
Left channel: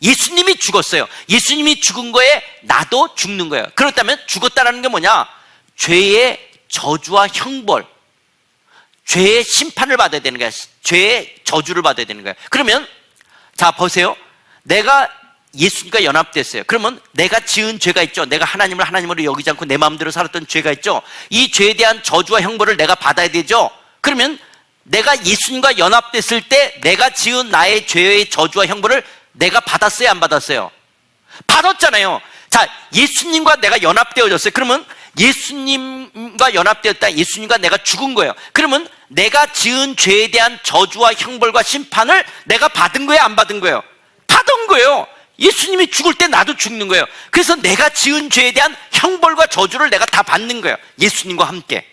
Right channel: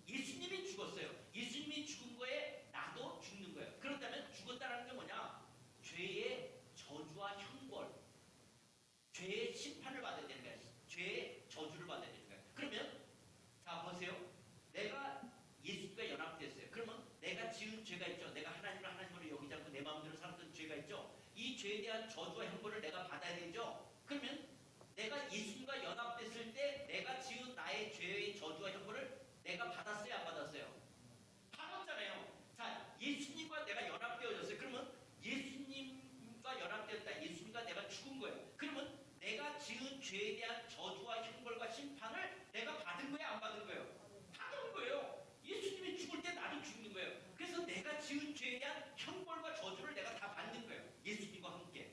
예수님이 죽었어요. 예수님이 죽은 거에 나도 죽는 거예요. 그렇다면 죽었다는 게 뭐냐? 죄의 저주와 형벌, 죄의 심판을 받아야 되는 거야. 죄의 저주를 받아야 되는 거야. 그러면 자, 보세요. 내가 예수님과 연합됐어요. 그러면 내가 지은 죄가 있죠. 내가 하나님을 하나님으로 여기지 않고 내 마음대로 살았던 죄가 있죠. 이 죄에 대한 저주와 형벌을 내가 받아야 되죠. 그러면 내가 예수님과 연합됐을 때 내가 지은 나의 죄의 저주와 형벌을 내가 받았어요, 안 받았어요? 받았잖아요. 자, 자, 예수님과 내가 연합되어졌어요. 그러면 예수님과 연합되었다. 예수님과 내가 죽은 거예요. 그러면 내가 지은 죄에 대한 저주와 형벌과 심판을 내가 받은 거예요, 안 받은 거예요? 받은 거예요. 예수님이 죽을 때 나도 죽는 거예요. 그래서 내가 지은 죄에 대한 형벌과 저주를 내가 다 받는 거예요, 예수님과 함께.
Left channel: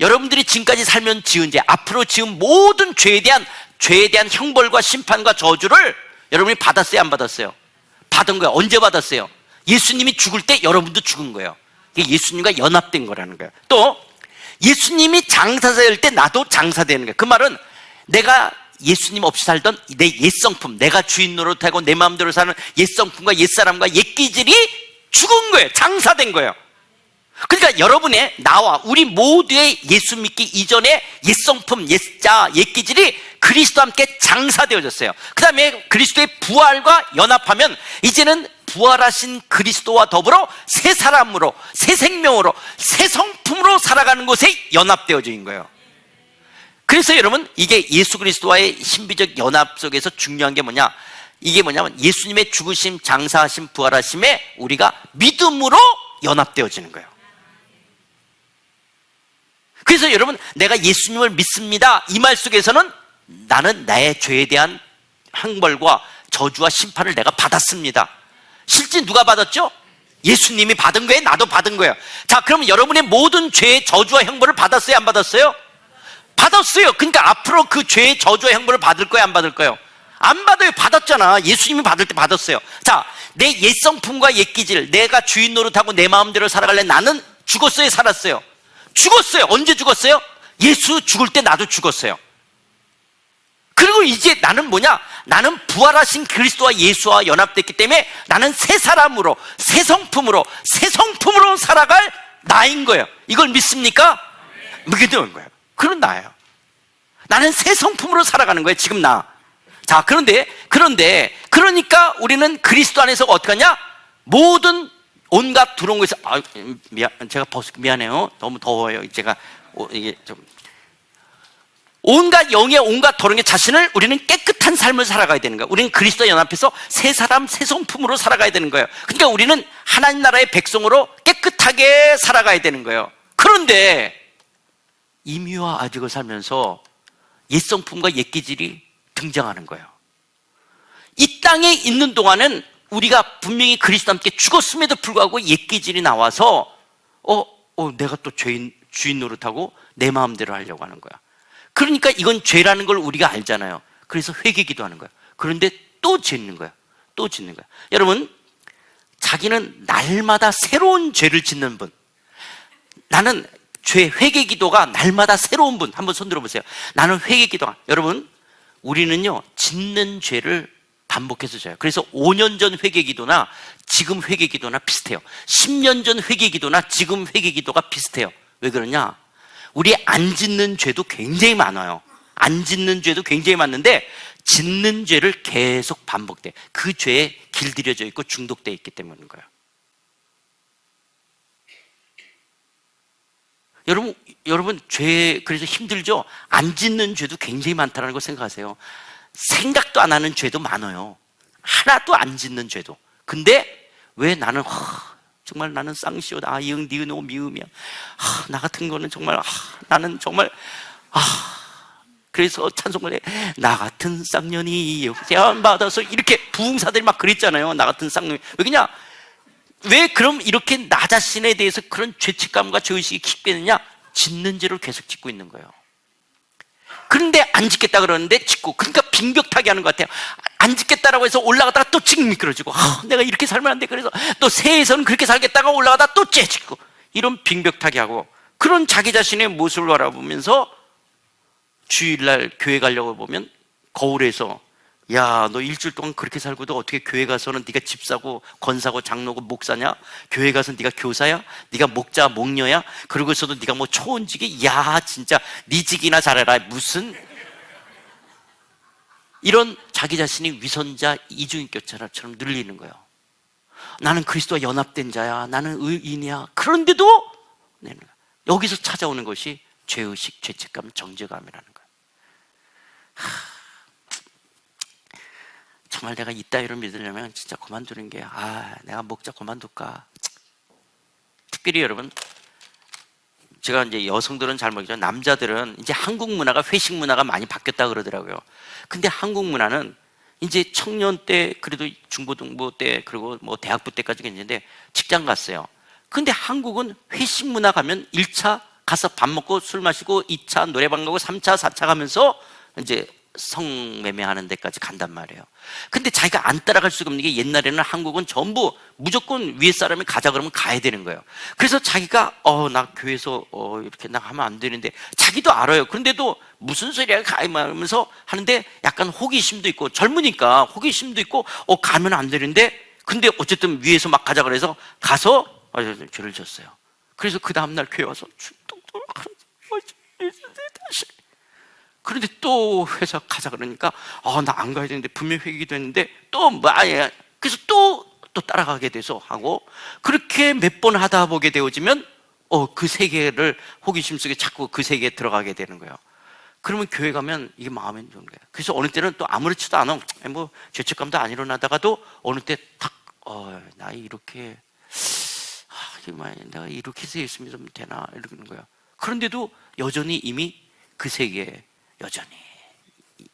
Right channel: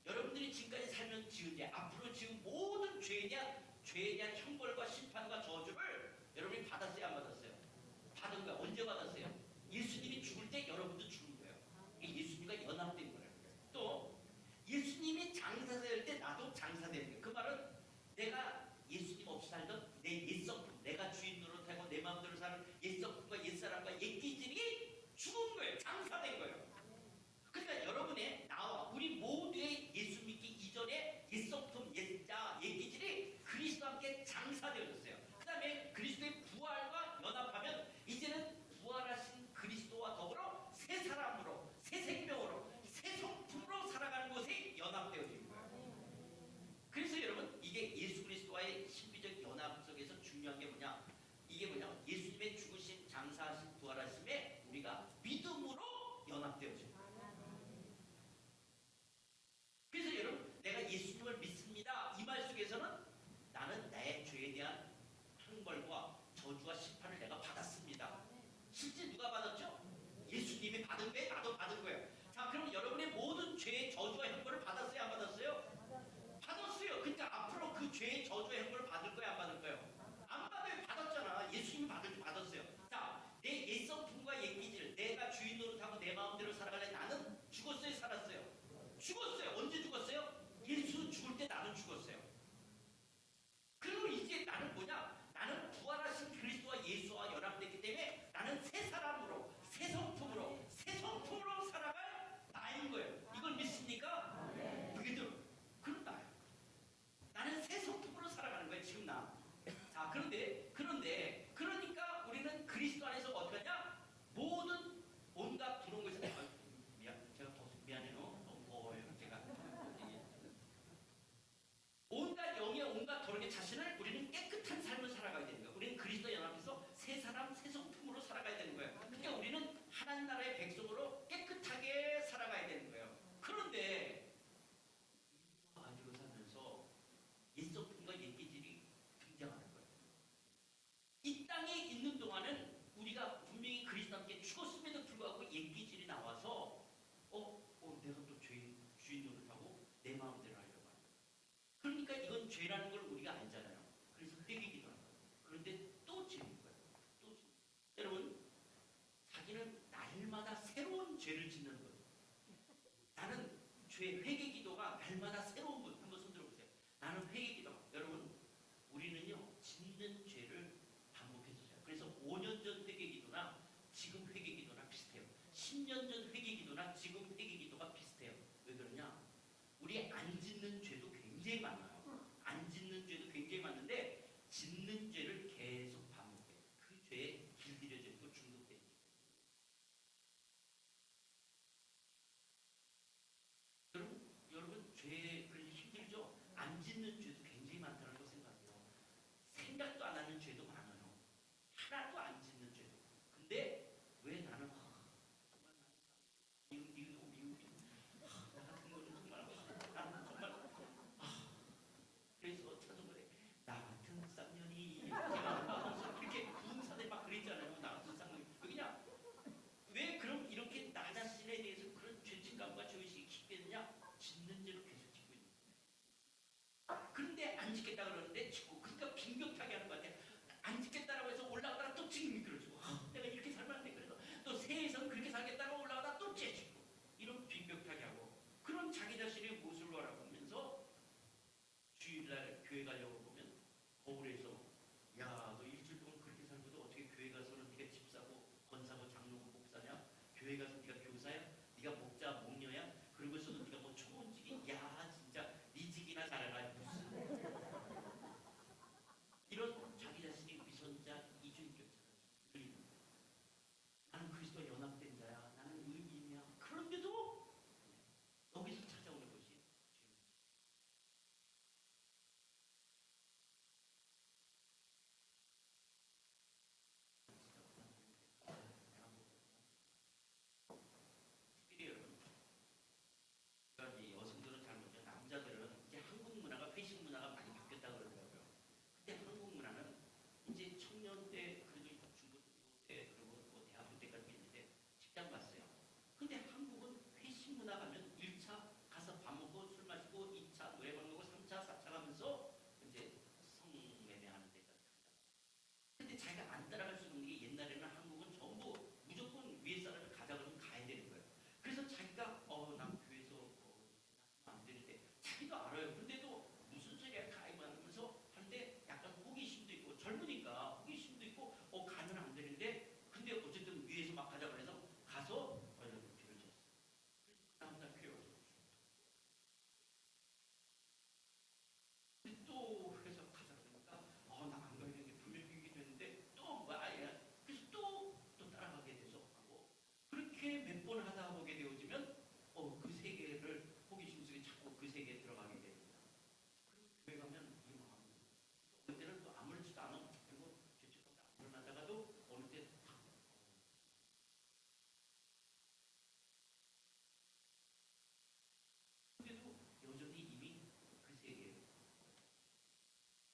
여러분들이 지금까지 살면 지은 죄, 앞으로 지은 모든 죄에 대한 형벌과 심판과 저주를 여러분이 받았어요, 안 받았어요? 받은 거예요. 언제 받았어요? 예수님이 죽을 때 여러분도 죽은 거예요. 이게 예수님과 연합된 거라는 거예요. 또 예수님이 장사될 때 나도 장사되는 거예요. 그 말은 내가 예수님 없이 살던 내 옛성품, 내가 주인 노릇하고 내 마음대로 사는 옛성품과 옛사람과 옛기질이 죽은 거예요. 장사된 거예요. 그러니까 여러분의, 나와 우리 모두의 예수 믿기 이전의 옛성품, 옛자, 옛기질이 그리스도와 함께 장사되어졌어요. 그 다음에 그리스도의 부활과 연합하면 이제는 부활하신 그리스도와 더불어 새 사람으로, 새 생명으로, 새 성품으로 살아가는 곳에 연합되어져 있는 거예요. 그래서 여러분, 이게 예수 그리스도와의 신비적 연합 속에서 중요한 게 뭐냐? 이게 뭐냐면 예수님의 죽으심, 장사하심, 부활하심에 우리가 믿음으로 연합되어지는 거예요. 그래서 여러분, 내가 예수님을 믿습니다, 이 말 속에서는 나는 나의 죄에 대한 형벌과 저주와 심판을 내가 받았습니다. 실제 누가 받았죠? 예수님이 받은 거예요, 나도 받은 거예요. 자, 그럼 여러분의 모든 죄의 저주와 형벌을 받았어요, 안 받았어요? 받았어요. 그러니까 앞으로 그 죄의 저주와 형벌을 받을 거예요, 안 받을 거예요? 안 받아요. 받았잖아. 예수님이 받을 때 받았어요. 자, 내 옛성품과 옛기질, 내가 주인 노릇하고 내 마음대로 살아갈래, 나는 죽었어요, 살았어요? 죽었어요. 언제 죽었어요? 예수 죽을 때 나도 죽었어요. 그리고 이제 나는 뭐냐? 나는 부활하신 그리스도와 예수와 연합됐기 때문에 나는 새 사람으로, 새 성품으로 살아갈 나인 거예요. 이걸 믿습니까? 믿는 거예요. 그런 나예요. 나는 새 성품으로 살아가는 거예요, 지금 나. 자, 그러니까 우리는 그리스도 안에서 어떻게 하냐? 모든 온갖 들어온 것에서, 제가 미안해요. 너무 더워요. 제가 이게 좀 온갖 영의 온갖 더러운 게 자신을, 우리는 깨끗한 삶을 살아가야 되는 거예요. 우리는 그리스도 연합해서 새 사람, 새 성품으로 살아가야 되는 거예요. 그러니까 우리는 하나님 나라의 백성으로 깨끗하게 살아가야 되는 거예요. 그런데 임의와 아직을 살면서 옛성품과 옛기질이 등장하는 거예요. 이 땅에 있는 동안은 우리가 분명히 그리스도와 함께 죽었음에도 불구하고 옛기질이 나와서 내가 또 주인 노릇하고 내 마음대로 하려고 하는 거야. 그러니까 이건 죄라는 걸 우리가 알잖아요. 그래서 회개기도 하는 거야. 그런데 또 짓는 거야. 여러분, 자기는 날마다 새로운 죄를 짓는 분, 나는 회개기도가 날마다 새로운 분, 한번 손 들어보세요. 나는 회개기도가, 여러분, 우리는요 짓는 죄를 반복해서 져요. 그래서 5년 전 회개기도나 지금 회개기도나 비슷해요. 10년 전 회개기도나 지금 회개기도가 비슷해요. 왜 그러냐? 우리 안 짓는 죄도 굉장히 많아요. 안 짓는 죄도 굉장히 많은데 짓는 죄를 계속 반복돼. 그 죄에 길들여져 있고 중독되어 있기 때문인 거예요. 여러분 죄 그래서 힘들죠? 안 짓는 죄도 굉장히 많다는 걸 생각하세요. 생각도 안 하는 죄도 많아요. 하나도 안 짓는 죄도. 근데 왜 나는 정말 나는 쌍시오다, 이응 니은 오 미음이야, 나 같은 거는 정말 나는 정말 그래서 찬송을 해. 나 같은 쌍년이 제안 받아서, 이렇게 부흥사들이 막 그랬잖아요. 나 같은 쌍년이. 왜냐? 왜 그럼 이렇게 나 자신에 대해서 그런 죄책감과 죄의식이 깊게 되느냐? 짓는 죄를 계속 짓고 있는 거예요. 그런데 안 짓겠다 그러는데 짓고, 그러니까 빙벽타기 하는 것 같아요. 안 짓겠다라고 해서 올라가다가 또 찡 미끄러지고, 내가 이렇게 살면 안 돼. 그래서 또 새해에서는 그렇게 살겠다가 올라가다가 또 째지고, 이런 빙벽타기 하고, 그런 자기 자신의 모습을 바라보면서 주일날 교회 가려고 보면 거울에서, 야, 너 일주일 동안 그렇게 살고도 어떻게 교회 가서는 네가 집사고 권사고 장로고 목사냐? 교회 가서 네가 교사야? 네가 목자 목녀야? 그러고서도 네가 뭐 초원직이? 야, 진짜 네 직이나 잘해라. 무슨 이런 자기 자신이 위선자, 이중인격자처럼 늘리는 거예요. 나는 그리스도와 연합된 자야, 나는 의인이야. 그런데도 여기서 찾아오는 것이 죄의식, 죄책감, 정죄감이라는 거예요. 정말 내가 이따위로 믿으려면 진짜 그만두는 게, 내가 목자 그만둘까. 특별히 여러분, 제가 이제 여성들은 잘 모르겠지만 남자들은 이제 한국 문화가 회식 문화가 많이 바뀌었다 그러더라고요. 근데 한국 문화는 이제 청년 때, 그래도 중고등부 때, 그리고 뭐 대학부 때까지 있는데 직장 갔어요. 근데 한국은 회식 문화 가면 1차 가서 밥 먹고 술 마시고 2차 노래방 가고 3차, 4차 가면서 이제 성매매하는 데까지 간단 말이에요. 근데 자기가 안 따라갈 수가 없는 게, 옛날에는 한국은 전부 무조건 위에 사람이 가자 그러면 가야 되는 거예요. 그래서 자기가 나 교회에서 이렇게 나 하면 안 되는데, 자기도 알아요. 그런데도 무슨 소리야 가면서 하는데 약간 호기심도 있고, 젊으니까 호기심도 있고 가면 안 되는데, 근데 어쨌든 위에서 막 가자 그래서 가서 죄를 졌어요. 그래서 그 다음날 교회 와서 그런데 또 회사 가자 그러니까 나 안 가야 되는데, 분명 회기도 했는데 또 그래서 또 따라가게 돼서 하고, 그렇게 몇 번 하다 보게 되어지면 그 세계를 호기심 속에 자꾸 그 세계에 들어가게 되는 거예요. 그러면 교회 가면 이게 마음에 드는 거예요. 그래서 어느 때는 또 아무렇지도 않아, 뭐 죄책감도 안 일어나다가도 어느 때 탁 나 이렇게 내가 이렇게 해서 예수 믿으면 되나 이러는 거예요. 그런데도 여전히 이미 그 세계에 여전히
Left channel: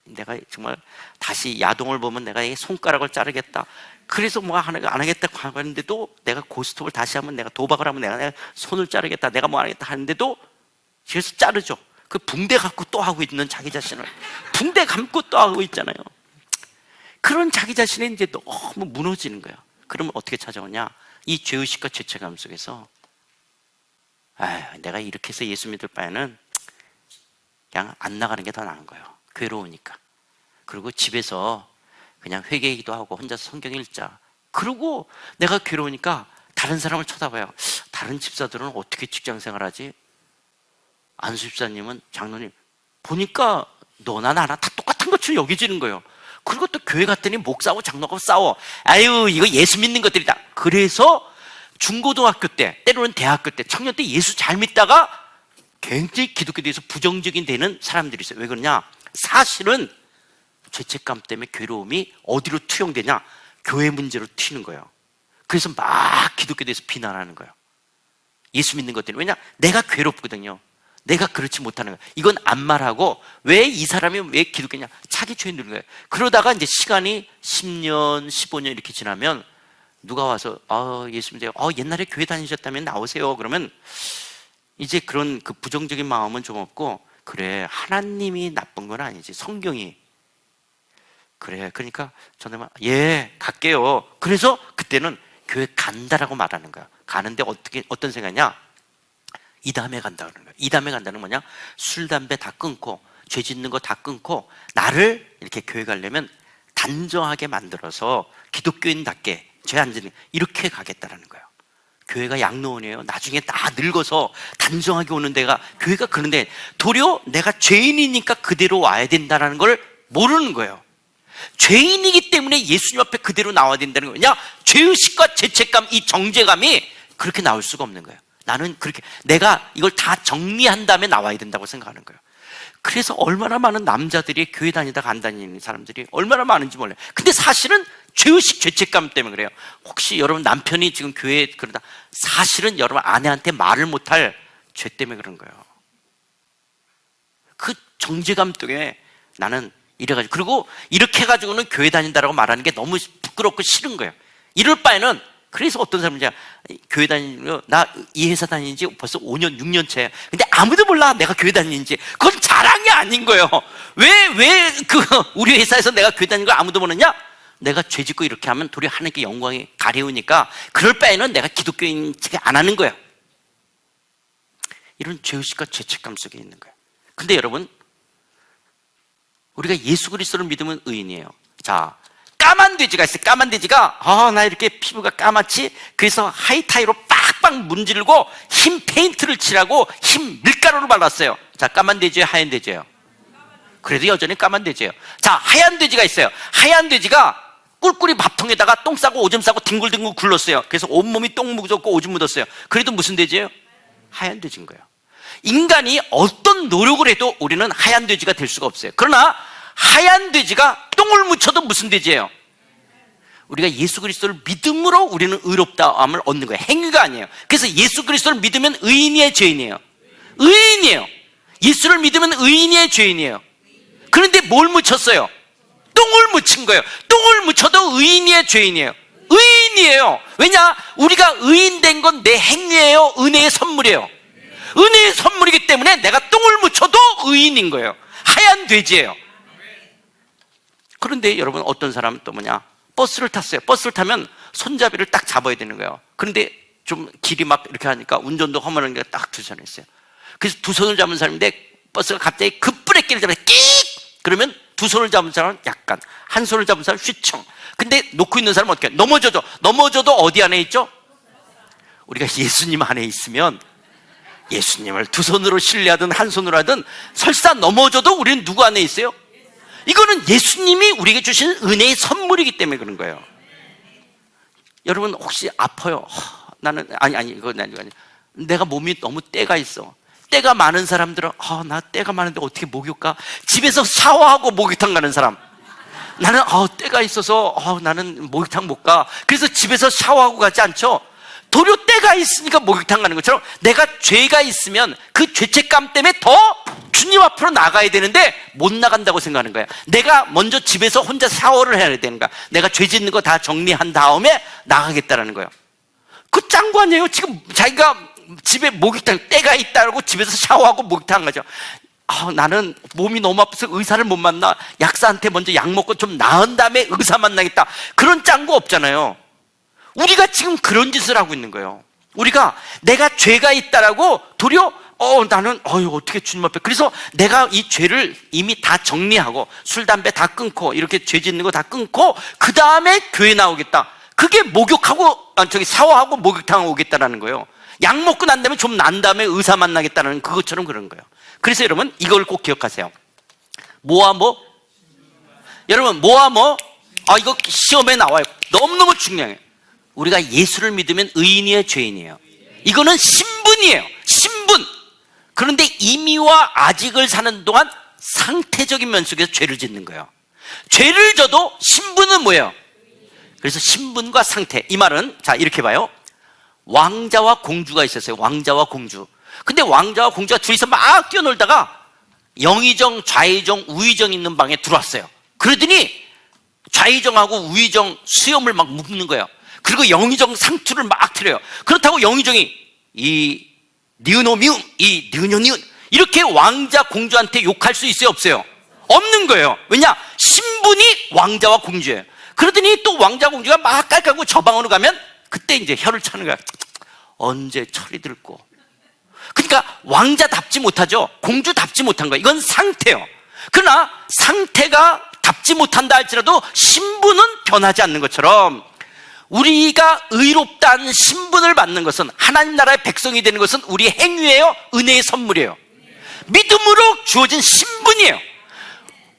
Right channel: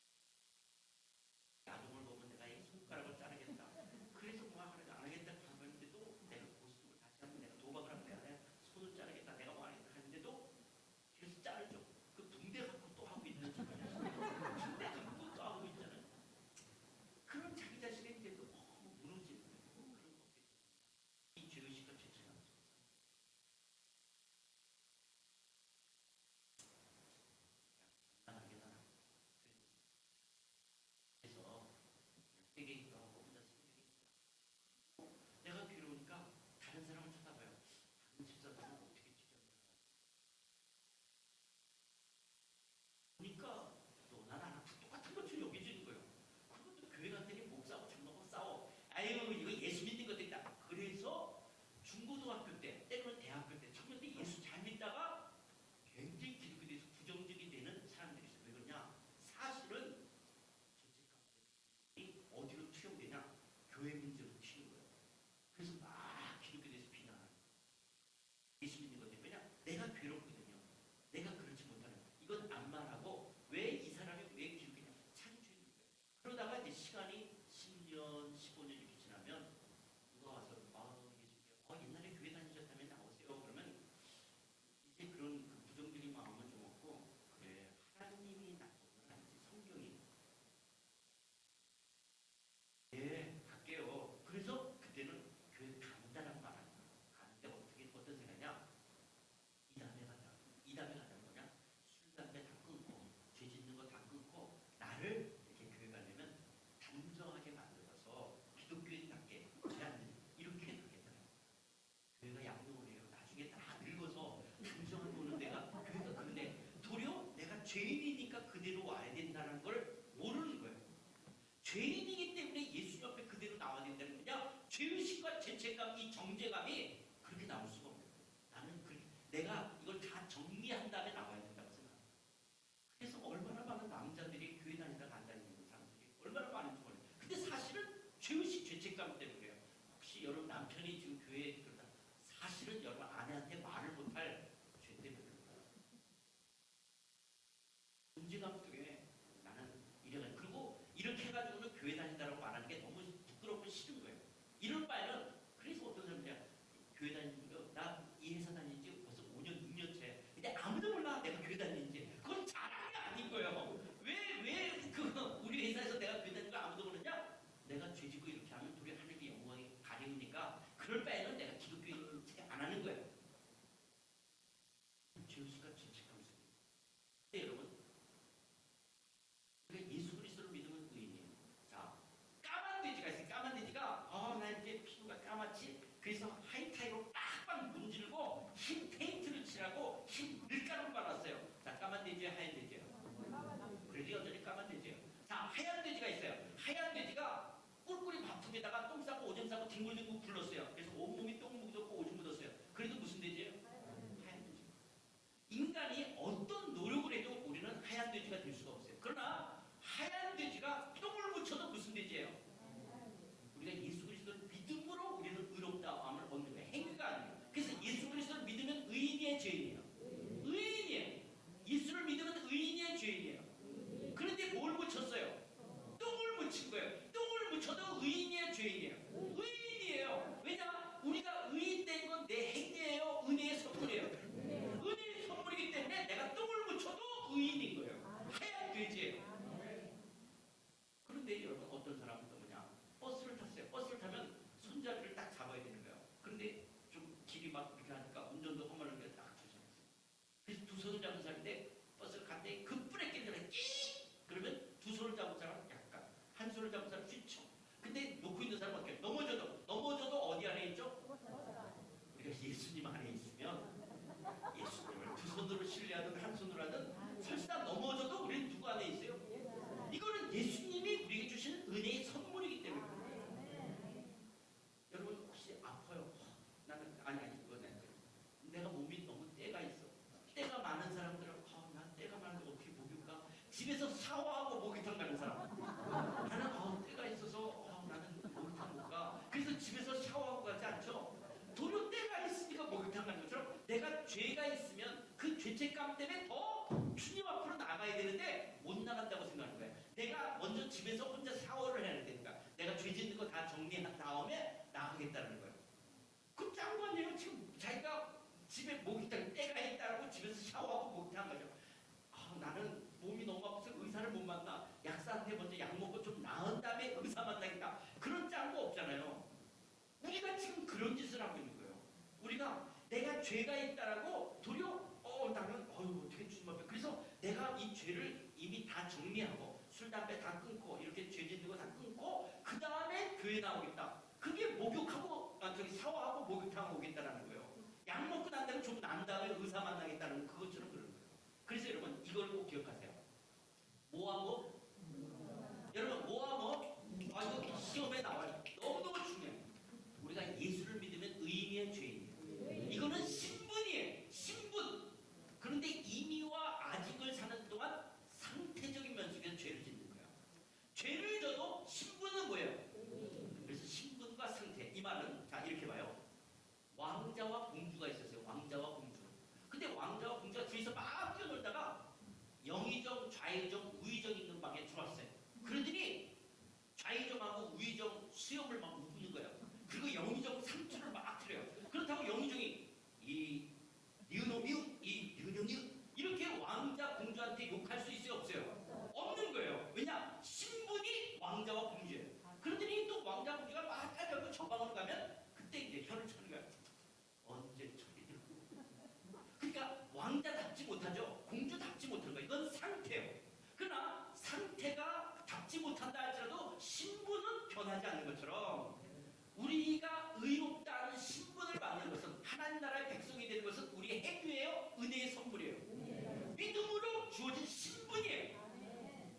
내가 정말 다시 야동을 보면 내가 이 손가락을 자르겠다, 그래서 뭐 안 하겠다고 하는데도, 내가 고스톱을 다시 하면, 내가 도박을 하면 내가 손을 자르겠다, 내가 뭐 하겠다 하는데도 그래서 자르죠. 그 붕대 갖고 또 하고 있는 자기 자신을, 붕대 감고 또 하고 있잖아요. 그런 자기 자신이 이제 너무 무너지는 거예요. 그러면 어떻게 찾아오냐? 이 죄의식과 죄책감 속에서 내가 이렇게 해서 예수 믿을 바에는 그냥 안 나가는 게 더 나은 거예요. 괴로우니까. 그리고 집에서 그냥 회개기도 하고 혼자서 성경 읽자. 그리고 내가 괴로우니까 다른 사람을 쳐다봐요. 다른 집사들은 어떻게 직장 생활하지? 안수 집사님은, 장로님 보니까 너나 나나 다 똑같은 것처럼 여겨지는 거예요. 그리고 또 교회 갔더니 목사하고 장로하고 싸워. 이거 예수 믿는 것들이다. 그래서 중고등학교 때, 때로는 대학교 때, 청년 때 예수 잘 믿다가 굉장히 기독교에 대해서 부정적인 되는 사람들이 있어요. 왜 그러냐? 사실은 죄책감 때문에 괴로움이 어디로 투영되냐? 교회 문제로 튀는 거예요. 그래서 막 기독교에 대해서 비난하는 거예요. 예수 믿는 것 때문에. 왜냐? 내가 괴롭거든요. 내가 그렇지 못하는 거예요. 이건 안 말하고, 왜 이 사람이 왜 기독교냐? 자기 죄에 누른 거예요. 그러다가 이제 시간이 10년, 15년 이렇게 지나면 누가 와서 예수 믿어요. 옛날에 교회 다니셨다면 나오세요. 그러면 이제 그런 그 부정적인 마음은 좀 없고, 그래 하나님이 나쁜 건 아니지, 성경이 그래. 그러니까 저는 갈게요. 그래서 그때는 교회 간다라고 말하는 거야. 가는데 어떤 생각이냐? 이 다음에 간다 그러는 거야. 이 다음에 간다는 뭐냐? 술, 담배 다 끊고, 죄 짓는 거 다 끊고, 나를 이렇게 교회 가려면 단정하게 만들어서 기독교인답게 죄 안 짓는, 이렇게 가겠다라는 거예요. 교회가 양로원이에요. 나중에 다 늙어서 단정하게 오는 데가 교회가. 그런데 도리어 내가 죄인이니까 그대로 와야 된다는 걸 모르는 거예요. 죄인이기 때문에 예수님 앞에 그대로 나와야 된다는 거냐? 죄의식과 죄책감, 이 정죄감이 그렇게 나올 수가 없는 거예요. 나는 그렇게 내가 이걸 다 정리한 다음에 나와야 된다고 생각하는 거예요. 그래서 얼마나 많은 남자들이 교회 다니다가 안 다니는 사람들이 얼마나 많은지 몰라요. 근데 사실은 죄의식, 죄책감 때문에 그래요. 혹시 여러분 남편이 지금 교회에 그러다, 사실은 여러분 아내한테 말을 못할 죄 때문에 그런 거예요. 그 정죄감 때문에 나는 이래가지고, 그리고 이렇게 해가지고는 교회 다닌다라고 말하는 게 너무 부끄럽고 싫은 거예요. 이럴 바에는, 그래서 어떤 사람은 교회 다니는, 나 이 회사 다니는 지 벌써 5년, 6년 차야. 근데 아무도 몰라 내가 교회 다니는지. 그건 자랑이 아닌 거예요. 왜 우리 회사에서 내가 교회 다니는 걸 아무도 모르냐? 내가 죄 짓고 이렇게 하면 도리어 하나님께 영광이 가려우니까, 그럴 바에는 내가 기독교인 척 안 하는 거예요. 이런 죄의식과 죄책감 속에 있는 거예요. 근데 여러분, 우리가 예수 그리스도를 믿으면 의인이에요. 자, 까만 돼지가 있어요. 까만 돼지가 나 이렇게 피부가 까맣지? 그래서 하이타이로 빡빡 문지르고 흰 페인트를 칠하고 흰 밀가루를 발랐어요. 자, 까만 돼지예요, 하얀 돼지예요? 그래도 여전히 까만 돼지예요. 자, 하얀 돼지가 있어요. 하얀 돼지가 꿀꿀이 밥통에다가 똥 싸고 오줌 싸고 뒹굴뒹굴 굴렀어요. 그래서 온몸이 똥 묻었고 오줌 묻었어요. 그래도 무슨 돼지예요? 하얀 돼지인 거예요. 인간이 어떤 노력을 해도 우리는 하얀 돼지가 될 수가 없어요. 그러나 하얀 돼지가 똥을 묻혀도 무슨 돼지예요? 우리가 예수 그리스도를 믿음으로 우리는 의롭다함을 얻는 거예요. 행위가 아니에요. 그래서 예수 그리스도를 믿으면 의인이에요, 죄인이에요? 의인이에요. 예수를 믿으면 의인이에요, 죄인이에요? 그런데 뭘 묻혔어요? 똥을 묻힌 거예요. 똥을 묻혀도 의인이에요, 죄인이에요? 의인이에요. 왜냐? 우리가 의인된 건 내 행위예요, 은혜의 선물이에요? 은혜의 선물이기 때문에 내가 똥을 묻혀도 의인인 거예요. 하얀 돼지예요. 그런데 여러분, 어떤 사람은 또 뭐냐? 버스를 탔어요. 버스를 타면 손잡이를 딱 잡아야 되는 거예요. 그런데 좀 길이 막 이렇게 하니까 운전도 허물한 게 딱 두 손에 있어요. 그래서 두 손을 잡은 사람인데 버스가 갑자기 급브레이크를 잡아서 끽! 그러면 두 손을 잡은 사람은 약간, 한 손을 잡은 사람은 휘청. 근데 놓고 있는 사람은 어떻게 해요? 넘어져도 어디 안에 있죠? 우리가 예수님 안에 있으면 예수님을 두 손으로 신뢰하든 한 손으로 하든 설사 넘어져도 우리는 누구 안에 있어요? 이거는 예수님이 우리에게 주신 은혜의 선물이기 때문에 그런 거예요. 여러분 혹시 아파요? 나는 이거 아니. 내가 몸이 너무 때가 있어. 때가 많은 사람들은 나 때가 많은데 어떻게 목욕가? 집에서 샤워하고 목욕탕 가는 사람. 나는 때가 있어서 나는 목욕탕 못 가. 그래서 집에서 샤워하고 가지 않죠? 도리어 때가 있으니까 목욕탕 가는 것처럼 내가 죄가 있으면 그 죄책감 때문에 더 주님 앞으로 나가야 되는데 못 나간다고 생각하는 거야. 내가 먼저 집에서 혼자 샤워를 해야 되는 거야. 내가 죄 짓는 거 다 정리한 다음에 나가겠다라는 거예요. 그 짱구 아니에요? 지금 자기가 집에 목욕탕 때가 있다고 집에서 샤워하고 목욕탕 가죠. 나는 몸이 너무 아파서 의사를 못 만나. 약사한테 먼저 약 먹고 좀 나은 다음에 의사 만나겠다. 그런 짱구 없잖아요. 우리가 지금 그런 짓을 하고 있는 거예요. 우리가 내가 죄가 있다라고 도리어 나는 어떻게 주님 앞에, 그래서 내가 이 죄를 이미 다 정리하고 술 담배 다 끊고 이렇게 죄 짓는 거 다 끊고 그 다음에 교회 나오겠다. 그게 목욕하고 샤워하고 목욕탕 오겠다라는 거예요. 약 먹고 난 다음에 좀 난 다음에 의사 만나겠다는 그것처럼 그런 거예요. 그래서 여러분 이걸 꼭 기억하세요. 뭐와 뭐? 여러분 뭐와 뭐? 이거 시험에 나와요. 너무너무 중요해요. 우리가 예수를 믿으면 의인이에요, 죄인이에요? 이거는 신분이에요. 신분. 그런데 이미와 아직을 사는 동안 상태적인 면 속에서 죄를 짓는 거예요. 죄를 져도 신분은 뭐예요? 그래서 신분과 상태, 이 말은 자 이렇게 봐요. 왕자와 공주가 있었어요. 왕자와 공주. 근데 왕자와 공주가 둘이서 막 뛰어놀다가 영의정, 좌의정, 우의정 있는 방에 들어왔어요. 그러더니 좌의정하고 우의정 수염을 막 묶는 거예요. 그리고 영의정 상투를 막 틀어요. 그렇다고 영의정이 이 니은오미음, 이 니은요니은 이렇게 왕자 공주한테 욕할 수 있어요, 없어요? 없는 거예요. 왜냐? 신분이 왕자와 공주예요. 그러더니 또 왕자 공주가 막 깔깔고 저 방으로 가면 그때 이제 혀를 차는 거야. 언제 철이 들고. 그러니까 왕자답지 못하죠. 공주답지 못한 거예요. 이건 상태예요. 그러나 상태가 답지 못한다 할지라도 신분은 변하지 않는 것처럼 우리가 의롭다는 신분을 받는 것은, 하나님 나라의 백성이 되는 것은 우리의 행위예요, 은혜의 선물이에요? 믿음으로 주어진 신분이에요.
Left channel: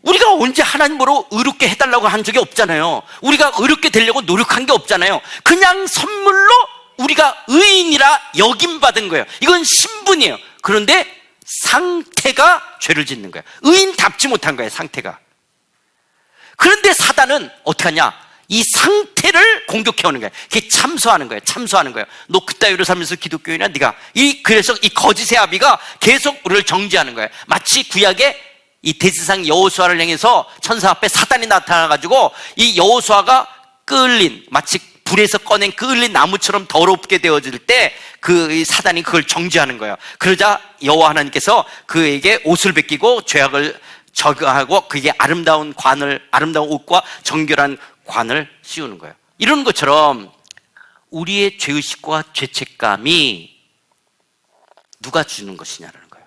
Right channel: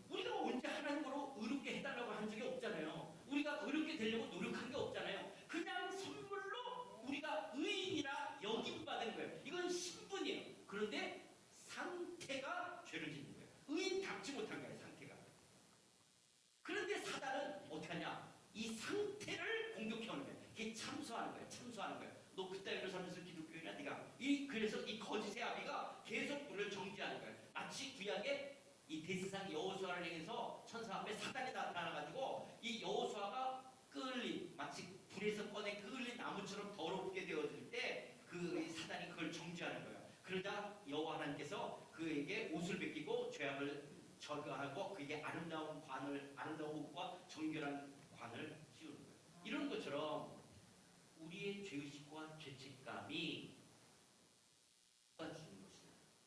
우리가 언제 하나님으로 의롭게 해달라고 한 적이 없잖아요. 우리가 의롭게 되려고 노력한 게 없잖아요. 그냥 선물로 우리가 의인이라 여김받은 거예요. 이건 신분이에요. 그런데 상태가 죄를 짓는 거예요. 의인답지 못한 거예요, 상태가. 그런데 사단은 어떻게 하냐? 이 상태를 공격해오는 거예요. 그게 참소하는 거예요. 참소하는 거예요. 너 그따위로 살면서 기독교인이야, 네가. 그래서 이 거짓의 아비가 계속 우리를 정죄하는 거예요. 마치 구약에 이 대제사장 여호수아를 향해서 천사 앞에 사단이 나타나가지고 이 여호수아가 끌린, 마치 불에서 꺼낸 끌린 나무처럼 더럽게 되어질 때 그 사단이 그걸 정죄하는 거예요. 그러자 여호와 하나님께서 그에게 옷을 벗기고 죄악을 저거하고 그게 아름다운 옷과 정결한 관을 씌우는 거예요. 이런 것처럼 우리의 죄의식과 죄책감이 누가 주는 것이냐라는 거예요.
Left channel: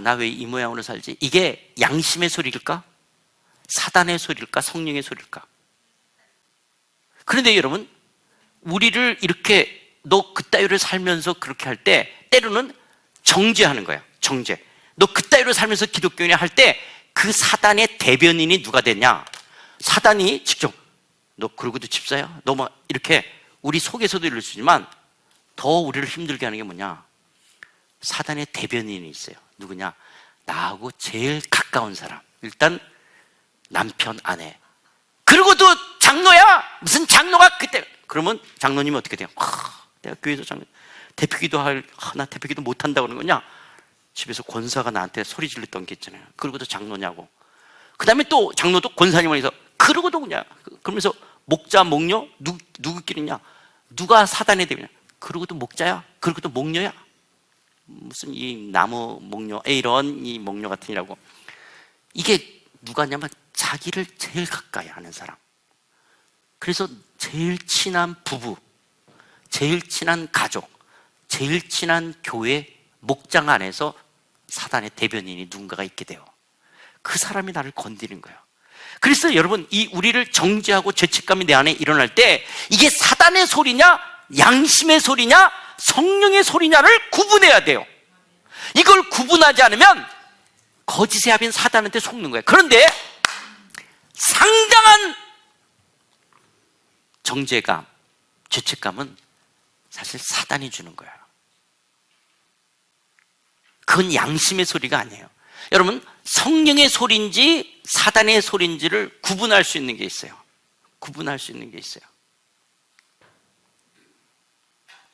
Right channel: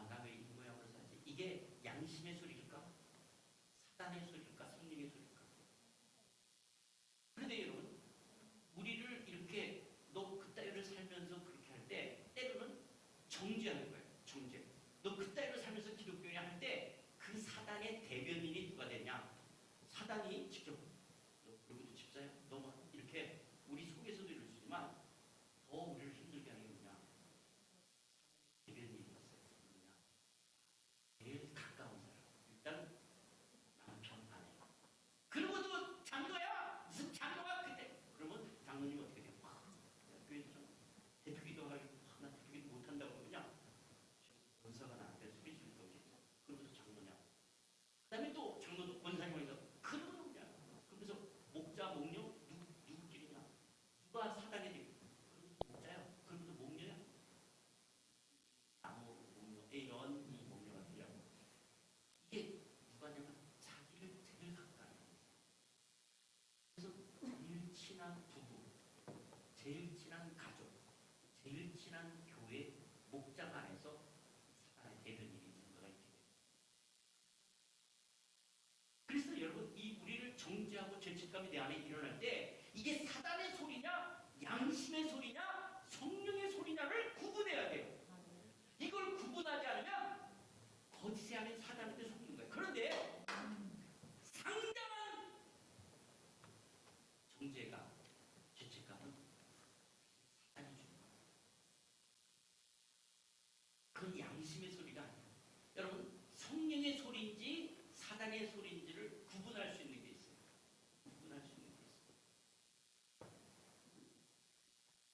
나 왜 이 모양으로 살지? 이게 양심의 소리일까? 사단의 소리일까? 성령의 소리일까? 그런데 여러분, 우리를 이렇게 너 그따위로 살면서 그렇게 할 때 때로는 정죄하는 거예요. 정죄. 너 그따위로 살면서 기독교인이 할 때 그 사단의 대변인이 누가 되냐? 사단이 직접 너 그러고도 집사야? 너 뭐 이렇게 우리 속에서도 이럴 수 있지만 더 우리를 힘들게 하는 게 뭐냐? 사단의 대변인이 있어요. 누구냐? 나하고 제일 가까운 사람. 일단 남편, 아내. 그러고도 장로야? 무슨 장로가 그때 그러면 장로님이 어떻게 돼요? 내가 교회에서 대표기도 나 대표기도 못한다고 그러는 거냐? 집에서 권사가 나한테 소리 질렀던 게 있잖아요. 그러고도 장로냐고. 그 다음에 또 장로도 권사님에서 그러고도 그냥 그러면서 목자 목녀 누구끼리냐? 누가 사단의 대비냐? 그러고도 목자야? 그러고도 목녀야? 무슨 이 나무 목녀 이런 이 목녀 같으니라고. 이게 누가냐면 자기를 제일 가까이 하는 사람. 그래서 제일 친한 부부, 제일 친한 가족, 제일 친한 교회 목장 안에서 사단의 대변인이 누군가가 있게 돼요. 그 사람이 나를 건드리는 거예요. 그래서 여러분, 이 우리를 정죄하고 죄책감이 내 안에 일어날 때 이게 사단의 소리냐, 양심의 소리냐, 성령의 소리냐를 구분해야 돼요. 이걸 구분하지 않으면 거짓의 합인 사단한테 속는 거예요. 그런데 상당한 정죄감, 죄책감은 사실 사단이 주는 거예요. 그건 양심의 소리가 아니에요. 여러분, 성령의 소리인지 사단의 소리인지를 구분할 수 있는 게 있어요. 구분할 수 있는 게 있어요.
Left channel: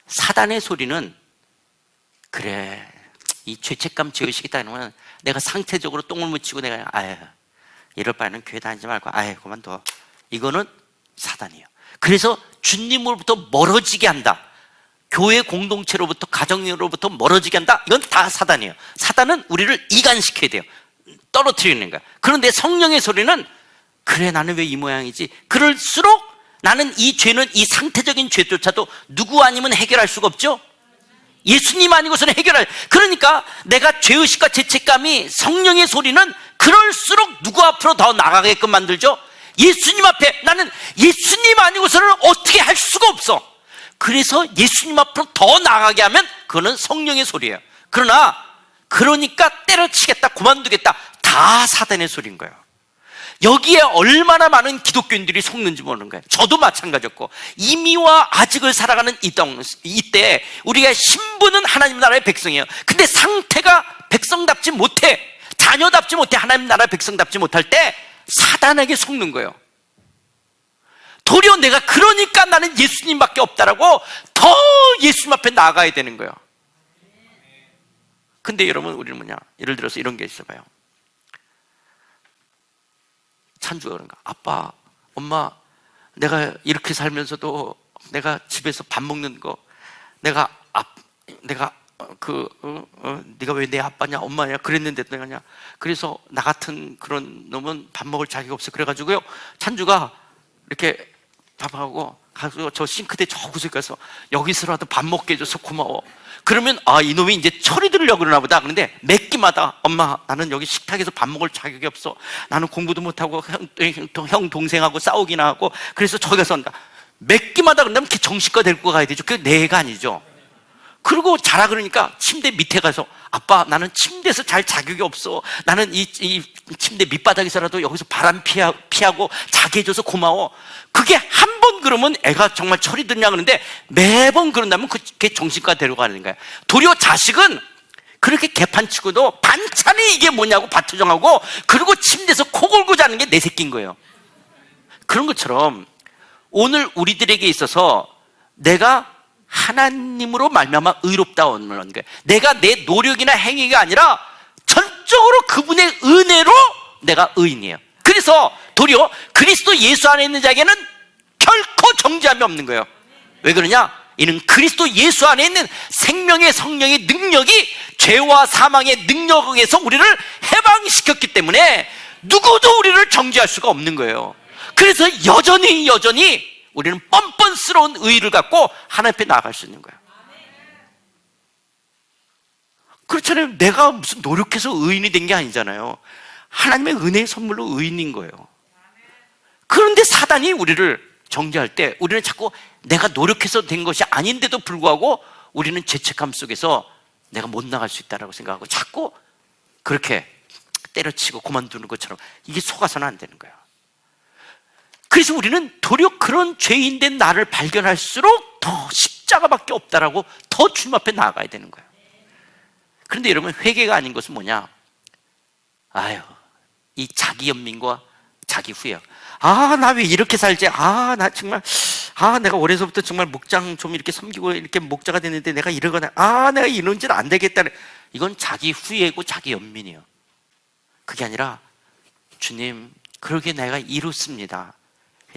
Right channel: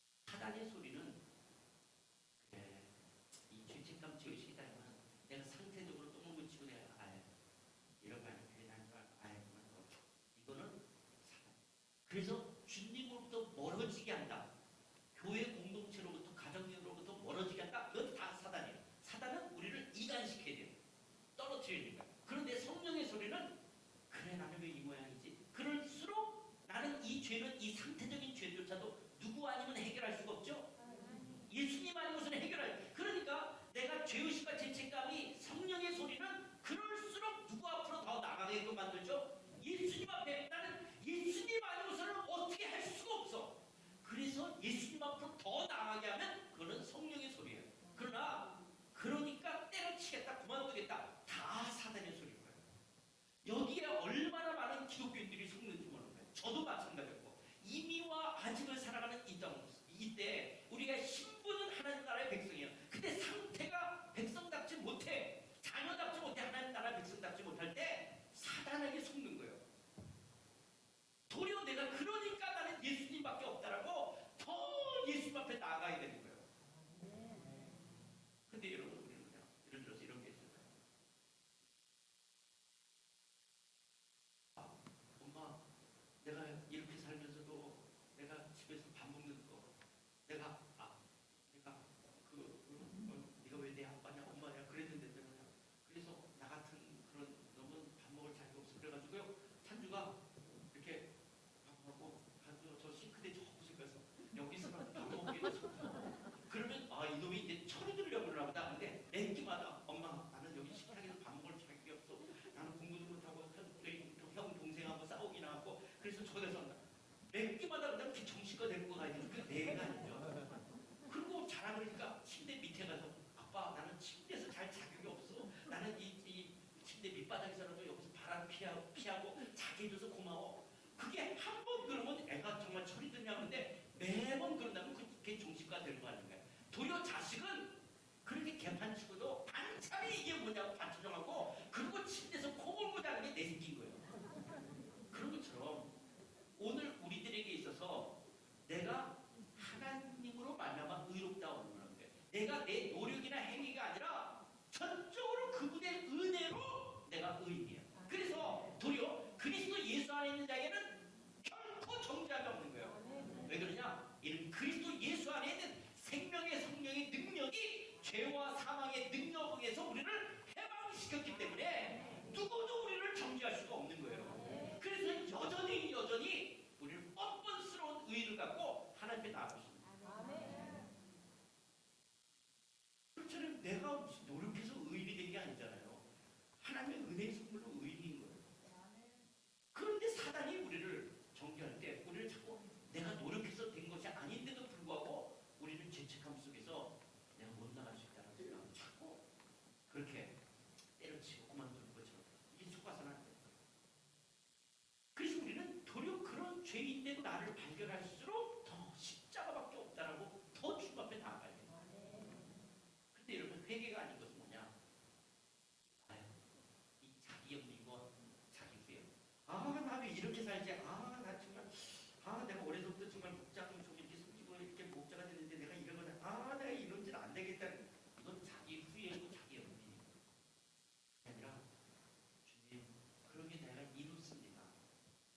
사단의 소리는 그래, 이 죄책감 죄의식이 있다 그러면 내가 상태적으로 똥을 묻히고 내가 이럴 바에는 교회 다니지 말고 그만둬. 이거는 사단이에요. 그래서 주님으로부터 멀어지게 한다. 교회 공동체로부터 가정으로부터 멀어지게 한다. 이건 다 사단이에요. 사단은 우리를 이간시켜야 돼요. 떨어뜨리는 거야. 그런데 성령의 소리는 그래, 나는 왜 이 모양이지? 그럴수록 나는 이 죄는, 이 상태적인 죄조차도 누구 아니면 해결할 수가 없죠. 예수님 아니고서는 해결할. 그러니까 내가 죄의식과 죄책감이, 성령의 소리는 그럴수록 누구 앞으로 더 나가게끔 만들죠. 예수님 앞에 나는 예수님 아니고서는 어떻게 할 수가 없어. 그래서 예수님 앞으로 더 나가게 하면 그거는 성령의 소리예요. 그러니까 때려치겠다, 그만두겠다, 다 사단의 소리인 거예요. 여기에 얼마나 많은 기독교인들이 속는지 모르는 거예요. 저도 마찬가지였고, 이미와 아직을 살아가는 이때 우리가 신분은 하나님 나라의 백성이에요. 근데 상태가 백성답지 못해, 자녀답지 못해, 하나님 나라의 백성답지 못할 때 사단에게 속는 거예요. 도리어 내가 그러니까 나는 예수님밖에 없다라고 더 예수님 앞에 나가야 되는 거예요. 근데 여러분, 우리는 뭐냐, 예를 들어서 이런 게 있어봐요. 찬주가 그런가, 아빠, 엄마, 내가 이렇게 살면서도 내가 집에서 밥 먹는 거, 네가 왜 내 아빠냐, 엄마냐 그랬는데 내가냐. 그래서 나 같은 그런 놈은 밥 먹을 자격 없어. 그래가지고요, 찬주가 이렇게 밥하고 가서 저 싱크대 저 구석에 가서 여기서라도 밥 먹게 해줘서 고마워. 그러면 이놈이 이제 철이 들으려고 그러나 보다. 그런데 몇 끼마다 엄마, 나는 여기 식탁에서 밥 먹을 자격이 없어. 나는 공부도 못하고 형 동생하고 싸우기나 하고, 그래서 저기 가서 한다. 몇 끼마다 그러면 정신과 데리고 가야 되죠. 그게 내 애가 아니죠. 그리고 자라 그러니까 침대 밑에 가서, 아빠, 나는 침대에서 잘 자격이 없어. 나는 이 침대 밑바닥에서라도 여기서 바람 피하고 자게 해줘서 고마워. 그게 한 번 그러면 애가 정말 철이 드냐 그러는데, 매번 그런다면 그게 정신과 데려가는 거야. 도리어 자식은 그렇게 개판치고도 반찬이 이게 뭐냐고 밭투정하고, 그리고 침대에서 코 골고 자는 게 내 새끼인 거예요. 그런 것처럼 오늘 우리들에게 있어서 내가 하나님으로 말미암아 의롭다는 거예요. 내가 내 노력이나 행위가 아니라 전적으로 그분의 은혜로 내가 의인이에요. 그래서 도리어 그리스도 예수 안에 있는 자에게는 결코 정죄함이 없는 거예요. 왜 그러냐? 이는 그리스도 예수 안에 있는 생명의 성령의 능력이 죄와 사망의 능력에서 우리를 해방시켰기 때문에 누구도 우리를 정죄할 수가 없는 거예요. 그래서 여전히 우리는 뻔뻔스러운 의의를 갖고 하나님 앞에 나아갈 수 있는 거예요. 그렇잖아요. 내가 무슨 노력해서 의인이 된 게 아니잖아요. 하나님의 은혜의 선물로 의인인 거예요. 그런데 사단이 우리를 정죄할 때 우리는 자꾸 내가 노력해서 된 것이 아닌데도 불구하고 우리는 죄책감 속에서 내가 못 나갈 수 있다고 생각하고 자꾸 그렇게 때려치고 그만두는 것처럼, 이게 속아서는 안 되는 거예요. 그래서 우리는 도리어 그런 죄인된 나를 발견할수록 더 십자가밖에 없다라고 더 주님 앞에 나아가야 되는 거예요. 그런데 여러분, 회개가 아닌 것은 뭐냐? 이 자기 연민과 자기 후회. 아, 나 왜 이렇게 살지? 아, 나 정말, 아, 내가 어려서부터 정말 목장 좀 이렇게 섬기고 이렇게 목자가 됐는데 내가 이러거나, 아, 내가 이런 짓 안 되겠다. 이건 자기 후회고 자기 연민이에요. 그게 아니라, 주님, 그러게 내가 이렇습니다.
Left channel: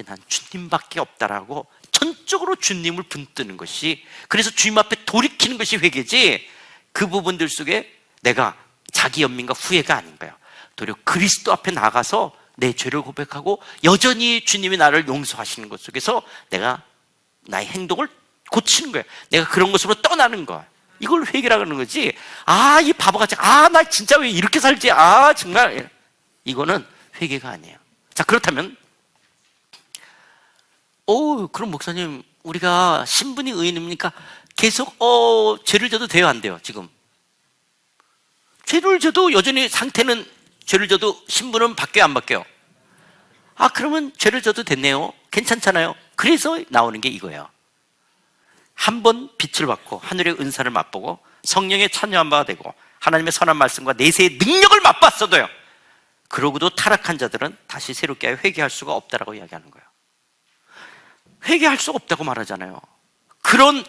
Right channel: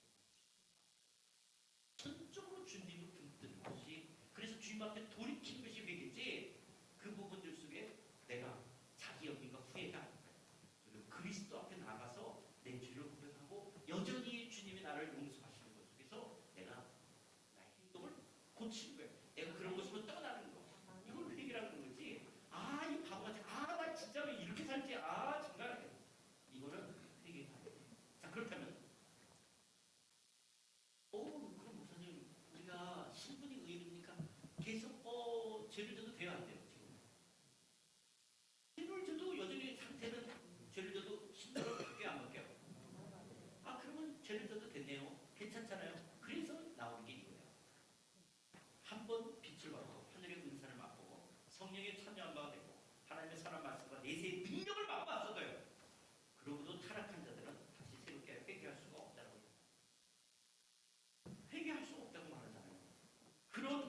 난 주님밖에 없다라고 전적으로 주님을 붙드는 것이, 그래서 주님 앞에 돌이키는 것이 회개지, 그 부분들 속에 내가 자기 연민과 후회가 아닌 거예요. 도리어 그리스도 앞에 나가서 내 죄를 고백하고 여전히 주님이 나를 용서하시는 것 속에서 내가 나의 행동을 고치는 거예요. 내가 그런 것으로 떠나는 거야. 이걸 회개라고 하는 거지. 아, 이 바보같이, 아, 나 진짜 왜 이렇게 살지? 아, 정말. 이거는 회개가 아니에요. 자, 그렇다면 그럼 목사님, 우리가 신분이 의인입니까? 계속 죄를 져도 돼요, 안 돼요? 지금 죄를 져도 여전히 상태는, 죄를 져도 신분은 바뀌어요, 안 바뀌어요? 아, 그러면 죄를 져도 됐네요. 괜찮잖아요. 그래서 나오는 게 이거예요. 한 번 빛을 받고 하늘의 은사를 맛보고 성령의 참여한 바가 되고 하나님의 선한 말씀과 내세의 능력을 맛봤어도요, 그러고도 타락한 자들은 다시 새롭게 회개할 수가 없다라고 이야기하는 거예요. 회개할 수가 없다고 말하잖아요. 그런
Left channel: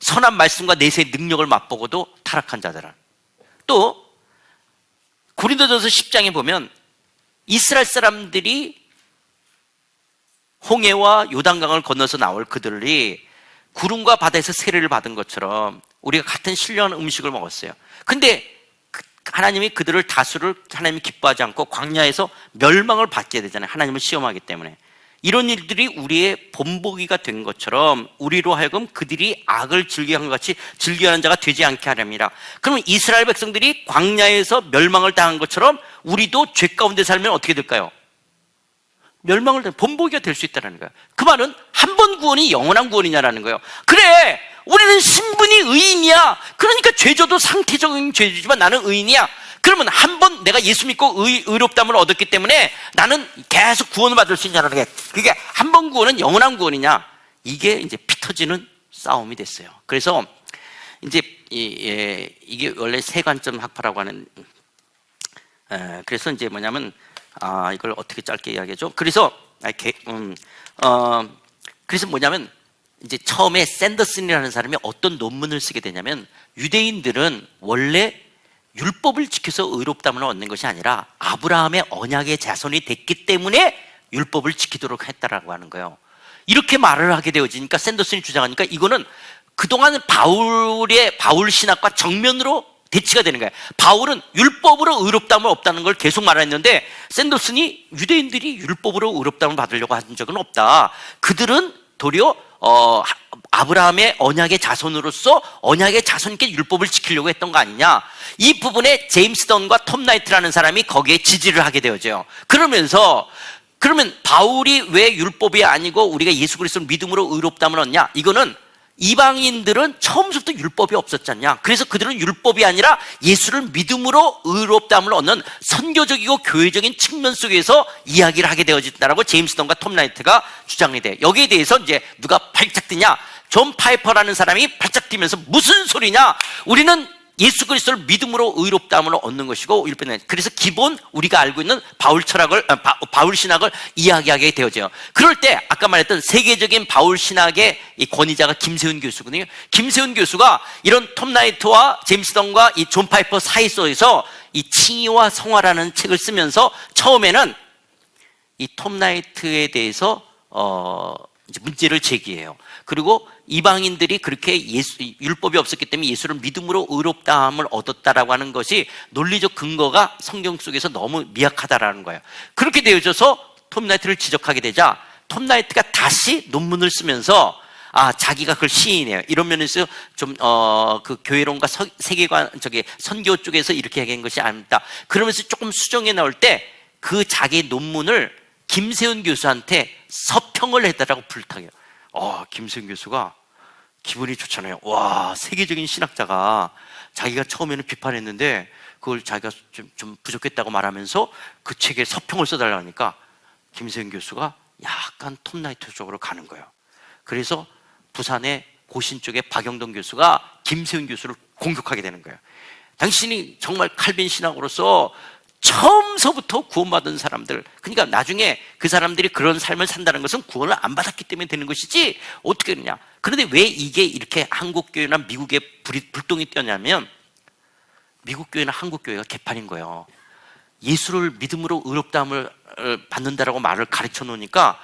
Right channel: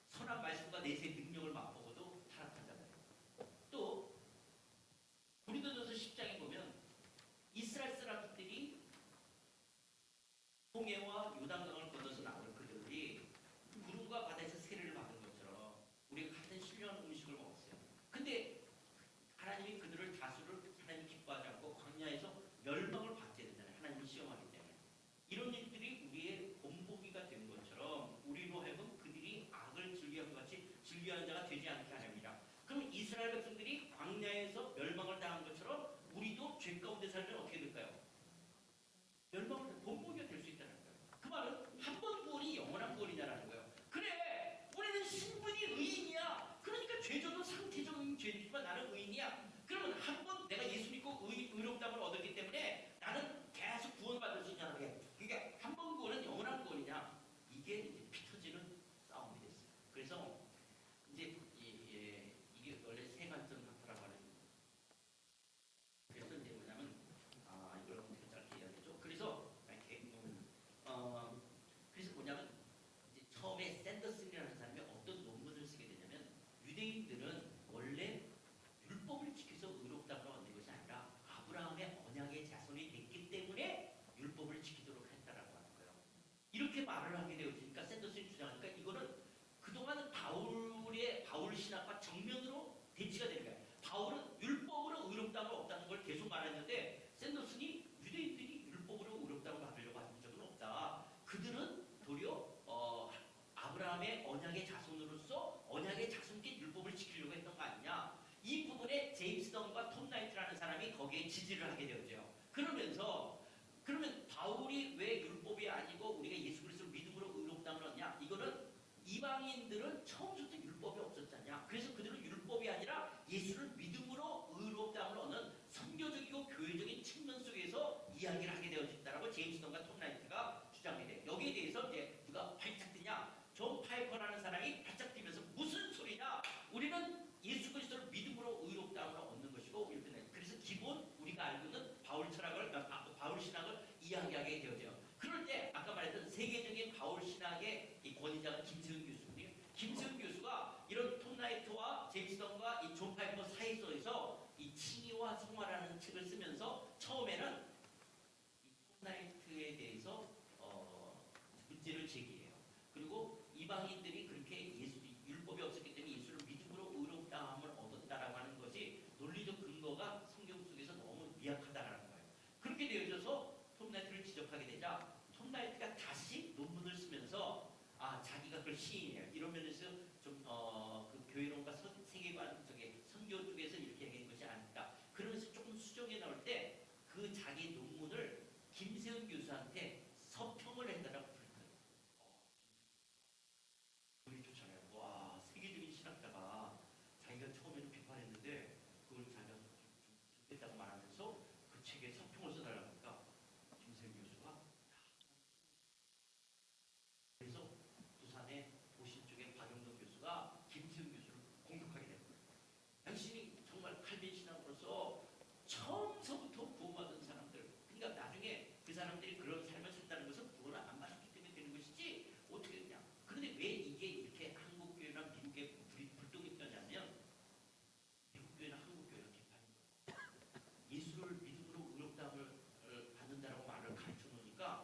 선한 말씀과 내세의 능력을 맛보고도 타락한 자들은. 또 고린도전서 10장에 보면 이스라엘 사람들이 홍해와 요단강을 건너서 나올 그들이 구름과 바다에서 세례를 받은 것처럼 우리가 같은 신령한 음식을 먹었어요. 근데 하나님이 그들을 다수를 하나님이 기뻐하지 않고 광야에서 멸망을 받게 되잖아요. 하나님을 시험하기 때문에. 이런 일들이 우리의 본보기가 된 것처럼 우리로 하여금 그들이 악을 즐겨한 것 같이 즐겨하는 자가 되지 않게 하렵니다. 그러면 이스라엘 백성들이 광야에서 멸망을 당한 것처럼 우리도 죄 가운데 살면 어떻게 될까요? 멸망을 당한 본보기가 될 수 있다는 거예요. 그 말은 한 번 구원이 영원한 구원이냐라는 거예요. 그래, 우리는 신분이 의인이야. 그러니까 죄져도 상태적인 죄지만 나는 의인이야. 그러면 한 번 내가 예수 믿고 의롭다함을 얻었기 때문에 나는 계속 구원을 받을 수 있냐는 게, 그게 한 번 구원은 영원한 구원이냐, 이게 이제 피 터지는 싸움이 됐어요. 그래서 이제 이게 원래 세관점 학파라고 하는, 그래서 이제 뭐냐면, 이걸 어떻게 짧게 이야기하죠? 그래서 그래서 뭐냐면, 이제 처음에 샌더슨이라는 사람이 어떤 논문을 쓰게 되냐면, 유대인들은 원래 율법을 지켜서 의롭다함을 얻는 것이 아니라 아브라함의 언약의 자손이 됐기 때문에 율법을 지키도록 했다라고 하는 거예요. 이렇게 말을 하게 되어지니까 샌더슨이 주장하니까 이거는 그동안 바울 신학과 정면으로 대치가 되는 거예요. 바울은 율법으로 의롭다함을 없다는 걸 계속 말했는데 샌더슨이 유대인들이 율법으로 의롭다함을 받으려고 한 적은 없다. 그들은 도리어 아브라함의 언약의 자손으로서 언약의 자손께 율법을 지키려고 했던 거 아니냐. 이 부분에 제임스 던과 톰 나이트라는 사람이 거기에 지지를 하게 되어져요. 그러면 바울이 왜 율법이 아니고 우리가 예수 그리스도를 믿음으로 의롭다함을 얻냐? 이거는 이방인들은 처음부터 율법이 없었잖냐. 그래서 그들은 율법이 아니라 예수를 믿음으로 의롭다함을 얻는 선교적이고 교회적인 측면 속에서 이야기를 하게 되어진다라고 제임스 던과 톰 나이트가 주장이 돼요. 여기에 대해서 이제 누가 발작 뛰냐? 존 파이퍼라는 사람이 발작 뛰면서 무슨 소리냐? 우리는 예수 그리스도를 믿음으로 의롭다함을 얻는 것이고, 그래서 기본 우리가 알고 있는 바울 철학을, 바울 신학을 이야기하게 되어져요. 그럴 때 아까 말했던 세계적인 바울 신학의 이 권위자가 김세훈 교수거든요. 김세훈 교수가 이런 톰 나이트와 제임스 던과 이 존 파이퍼 사이 속에서 이 칭의와 성화라는 책을 쓰면서 처음에는 이 톰 나이트에 대해서 이제 문제를 제기해요. 그리고 이방인들이 그렇게 율법이 없었기 때문에 예수를 믿음으로 의롭다함을 얻었다라고 하는 것이 논리적 근거가 성경 속에서 너무 미약하다라는 거예요. 그렇게 되어져서 톰 나이트를 지적하게 되자 톰 나이트가 다시 논문을 쓰면서 자기가 그걸 시인해요. 이런 면에서 좀 그 교회론과 세계관 선교 쪽에서 이렇게 얘기한 것이 아닙니다. 그러면서 조금 수정해 나올 때 그 자기 논문을 김세훈 교수한테 서평을 해달라고 부탁해요. 김세훈 교수가 기분이 좋잖아요. 와, 세계적인 신학자가 자기가 처음에는 비판했는데 그걸 자기가 좀 부족했다고 말하면서 그 책에 서평을 써달라고 하니까 김세훈 교수가 약간 톰 나이트 쪽으로 가는 거예요. 그래서 부산의 고신 쪽에 박영동 교수가 김세훈 교수를 공격하게 되는 거예요. 당신이 정말 칼빈 신학으로서 처음서부터 구원받은 사람들, 그러니까 나중에 그 사람들이 그런 삶을 산다는 것은 구원을 안 받았기 때문에 되는 것이지 어떻게 그러냐. 그런데 왜 이게 이렇게 한국 교회나 미국에 불똥이 뛰었냐면 미국 교회나 한국 교회가 개판인 거예요. 예수를 믿음으로 의롭다함을 받는다라고 말을 가르쳐 놓으니까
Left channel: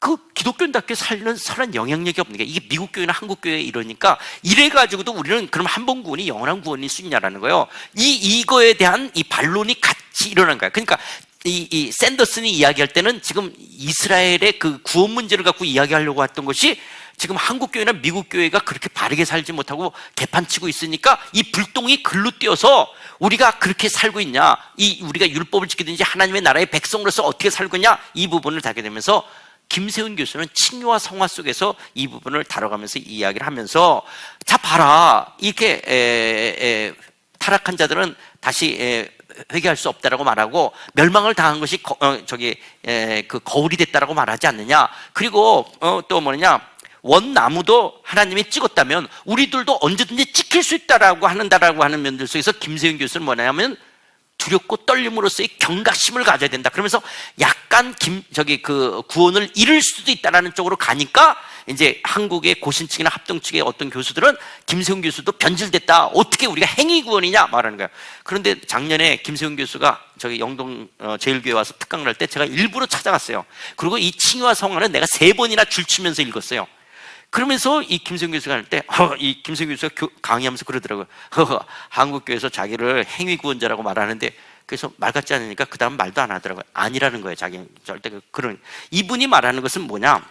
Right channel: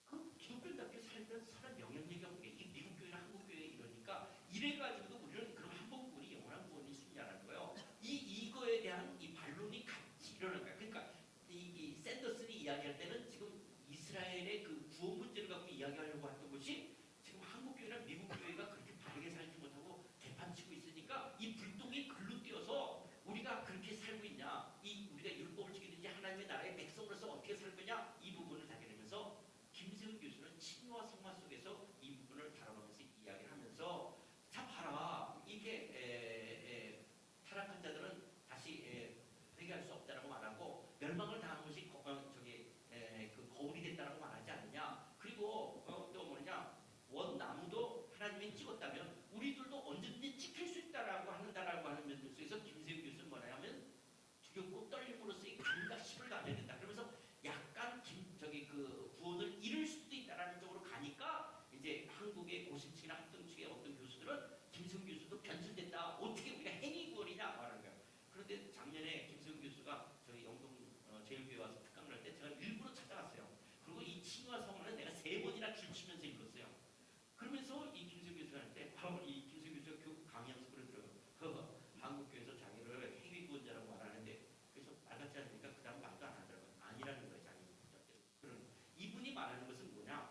그 기독교인답게 살는 선한 영향력이 없는 게, 이게 미국 교회나 한국 교회 이러니까 이래가지고도 우리는 그럼 한 번 구원이 영원한 구원일 수 있냐라는 거예요. 이거에 대한 이 반론이 같이 일어난 거야. 그러니까 이 샌더슨이 이야기할 때는 지금 이스라엘의 그 구원 문제를 갖고 이야기하려고 했던 것이 지금 한국 교회나 미국 교회가 그렇게 바르게 살지 못하고 개판치고 있으니까 이 불똥이 글로 뛰어서 우리가 그렇게 살고 있냐, 우리가 율법을 지키든지 하나님의 나라의 백성으로서 어떻게 살고 있냐, 이 부분을 다게 되면서 김세훈 교수는 칭요와 성화 속에서 이 부분을 다뤄가면서 이야기를 하면서, 자 봐라, 이렇게 타락한 자들은 다시 회개할 수 없다라고 말하고 멸망을 당한 것이 그 거울이 됐다라고 말하지 않느냐. 그리고 또 뭐냐, 원나무도 하나님이 찍었다면 우리들도 언제든지 찍힐 수 있다라고 하는 면들 속에서 김세윤 교수는 뭐냐면 두렵고 떨림으로써의 경각심을 가져야 된다. 그러면서 약간 그 구원을 잃을 수도 있다라는 쪽으로 가니까 이제 한국의 고신측이나 합동 측의 어떤 교수들은 김세훈 교수도 변질됐다. 어떻게 우리가 행위 구원이냐 말하는 거야. 그런데 작년에 김세훈 교수가 저기 영동 제일교회 와서 특강을 할 때 제가 일부러 찾아갔어요. 그리고 이 칭의와 성화는 내가 3번이나 줄치면서 읽었어요. 그러면서 이 김세훈 교수가 할 때 이 김세훈 교수가 강의하면서 그러더라고요. 한국교회에서 자기를 행위구원자라고 말하는데, 그래서 말 같지 않으니까 그 다음 말도 안 하더라고요. 아니라는 거예요. 자기 절대 그런. 이분이 말하는 것은 뭐냐,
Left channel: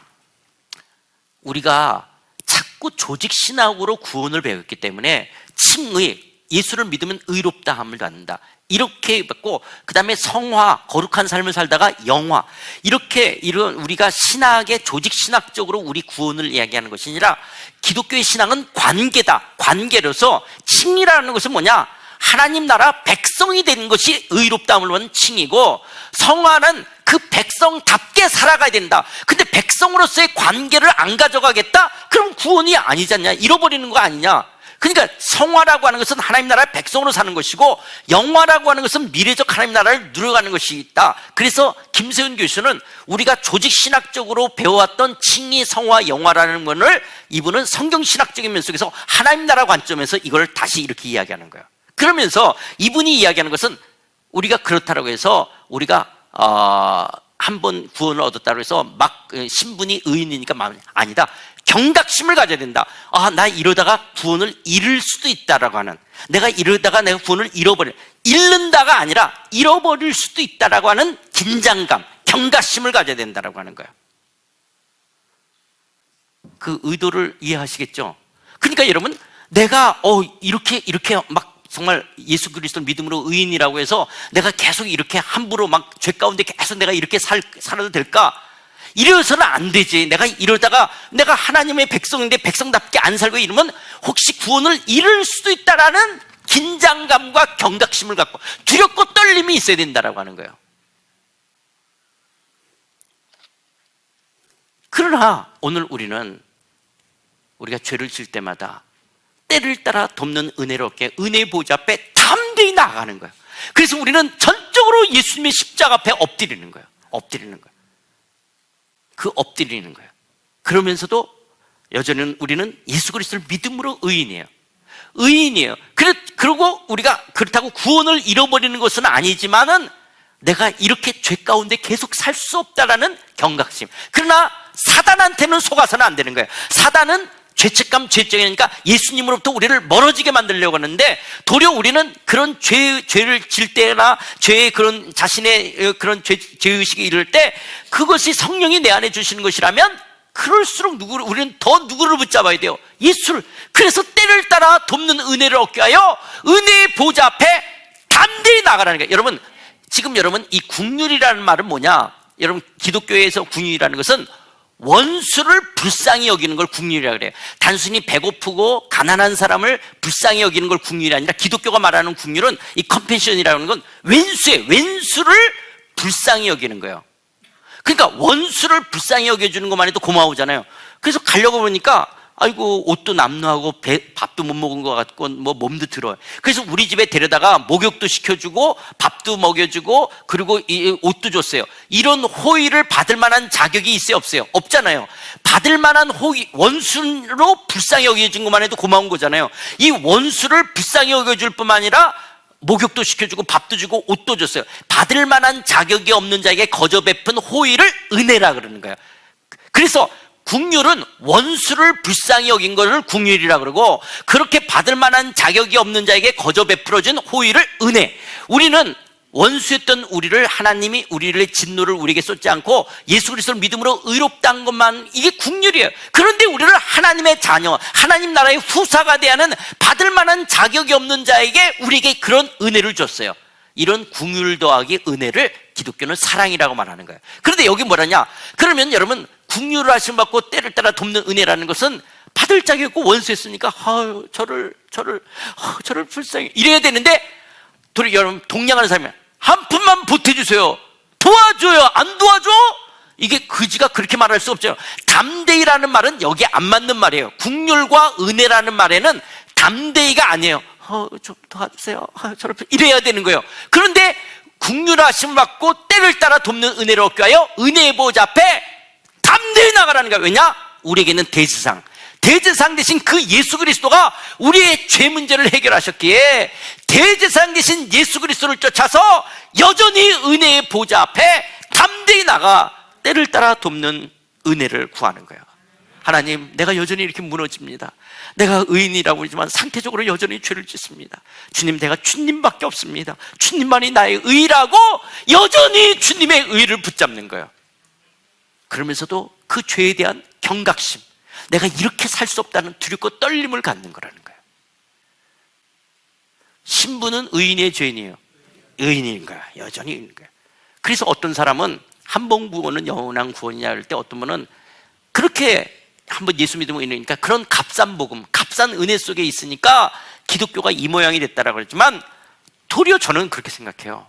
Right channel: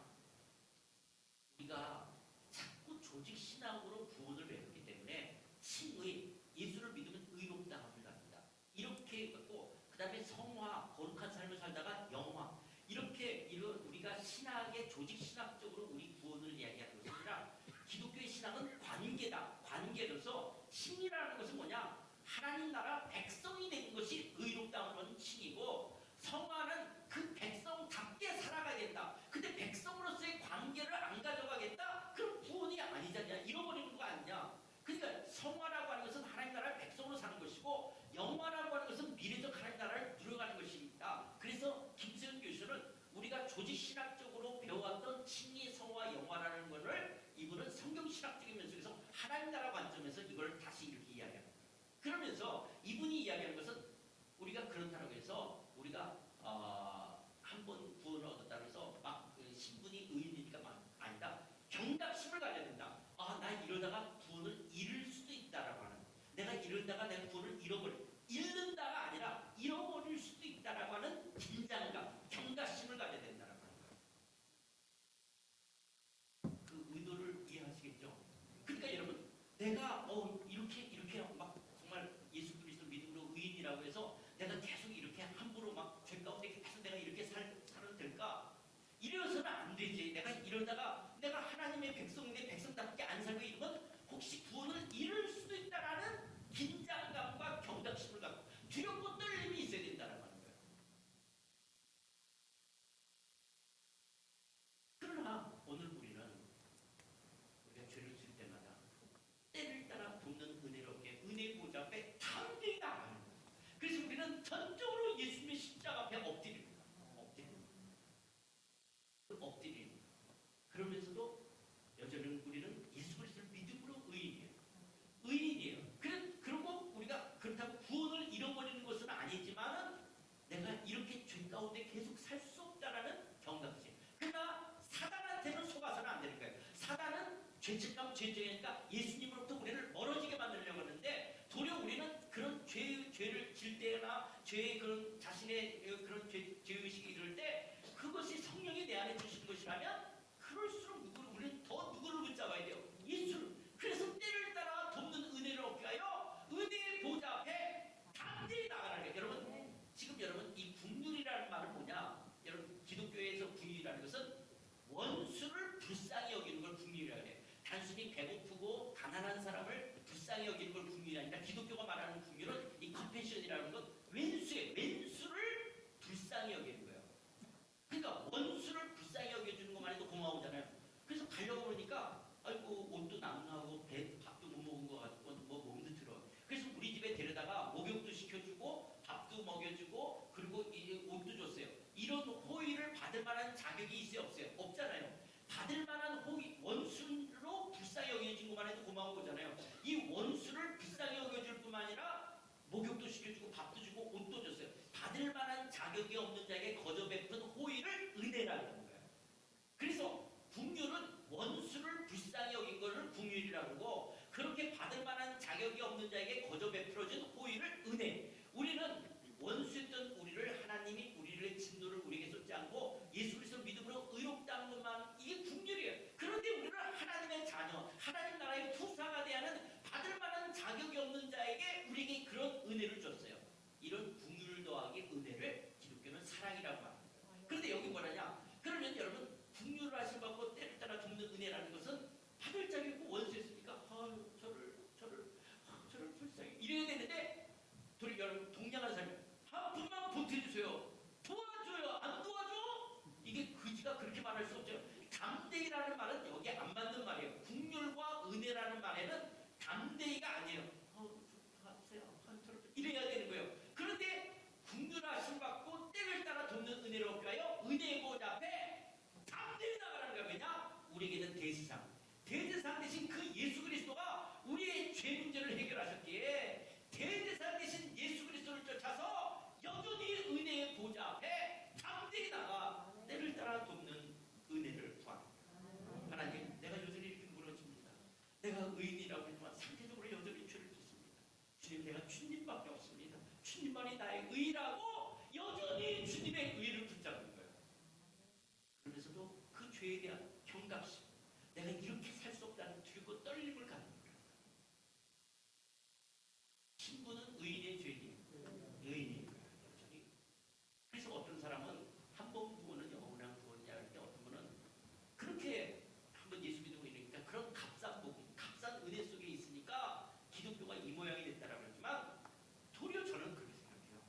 우리가 자꾸 조직신학으로 구원을 배웠기 때문에 칭의, 예수를 믿으면 의롭다함을 갖는다, 이렇게 받고, 그 다음에 성화, 거룩한 삶을 살다가 영화, 이런 우리가 신학의 조직 신학적으로 우리 구원을 이야기하는 것이 아니라 기독교의 신앙은 관계다. 관계로서 칭이라는 것은 뭐냐, 하나님 나라 백성이 되는 것이 의롭다함을 받는 칭이고, 성화는 그 백성답게 살아가야 된다. 근데 백성으로서의 관계를 안 가져가겠다? 그럼 구원이 아니지 않냐, 잃어버리는 거 아니냐. 그러니까 성화라고 하는 것은 하나님 나라의 백성으로 사는 것이고, 영화라고 하는 것은 미래적 하나님 나라를 누려가는 것이 있다. 그래서 김세훈 교수는 우리가 조직신학적으로 배워왔던 칭의, 성화, 영화라는 것을 이분은 성경신학적인 면 속에서 하나님 나라 관점에서 이걸 다시 이렇게 이야기하는 거예요. 그러면서 이분이 이야기하는 것은 우리가 그렇다고 해서 우리가 한 번 구원을 얻었다고 해서 막 신분이 의인이니까 아니다. 경각심을 가져야 된다. 나 이러다가 구원을 잃을 수도 있다라고 하는, 내가 이러다가 내가 구원을 잃는다가 아니라 잃어버릴 수도 있다라고 하는 긴장감, 경각심을 가져야 된다라고 하는 거예요. 그 의도를 이해하시겠죠? 그러니까 여러분, 내가 이렇게 막 정말 예수 그리스도를 믿음으로 의인이라고 해서 내가 계속 이렇게 함부로 막 죄 가운데 계속 내가 이렇게 살아도 될까? 이래서는 안 되지. 내가 이러다가 내가 하나님의 백성인데 백성답게 안 살고 이러면 혹시 구원을 잃을 수도 있다라는 긴장감과 경각심을 갖고 두렵고 떨림이 있어야 된다라고 하는 거예요. 그러나 오늘 우리가 죄를 질 때마다 때를 따라 돕는 은혜를 얻게 은혜의 보좌 앞에 담대히 나아가는 거예요. 그래서 우리는 전적으로 예수님의 십자가 앞에 엎드리는 거예요. 엎드리는 거예요. 그러면서도 여전히 우리는 예수 그리스도를 믿음으로 의인이에요. 그리고 우리가 그렇다고 구원을 잃어버리는 것은 아니지만은 내가 이렇게 죄 가운데 계속 살 수 없다라는 경각심. 그러나 사단한테는 속아서는 안 되는 거예요. 사단은 죄책감, 죄증이니까 예수님으로부터 우리를 멀어지게 만들려고 하는데, 도리어 우리는 그런 죄를 질 때나 죄의 그런 자신의 그런 죄의식이 이를 때 그것이 성령이 내 안에 주시는 것이라면 그럴수록 우리는 더 누구를 붙잡아야 돼요? 예수를. 그래서 때를 따라 돕는 은혜를 얻게 하여 은혜의 보좌 앞에 담대히 나가라는 거예요. 여러분, 지금 이 국률이라는 말은 뭐냐? 여러분, 기독교에서 국률이라는 것은 원수를 불쌍히 여기는 걸 국률이라고 그래요. 단순히 배고프고 가난한 사람을 불쌍히 여기는 걸 국률이 아니라, 기독교가 말하는 국률은 이 컴패션이라는 건 왼수를 불쌍히 여기는 거예요. 그러니까 원수를 불쌍히 여겨주는 것만 해도 고마우잖아요. 그래서 가려고 보니까 아이고 옷도 남루하고 밥도 못 먹은 것 같고 뭐 몸도 들어요. 그래서 우리 집에 데려다가 목욕도 시켜주고 밥도 먹여주고 그리고 이 옷도 줬어요. 이런 호의를 받을 만한 자격이 있어요, 없어요? 없잖아요. 받을 만한 호의, 원수로 불쌍히 여겨준 것만 해도 고마운 거잖아요. 이 원수를 불쌍히 여겨줄 뿐만 아니라 목욕도 시켜주고 밥도 주고 옷도 줬어요. 받을 만한 자격이 없는 자에게 거저 베푼 호의를 은혜라 그러는 거예요. 그래서 긍휼은 원수를 불쌍히 여긴 것을 긍휼이라 그러고, 그렇게 받을 만한 자격이 없는 자에게 거저 베풀어준 호의를 은혜. 우리는 원수였던 우리를 하나님이 우리의 진노를 우리에게 쏟지 않고 예수 그리스도를 믿음으로 의롭다는 것만, 이게 긍휼이에요. 그런데 우리를 하나님의 자녀, 하나님 나라의 후사가 대하는 받을 만한 자격이 없는 자에게 우리에게 그런 은혜를 줬어요. 이런 긍휼 더하기 은혜를 기독교는 사랑이라고 말하는 거예요. 그런데 여기 뭐라냐? 그러면 여러분, 긍휼을 하심 받고 때를 따라 돕는 은혜라는 것은 받을 자격이 없고 원수였으니까 저를 불쌍히 이래야 되는데, 여러분 동냥하는 사람이 한 푼만 보태주세요, 도와줘요, 안 도와줘? 이게 그지가 그렇게 말할 수 없죠. 담대히라는 말은 여기에 안 맞는 말이에요. 긍휼과 은혜라는 말에는 담대히가 아니에요. 좀 도와주세요, 저를 이래야 되는 거예요. 그런데 긍휼하심 받고 때를 따라 돕는 은혜를 얻기 위하여 은혜의 보좌 앞에 담대히 나가라는 거예요. 왜냐? 우리에게는 대제사장 대신 그 예수 그리스도가 우리의 죄 문제를 해결하셨기에 대제사장 대신 예수 그리스도를 쫓아서 여전히 은혜의 보좌 앞에 담대히 나가 때를 따라 돕는 은혜를 구하는 거예요. 하나님, 내가 여전히 이렇게 무너집니다. 내가 의인이라고 하지만 상태적으로 여전히 죄를 짓습니다. 주님, 내가 주님밖에 없습니다. 주님만이 나의 의라고 여전히 주님의 의를 붙잡는 거예요. 그러면서도 그 죄에 대한 경각심, 내가 이렇게 살 수 없다는 두렵고 떨림을 갖는 거라는 거예요. 신부는 의인의 죄인이에요. 의인인 거야. 여전히 의인인 거야. 그래서 어떤 사람은 한 번 구원은 영원한 구원이냐 할 때, 어떤 분은 그렇게 한번 예수 믿으면 의인이니까 그런 값싼 복음, 값싼 은혜 속에 있으니까 기독교가 이 모양이 됐다라고 그랬지만, 도리어 저는 그렇게 생각해요.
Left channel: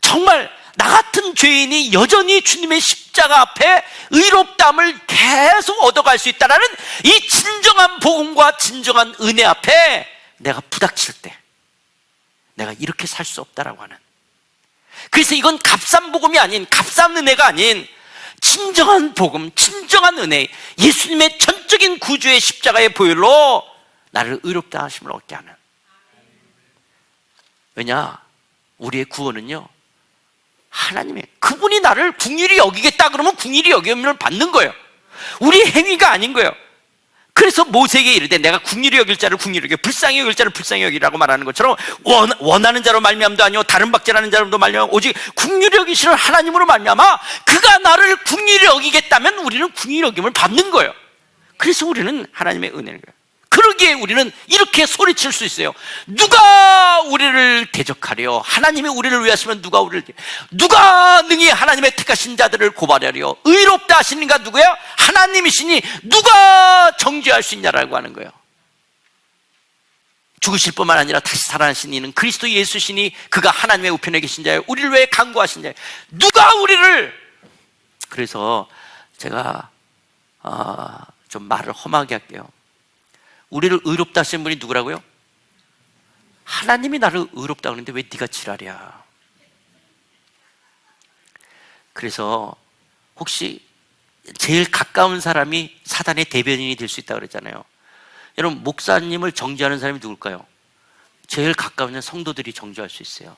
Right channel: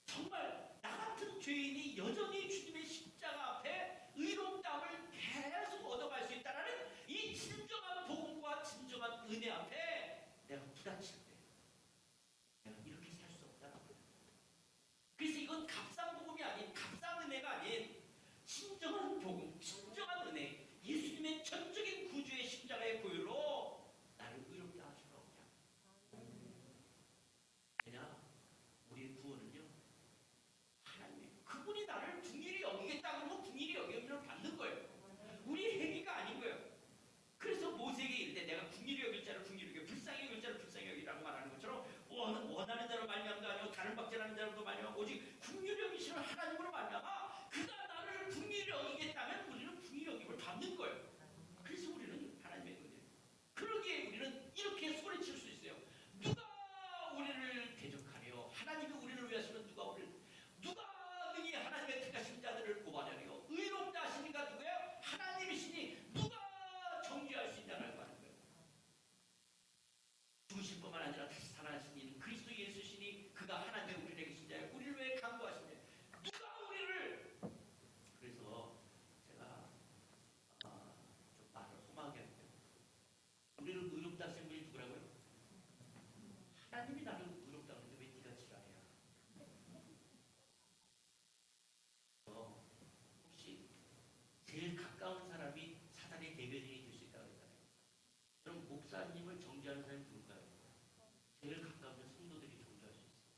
정말 나 같은 죄인이 여전히 주님의 십자가 앞에 의롭다함을 계속 얻어갈 수 있다는 이 진정한 복음과 진정한 은혜 앞에 내가 부닥칠 때 내가 이렇게 살 수 없다라고 하는, 그래서 이건 값싼 복음이 아닌, 값싼 은혜가 아닌 진정한 복음, 진정한 은혜, 예수님의 전적인 구주의 십자가의 보혈로 나를 의롭다 하심을 얻게 하는. 왜냐? 우리의 구원은요, 하나님의, 그분이 나를 긍휼히 여기겠다 그러면 긍휼히 여김을 받는 거예요. 우리 행위가 아닌 거예요. 그래서 모세에게 이르되 내가 긍휼히 여길 자를 긍휼히 여겨, 불쌍히 여길 자를 불쌍히 여기라고 말하는 것처럼, 원하는 자로 말미암도 아니요 다른 박제라는 자로도 말미암아 오직 긍휼히 여기시는 하나님으로 말미암아 그가 나를 긍휼히 여기겠다면 우리는 긍휼히 여김을 받는 거예요. 그래서 우리는 하나님의 은혜인 거예요. 그러기에 우리는 이렇게 소리칠 수 있어요. 누가 우리를 대적하려? 하나님이 우리를 위하시면 누가 능히 하나님의 택하신 자들을 고발하려? 의롭다 하시는가 누구야? 하나님이시니 누가 정죄할 수 있냐라고 하는 거예요. 죽으실 뿐만 아니라 다시 살아나신 이는 그리스도 예수시니 그가 하나님의 우편에 계신 자예요. 우리를 위해 간구하신 자예요. 누가 우리를. 그래서 제가 좀 말을 험하게 할게요. 우리를 의롭다 하신 분이 누구라고요? 하나님이 나를 의롭다 그러는데 왜 네가 지랄이야? 그래서 혹시 제일 가까운 사람이 사단의 대변인이 될 수 있다고 그랬잖아요. 여러분, 목사님을 정죄하는 사람이 누굴까요? 제일 가까운 성도들이 정죄할 수 있어요.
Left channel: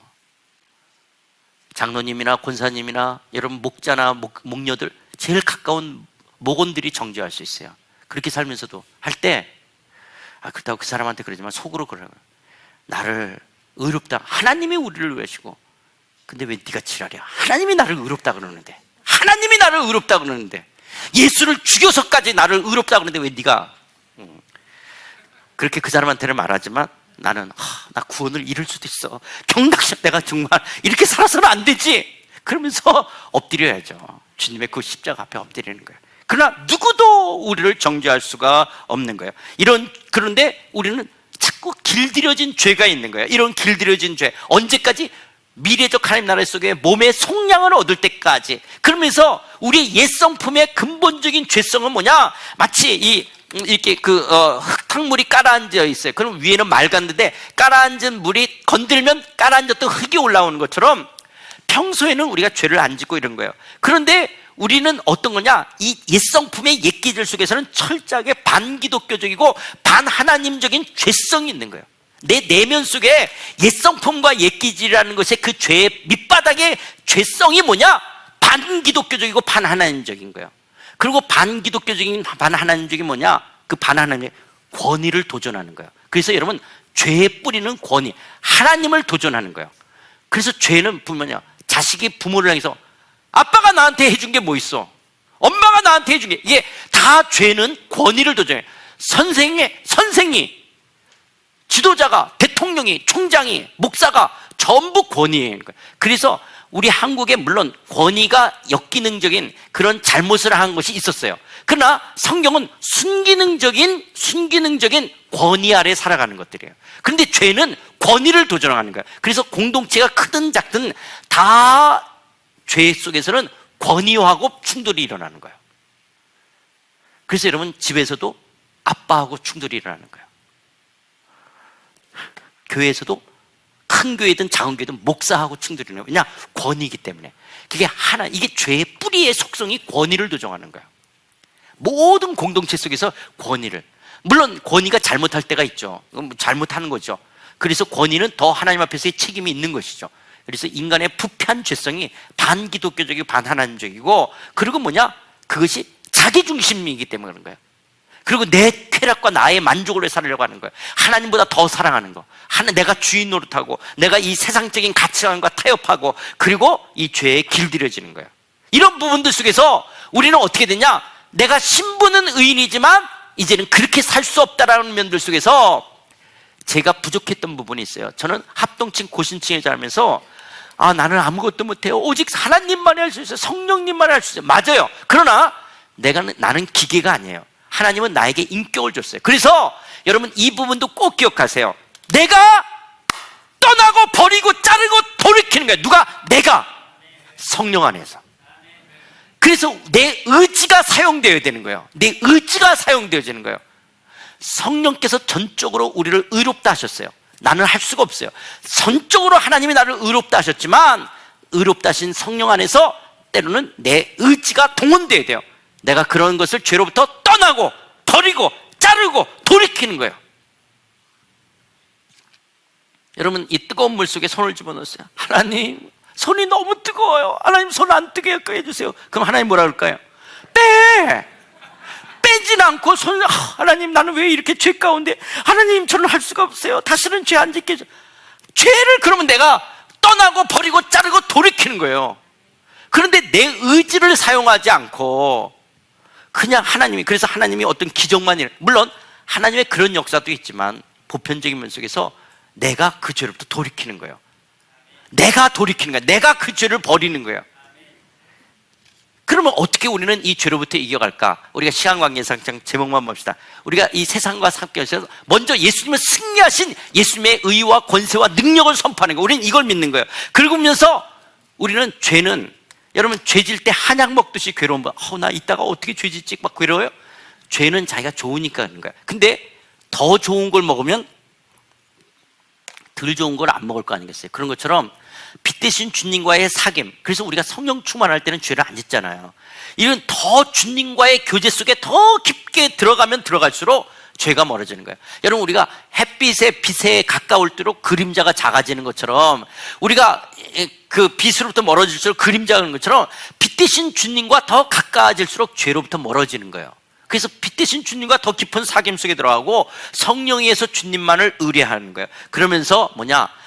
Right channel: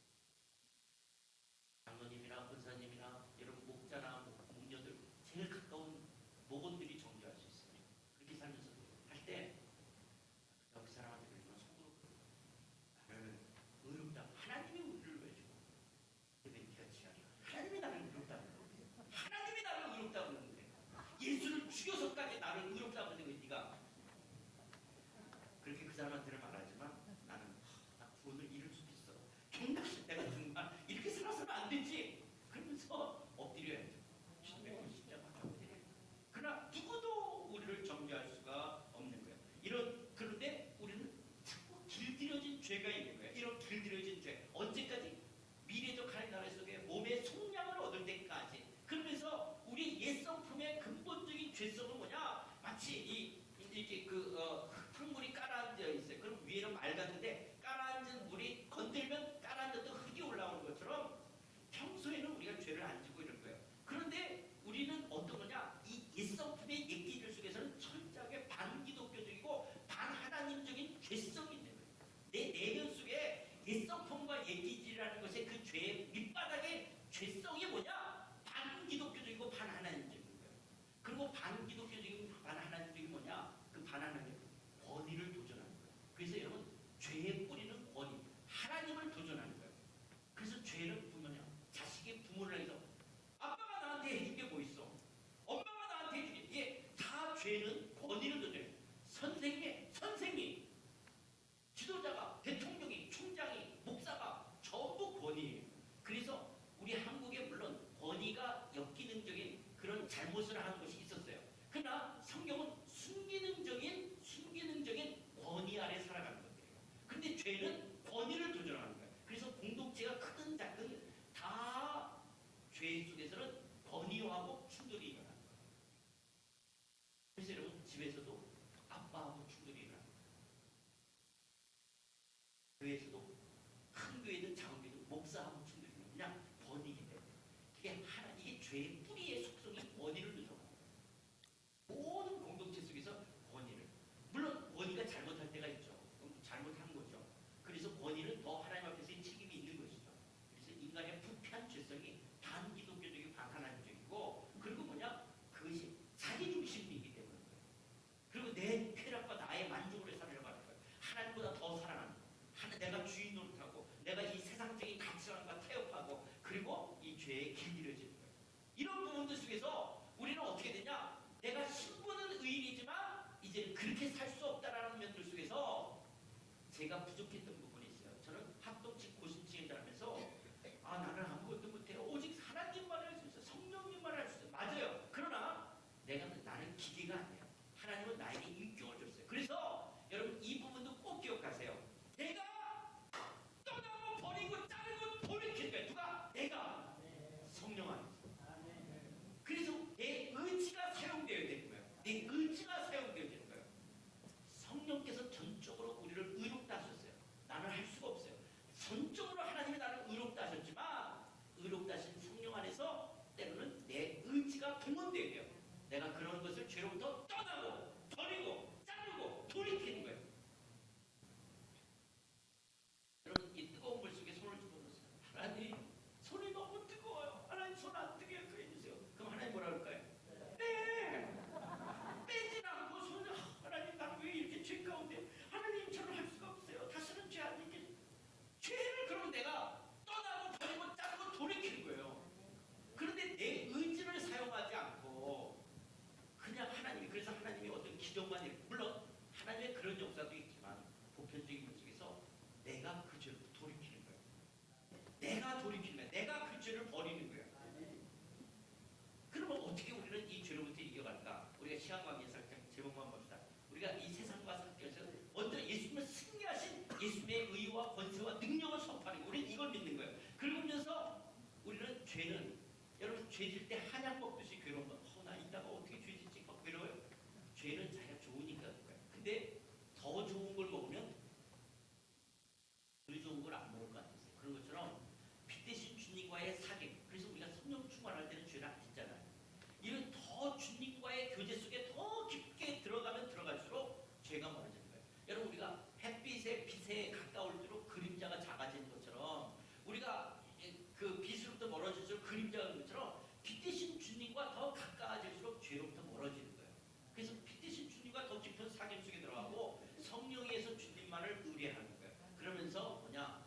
장로님이나 권사님이나 여러분 목자나 목녀들, 제일 가까운 목원들이 정죄할 수 있어요. 그렇게 살면서도 할 때, 그렇다고 그 사람한테 그러지만 속으로 그러라고요. 나를 의롭다, 하나님이 우리를 위하시고, 근데 왜 네가 지랄이야? 하나님이 나를 의롭다 그러는데, 하나님이 나를 의롭다 그러는데, 예수를 죽여서까지 나를 의롭다 그러는데 왜 네가. 그렇게 그 사람한테는 말하지만 나는 나 구원을 잃을 수도 있어, 경각심, 내가 정말 이렇게 살아서는 안 되지, 그러면서 엎드려야죠. 주님의 그 십자가 앞에 엎드리는 거예요. 그러나 누구도 우리를 정죄할 수가 없는 거예요. 그런데 우리는 자꾸 길들여진 죄가 있는 거예요. 이런 길들여진 죄, 언제까지? 미래적 하나님 나라 속에 몸의 속량을 얻을 때까지. 그러면서 우리의 옛 성품의 근본적인 죄성은 뭐냐? 마치 이 이렇게 흙탕물이 깔아앉아 있어요. 그럼 위에는 맑았는데 깔아앉은 물이 건들면 깔아앉았던 흙이 올라오는 것처럼 평소에는 우리가 죄를 안 짓고 이런 거예요. 그런데 우리는 어떤 거냐? 이 옛성품의 옛기질 속에서는 철저하게 반기독교적이고 반하나님적인 죄성이 있는 거예요. 내 내면 속에 옛성품과 옛기질이라는 것의 그 죄의 밑바닥의 죄성이 뭐냐? 반기독교적이고 반하나님적인 거예요. 그리고 반기독교적인 반하나님적인 뭐냐? 그 반하나님의 권위를 도전하는 거예요. 그래서 여러분, 죄의 뿌리는 권위, 하나님을 도전하는 거예요. 그래서 죄는 뭐냐? 자식이 부모를 향해서 아빠가 나한테 해준 게 뭐 있어? 엄마가 나한테 해준 게, 이게 다 죄는 권위를 도전해. 선생이, 지도자가, 대통령이, 총장이, 목사가 전부 권위예요. 그래서 우리 한국에 물론 권위가 역기능적인 그런 잘못을 한 것이 있었어요. 그러나 성경은 순기능적인 권위 아래 살아가는 것들이에요. 그런데 죄는 권위를 도전하는 거예요. 그래서 공동체가 크든 작든 다 죄 속에서는 권위하고 충돌이 일어나는 거예요. 그래서 여러분, 집에서도 아빠하고 충돌이 일어나는 거예요. 교회에서도 큰 교회든 작은 교회든 목사하고 충돌이 일어나요. 왜냐? 권위이기 때문에. 이게 죄의 뿌리의 속성이 권위를 도정하는 거예요. 모든 공동체 속에서 권위를, 물론 권위가 잘못할 때가 있죠. 잘못하는 거죠. 그래서 권위는 더 하나님 앞에서의 책임이 있는 것이죠. 그래서 인간의 부패한 죄성이 반기독교적이고 반하나님적이고, 그리고 뭐냐? 그것이 자기중심이기 때문에 그런 거예요. 그리고 내 쾌락과 나의 만족을 위해 살려고 하는 거예요. 하나님보다 더 사랑하는 거. 내가 주인 노릇하고, 내가 이 세상적인 가치관과 타협하고, 그리고 이 죄에 길들여지는 거예요. 이런 부분들 속에서 우리는 어떻게 되냐? 내가 신분은 의인이지만 이제는 그렇게 살 수 없다라는 면들 속에서 제가 부족했던 부분이 있어요. 저는 합동층 고신층에 자라면서 나는 아무것도 못해요. 오직 하나님만이 할 수 있어요. 성령님만이 할 수 있어요. 맞아요. 그러나 나는 기계가 아니에요. 하나님은 나에게 인격을 줬어요. 그래서 여러분, 이 부분도 꼭 기억하세요. 내가 떠나고 버리고 자르고 돌이키는 거예요. 누가? 내가. 성령 안에서. 그래서 내 의지가 사용되어야 되는 거예요. 내 의지가 사용되어지는 거예요. 성령께서 전적으로 우리를 의롭다 하셨어요. 나는 할 수가 없어요. 전적으로 하나님이 나를 의롭다 하셨지만, 의롭다 하신 성령 안에서 때로는 내 의지가 동원되어야 돼요. 내가 그런 것을 죄로부터 떠나고 버리고 자르고 돌이키는 거예요. 여러분, 이 뜨거운 물 속에 손을 집어넣었어요. 하나님, 손이 너무 뜨거워요. 하나님, 손 안 뜨게 해주세요. 그럼 하나님 뭐라 그럴까요? 빼진 않고 하나님, 나는 왜 이렇게 죄 가운데, 하나님, 저는 할 수가 없어요. 다시는 죄 안 짓게 해줘. 죄를 그러면 내가 떠나고 버리고 자르고 돌이키는 거예요. 그런데 내 의지를 사용하지 않고 그냥 그래서 하나님이 어떤 기적만 물론 하나님의 그런 역사도 있지만, 보편적인 면 속에서 내가 그 죄로부터 돌이키는 거예요. 내가 돌이키는 거예요. 내가 그 죄를 버리는 거예요. 그러면 어떻게 우리는 이 죄로부터 이겨갈까? 우리가 시간관계상 제목만 봅시다. 우리가 이 세상과 함께하셔서 먼저 예수님을 승리하신 예수님의 의와 권세와 능력을 선포하는 거예요. 우리는 이걸 믿는 거예요. 그러면서 우리는 죄는, 여러분, 죄질 때 한약 먹듯이 괴로운 거. 나 이따가 어떻게 죄 짓지? 막 괴로워요? 죄는 자기가 좋으니까 그런 거야. 근데 더 좋은 걸 먹으면 덜 좋은 걸 안 먹을 거 아니겠어요? 그런 것처럼 빛 대신 주님과의 사귐. 그래서 우리가 성령 충만할 때는 죄를 안 짓잖아요. 이런 더 주님과의 교제 속에 더 깊게 들어가면 들어갈수록 죄가 멀어지는 거예요. 여러분, 우리가 햇빛에 빛에 가까울수록 그림자가 작아지는 것처럼, 우리가 그 빛으로부터 멀어질수록 그림자가 는 것처럼 빛 대신 주님과 더 가까워질수록 죄로부터 멀어지는 거예요. 그래서 빛 대신 주님과 더 깊은 사귐 속에 들어가고 성령에 의해서 주님만을 의뢰하는 거예요. 그러면서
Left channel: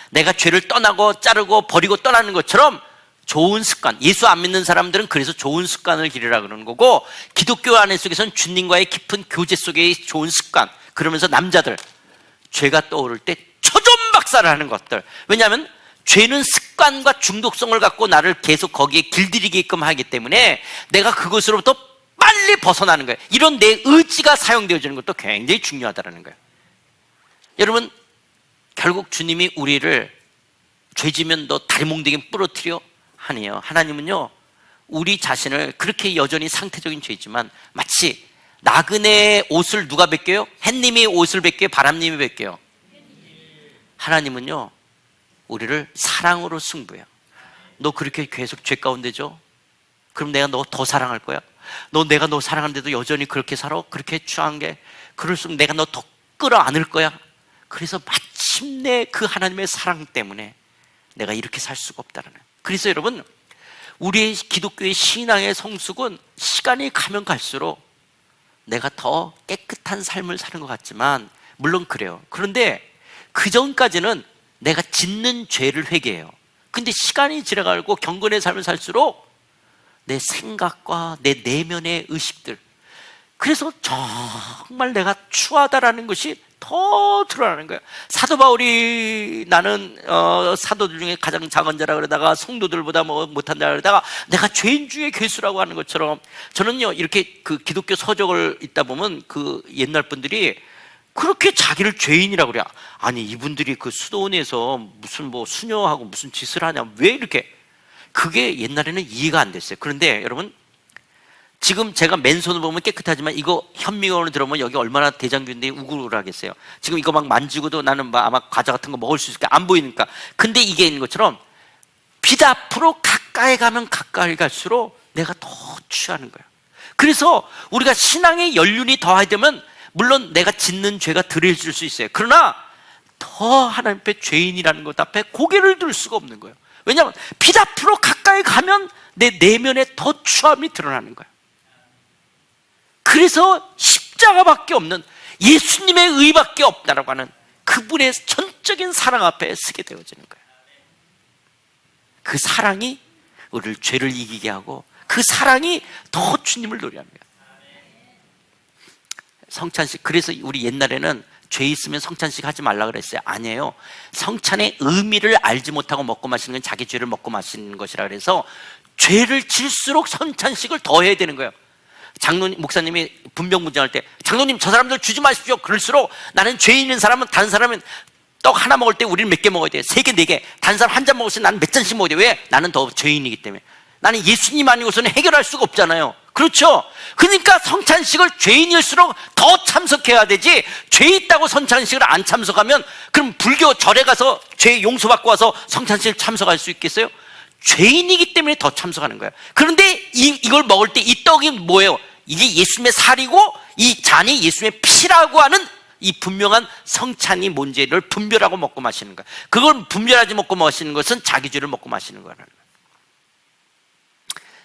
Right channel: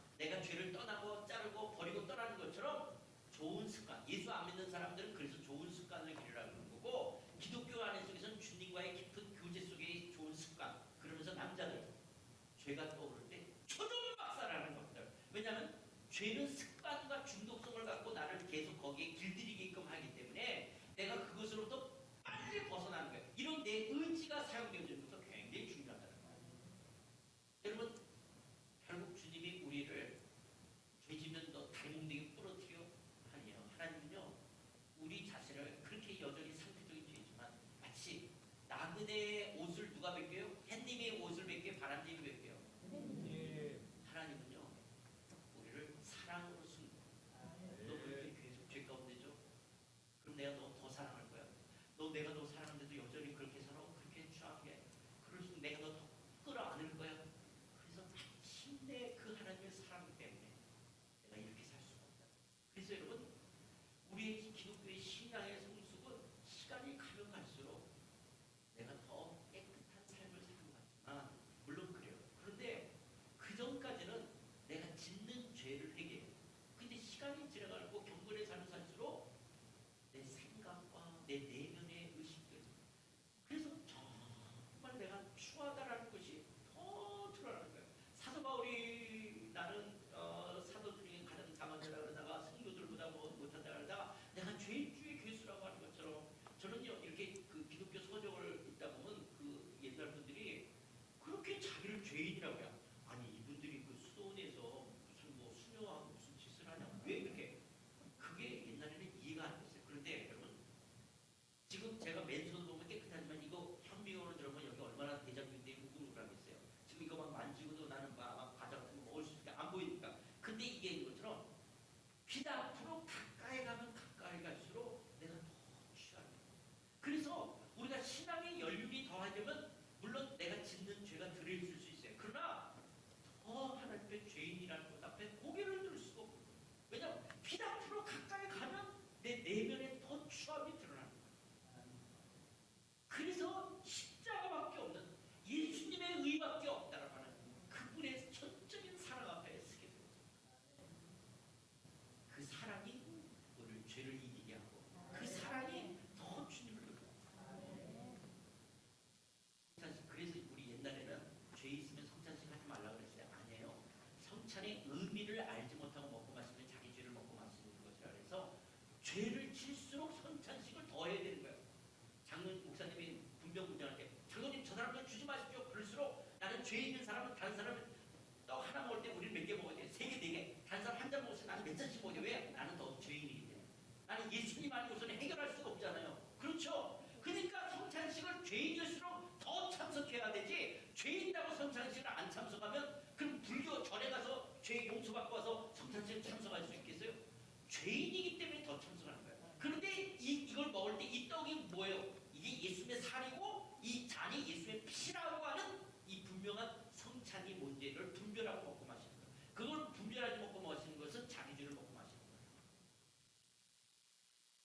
내가 죄를 떠나고 자르고 버리고 떠나는 것처럼 좋은 습관, 예수 안 믿는 사람들은 그래서 좋은 습관을 기르라 그러는 거고, 기독교 안에 속에서는 주님과의 깊은 교제 속의 좋은 습관. 그러면서 남자들, 죄가 떠오를 때 초전박살을 하는 것들. 왜냐하면 죄는 습관과 중독성을 갖고 나를 계속 거기에 길들이게끔 하기 때문에 내가 그것으로부터 빨리 벗어나는 거예요. 이런 내 의지가 사용되어지는 것도 굉장히 중요하다는 거예요. 여러분, 결국 주님이 우리를 죄지면 너 다리몽둥이 부러뜨려 아니에요. 하나님은요, 우리 자신을 그렇게 여전히 상태적인 죄지만 마치 나그네의 옷을 누가 벗겨요? 햇님이 옷을 벗겨요? 바람님이 벗겨요? 하나님은요, 우리를 사랑으로 승부해요. 너 그렇게 계속 죄 가운데죠? 그럼 내가 너 더 사랑할 거야? 내가 너 사랑하는데도 여전히 그렇게 살아? 그렇게 취한 게? 그럴수록 내가 너 더 끌어안을 거야? 그래서 마침내 그 하나님의 사랑 때문에 내가 이렇게 살 수가 없다는 거예요. 그래서 여러분, 우리의 기독교의 신앙의 성숙은 시간이 가면 갈수록 내가 더 깨끗한 삶을 사는 것 같지만, 물론 그래요. 그런데 그 전까지는 내가 짓는 죄를 회개해요. 근데 시간이 지나가고 경건의 삶을 살수록 내 생각과 내 내면의 의식들, 그래서 정말 내가 추하다라는 것이 더 드러나는 거예요. 사도 바울이 나는 사도들 중에 가장 작은 자라 그러다가 성도들보다 못한다 그러다가 내가 죄인 중에 괴수라고 하는 것처럼, 저는요, 이렇게 그 기독교 서적을 읽다 보면 그 옛날 분들이 그렇게 자기를 죄인이라고 그래요. 아니, 이분들이 그 수도원에서 무슨 수녀하고 무슨 짓을 하냐, 왜 이렇게, 그게 옛날에는 이해가 안 됐어요. 그런데 여러분, 지금 제가 맨손을 보면 깨끗하지만 이거 현미경으로 들어보면 여기 얼마나 대장균들이 우글우글하겠어요. 지금 이거 막 만지고도 나는 아마 과자 같은 거 먹을 수 있을까, 안 보이니까. 근데 이게 있는 것처럼 빛 앞으로 가까이 가면 가까이 갈수록 내가 더 취하는 거예요. 그래서 우리가 신앙의 연륜이 더하되면 물론 내가 짓는 죄가 덜해질 수 있어요. 그러나 더 하나님 앞에 죄인이라는 것 앞에 고개를 들 수가 없는 거예요. 왜냐하면 빛 앞으로 가까이 가면 내 내면에 더 추함이 드러나는 거예요. 그래서 십자가밖에 없는, 예수님의 의밖에 없다라고 하는 그분의 전적인 사랑 앞에 서게 되어지는 거예요. 그 사랑이 우리를 죄를 이기게 하고 그 사랑이 더 주님을 노래합니다. 성찬식, 그래서 우리 옛날에는 죄 있으면 성찬식 하지 말라 그랬어요. 아니에요. 성찬의 의미를 알지 못하고 먹고 마시는 건 자기 죄를 먹고 마시는 것이라 그래서 죄를 질수록 성찬식을 더 해야 되는 거예요. 장로님, 목사님이 분명분장할 때 장로님 저 사람들 주지 마십시오. 그럴수록 나는 죄 있는 사람은, 다른 사람은 떡 하나 먹을 때 우리는 몇 개 먹어야 돼요? 3개, 4개. 다른 사람 한 잔 먹을 때 나는 몇 잔씩 먹어야 돼요? 왜? 나는 더 죄인이기 때문에. 나는 예수님 아니고서는 해결할 수가 없잖아요. 그렇죠? 그러니까 성찬식을 죄인일수록 더 참석해야 되지, 죄 있다고 성찬식을 안 참석하면 그럼 불교 절에 가서 죄 용서받고 와서 성찬식을 참석할 수 있겠어요? 죄인이기 때문에 더 참석하는 거예요. 그런데 이걸 먹을 때 이 떡이 뭐예요? 이게 예수님의 살이고 이 잔이 예수님의 피라고 하는 이 분명한 성찬이 뭔지를 분별하고 먹고 마시는 거예요. 그걸 분별하지 먹고 마시는 것은 자기 죄를 먹고 마시는 거라는 거예요.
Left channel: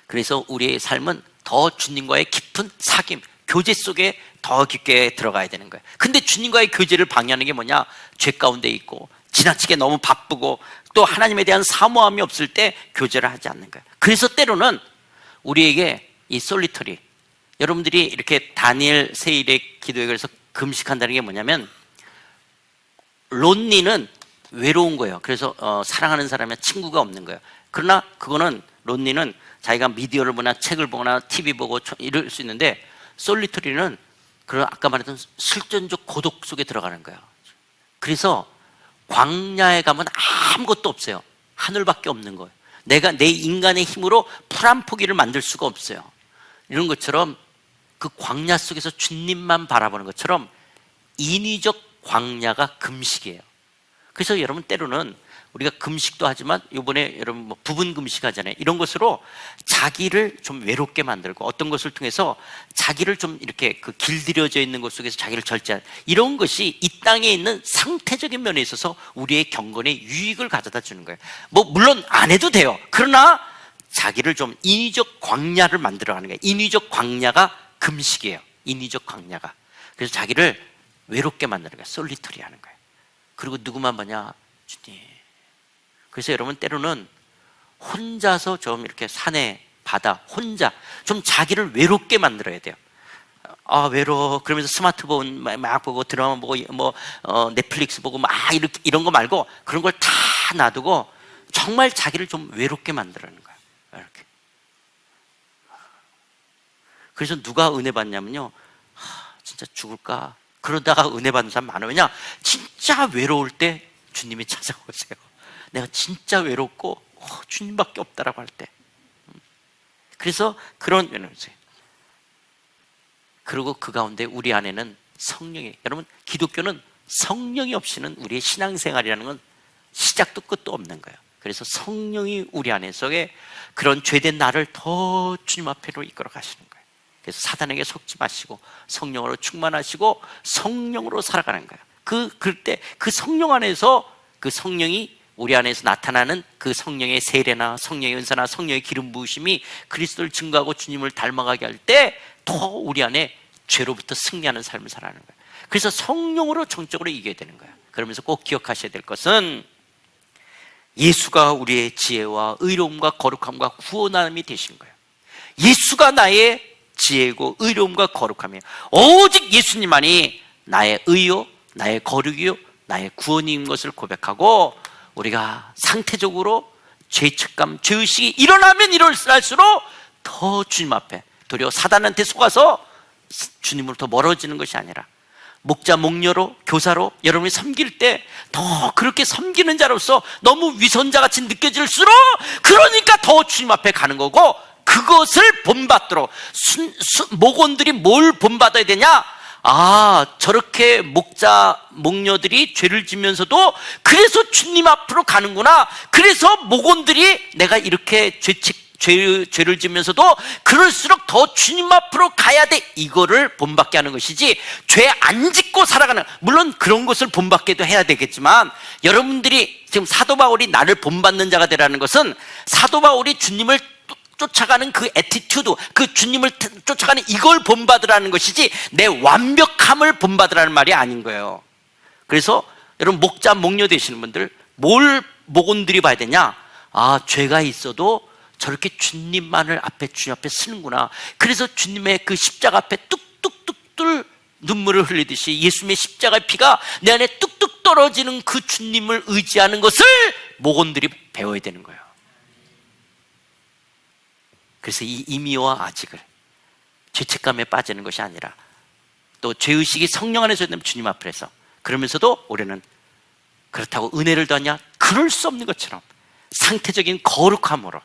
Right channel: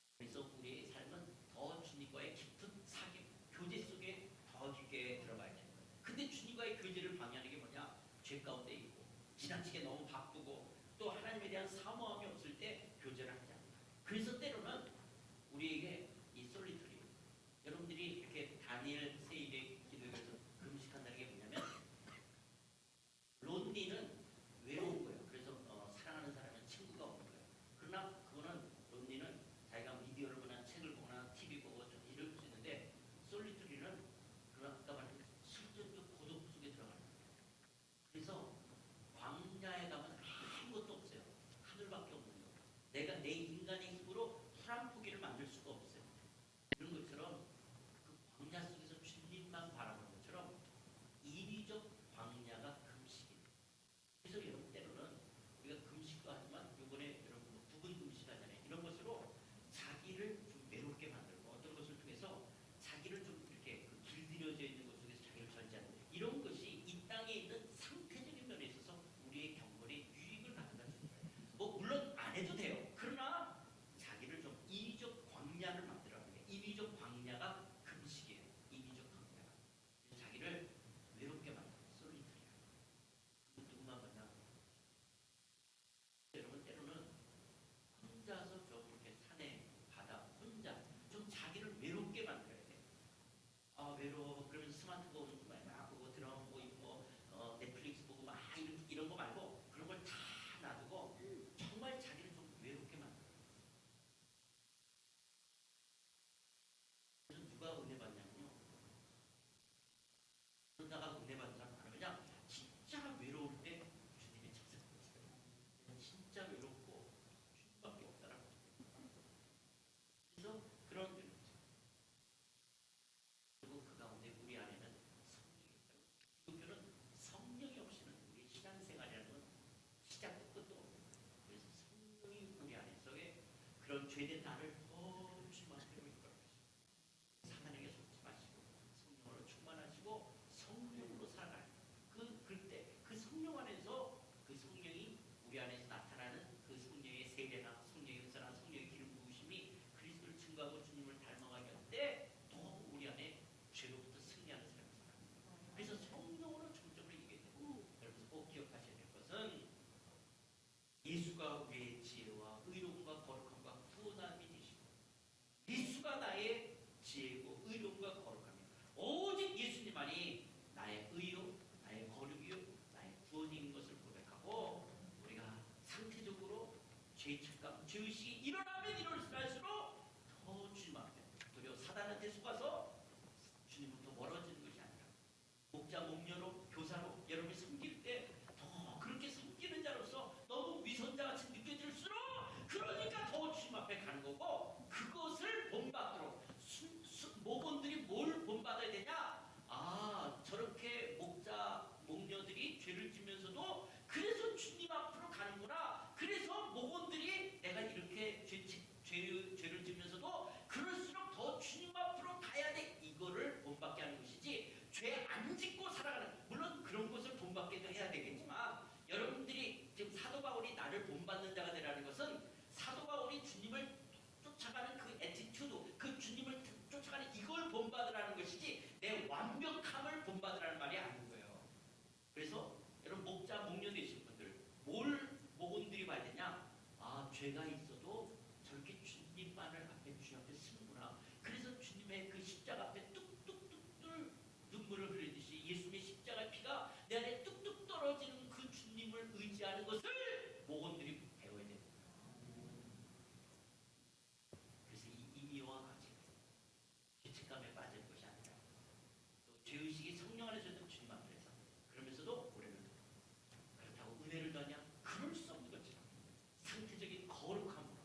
그래서 우리의 삶은 더 주님과의 깊은 사귐, 교제 속에 더 깊게 들어가야 되는 거예요. 근데 주님과의 교제를 방해하는 게 뭐냐? 죄 가운데 있고 지나치게 너무 바쁘고 또 하나님에 대한 사모함이 없을 때 교제를 하지 않는 거예요. 그래서 때로는 우리에게 이 솔리터리, 여러분들이 이렇게 다니엘 세일의 기도에 그래서 금식한다는 게 뭐냐면, 론니는 외로운 거예요. 그래서 사랑하는 사람이 친구가 없는 거예요. 그러나 그거는, 론니는 자기가 미디어를 보거나 책을 보거나 TV 보고 이럴 수 있는데, 솔리터리는 그런 아까 말했던 실존적 고독 속에 들어가는 거예요. 그래서 광야에 가면 아무것도 없어요. 하늘밖에 없는 거예요. 내가 내 인간의 힘으로 풀 한 포기를 만들 수가 없어요. 이런 것처럼 그 광야 속에서 주님만 바라보는 것처럼 인위적 광야가 금식이에요. 그래서 여러분, 때로는 우리가 금식도 하지만 이번에 여러분 부분 금식 하잖아요. 이런 것으로 자기를 좀 외롭게 만들고 어떤 것을 통해서 자기를 좀 이렇게 그 길들여져 있는 것 속에서 자기를 절제하는, 이런 것이 이 땅에 있는 상태적인 면에 있어서 우리의 경건에 유익을 가져다 주는 거예요. 물론 안 해도 돼요. 그러나 자기를 좀 인위적 광야를 만들어가는 거예요. 인위적 광야가 금식이에요. 인위적 광야가. 그래서 자기를 외롭게 만드는 거예요. 솔리터리 하는 거예요. 그리고 누구만 보냐? 주님. 그래서 여러분, 때로는 혼자서 좀 이렇게 산에, 바다, 혼자 좀 자기를 외롭게 만들어야 돼요. 아, 외로워. 그러면서 스마트폰 막 보고 드라마 보고 넷플릭스 보고 막 이렇게 이런 거 말고 그런 걸 다 놔두고 정말 자기를 좀 외롭게 만들어는 거예요. 이렇게. 그래서 누가 은혜 받냐면요, 진짜 죽을까? 그러다가 은혜 받는 사람 많아요. 왜냐? 진짜 외로울 때 주님이 찾아오세요. 내가 진짜 외롭고 주님밖에 없다라고 할 때. 그래서 그런 면에서 그리고 그 가운데 우리 안에는 성령이, 여러분 기독교는 성령이 없이는 우리의 신앙생활이라는 건 시작도 끝도 없는 거예요. 그래서 성령이 우리 안에 속에 그런 죄된 나를 더 주님 앞으로 이끌어 가시는 거예요. 그래서 사단에게 속지 마시고 성령으로 충만하시고 성령으로 살아가는 거예요. 그럴 때 그 성령 안에서 그 성령이 우리 안에서 나타나는 그 성령의 세례나 성령의 은사나 성령의 기름 부으심이 그리스도를 증거하고 주님을 닮아가게 할 때 더 우리 안에 죄로부터 승리하는 삶을 살아가는 거예요. 그래서 성령으로 정적으로 이겨야 되는 거예요. 그러면서 꼭 기억하셔야 될 것은 예수가 우리의 지혜와 의로움과 거룩함과 구원함이 되신 거예요. 예수가 나의 지혜고 의로움과 거룩함이에요. 오직 예수님만이 나의 의요, 나의 거룩이요, 나의 구원인 것을 고백하고 우리가 상태적으로 죄책감, 죄의식이 일어나면 일어날수록 더 주님 앞에, 도리어 사단한테 속아서 주님으로 더 멀어지는 것이 아니라 목자, 목녀로, 교사로 여러분이 섬길 때 더 그렇게 섬기는 자로서 너무 위선자같이 느껴질수록 그러니까 더 주님 앞에 가는 거고, 그것을 본받도록 목원들이 뭘 본받아야 되냐? 저렇게 목자, 목녀들이 죄를 지면서도 그래서 주님 앞으로 가는구나. 그래서 목원들이 내가 이렇게 죄를 지면서도 그럴수록 더 주님 앞으로 가야 돼. 이거를 본받게 하는 것이지, 죄 안 짓고 살아가는, 물론 그런 것을 본받게도 해야 되겠지만, 여러분들이 지금 사도 바울이 나를 본받는 자가 되라는 것은 사도 바울이 주님을 쫓아가는 그 애티튜드, 그 주님을 쫓아가는 이걸 본받으라는 것이지 내 완벽함을 본받으라는 말이 아닌 거예요. 그래서 여러분 목자, 목녀 되시는 분들 뭘 목원들이 봐야 되냐? 죄가 있어도 저렇게 주님만을 앞에, 주님 앞에 쓰는구나. 그래서 주님의 그 십자가 앞에 뚝뚝뚝 눈물을 흘리듯이 예수님의 십자가의 피가 내 안에 뚝뚝 떨어지는 그 주님을 의지하는 것을 목원들이 배워야 되는 거예요. 그래서 이 이미와 아직을 죄책감에 빠지는 것이 아니라, 또 죄의식이 성령 안에서 되면 주님 앞에서, 그러면서도 우리는 그렇다고 은혜를 더하냐? 그럴 수 없는 것처럼 상태적인 거룩함으로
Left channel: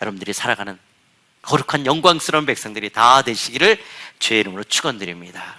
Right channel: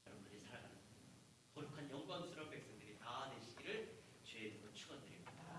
여러분들이 살아가는 거룩한 영광스러운 백성들이 다 되시기를 주의 이름으로 축원드립니다.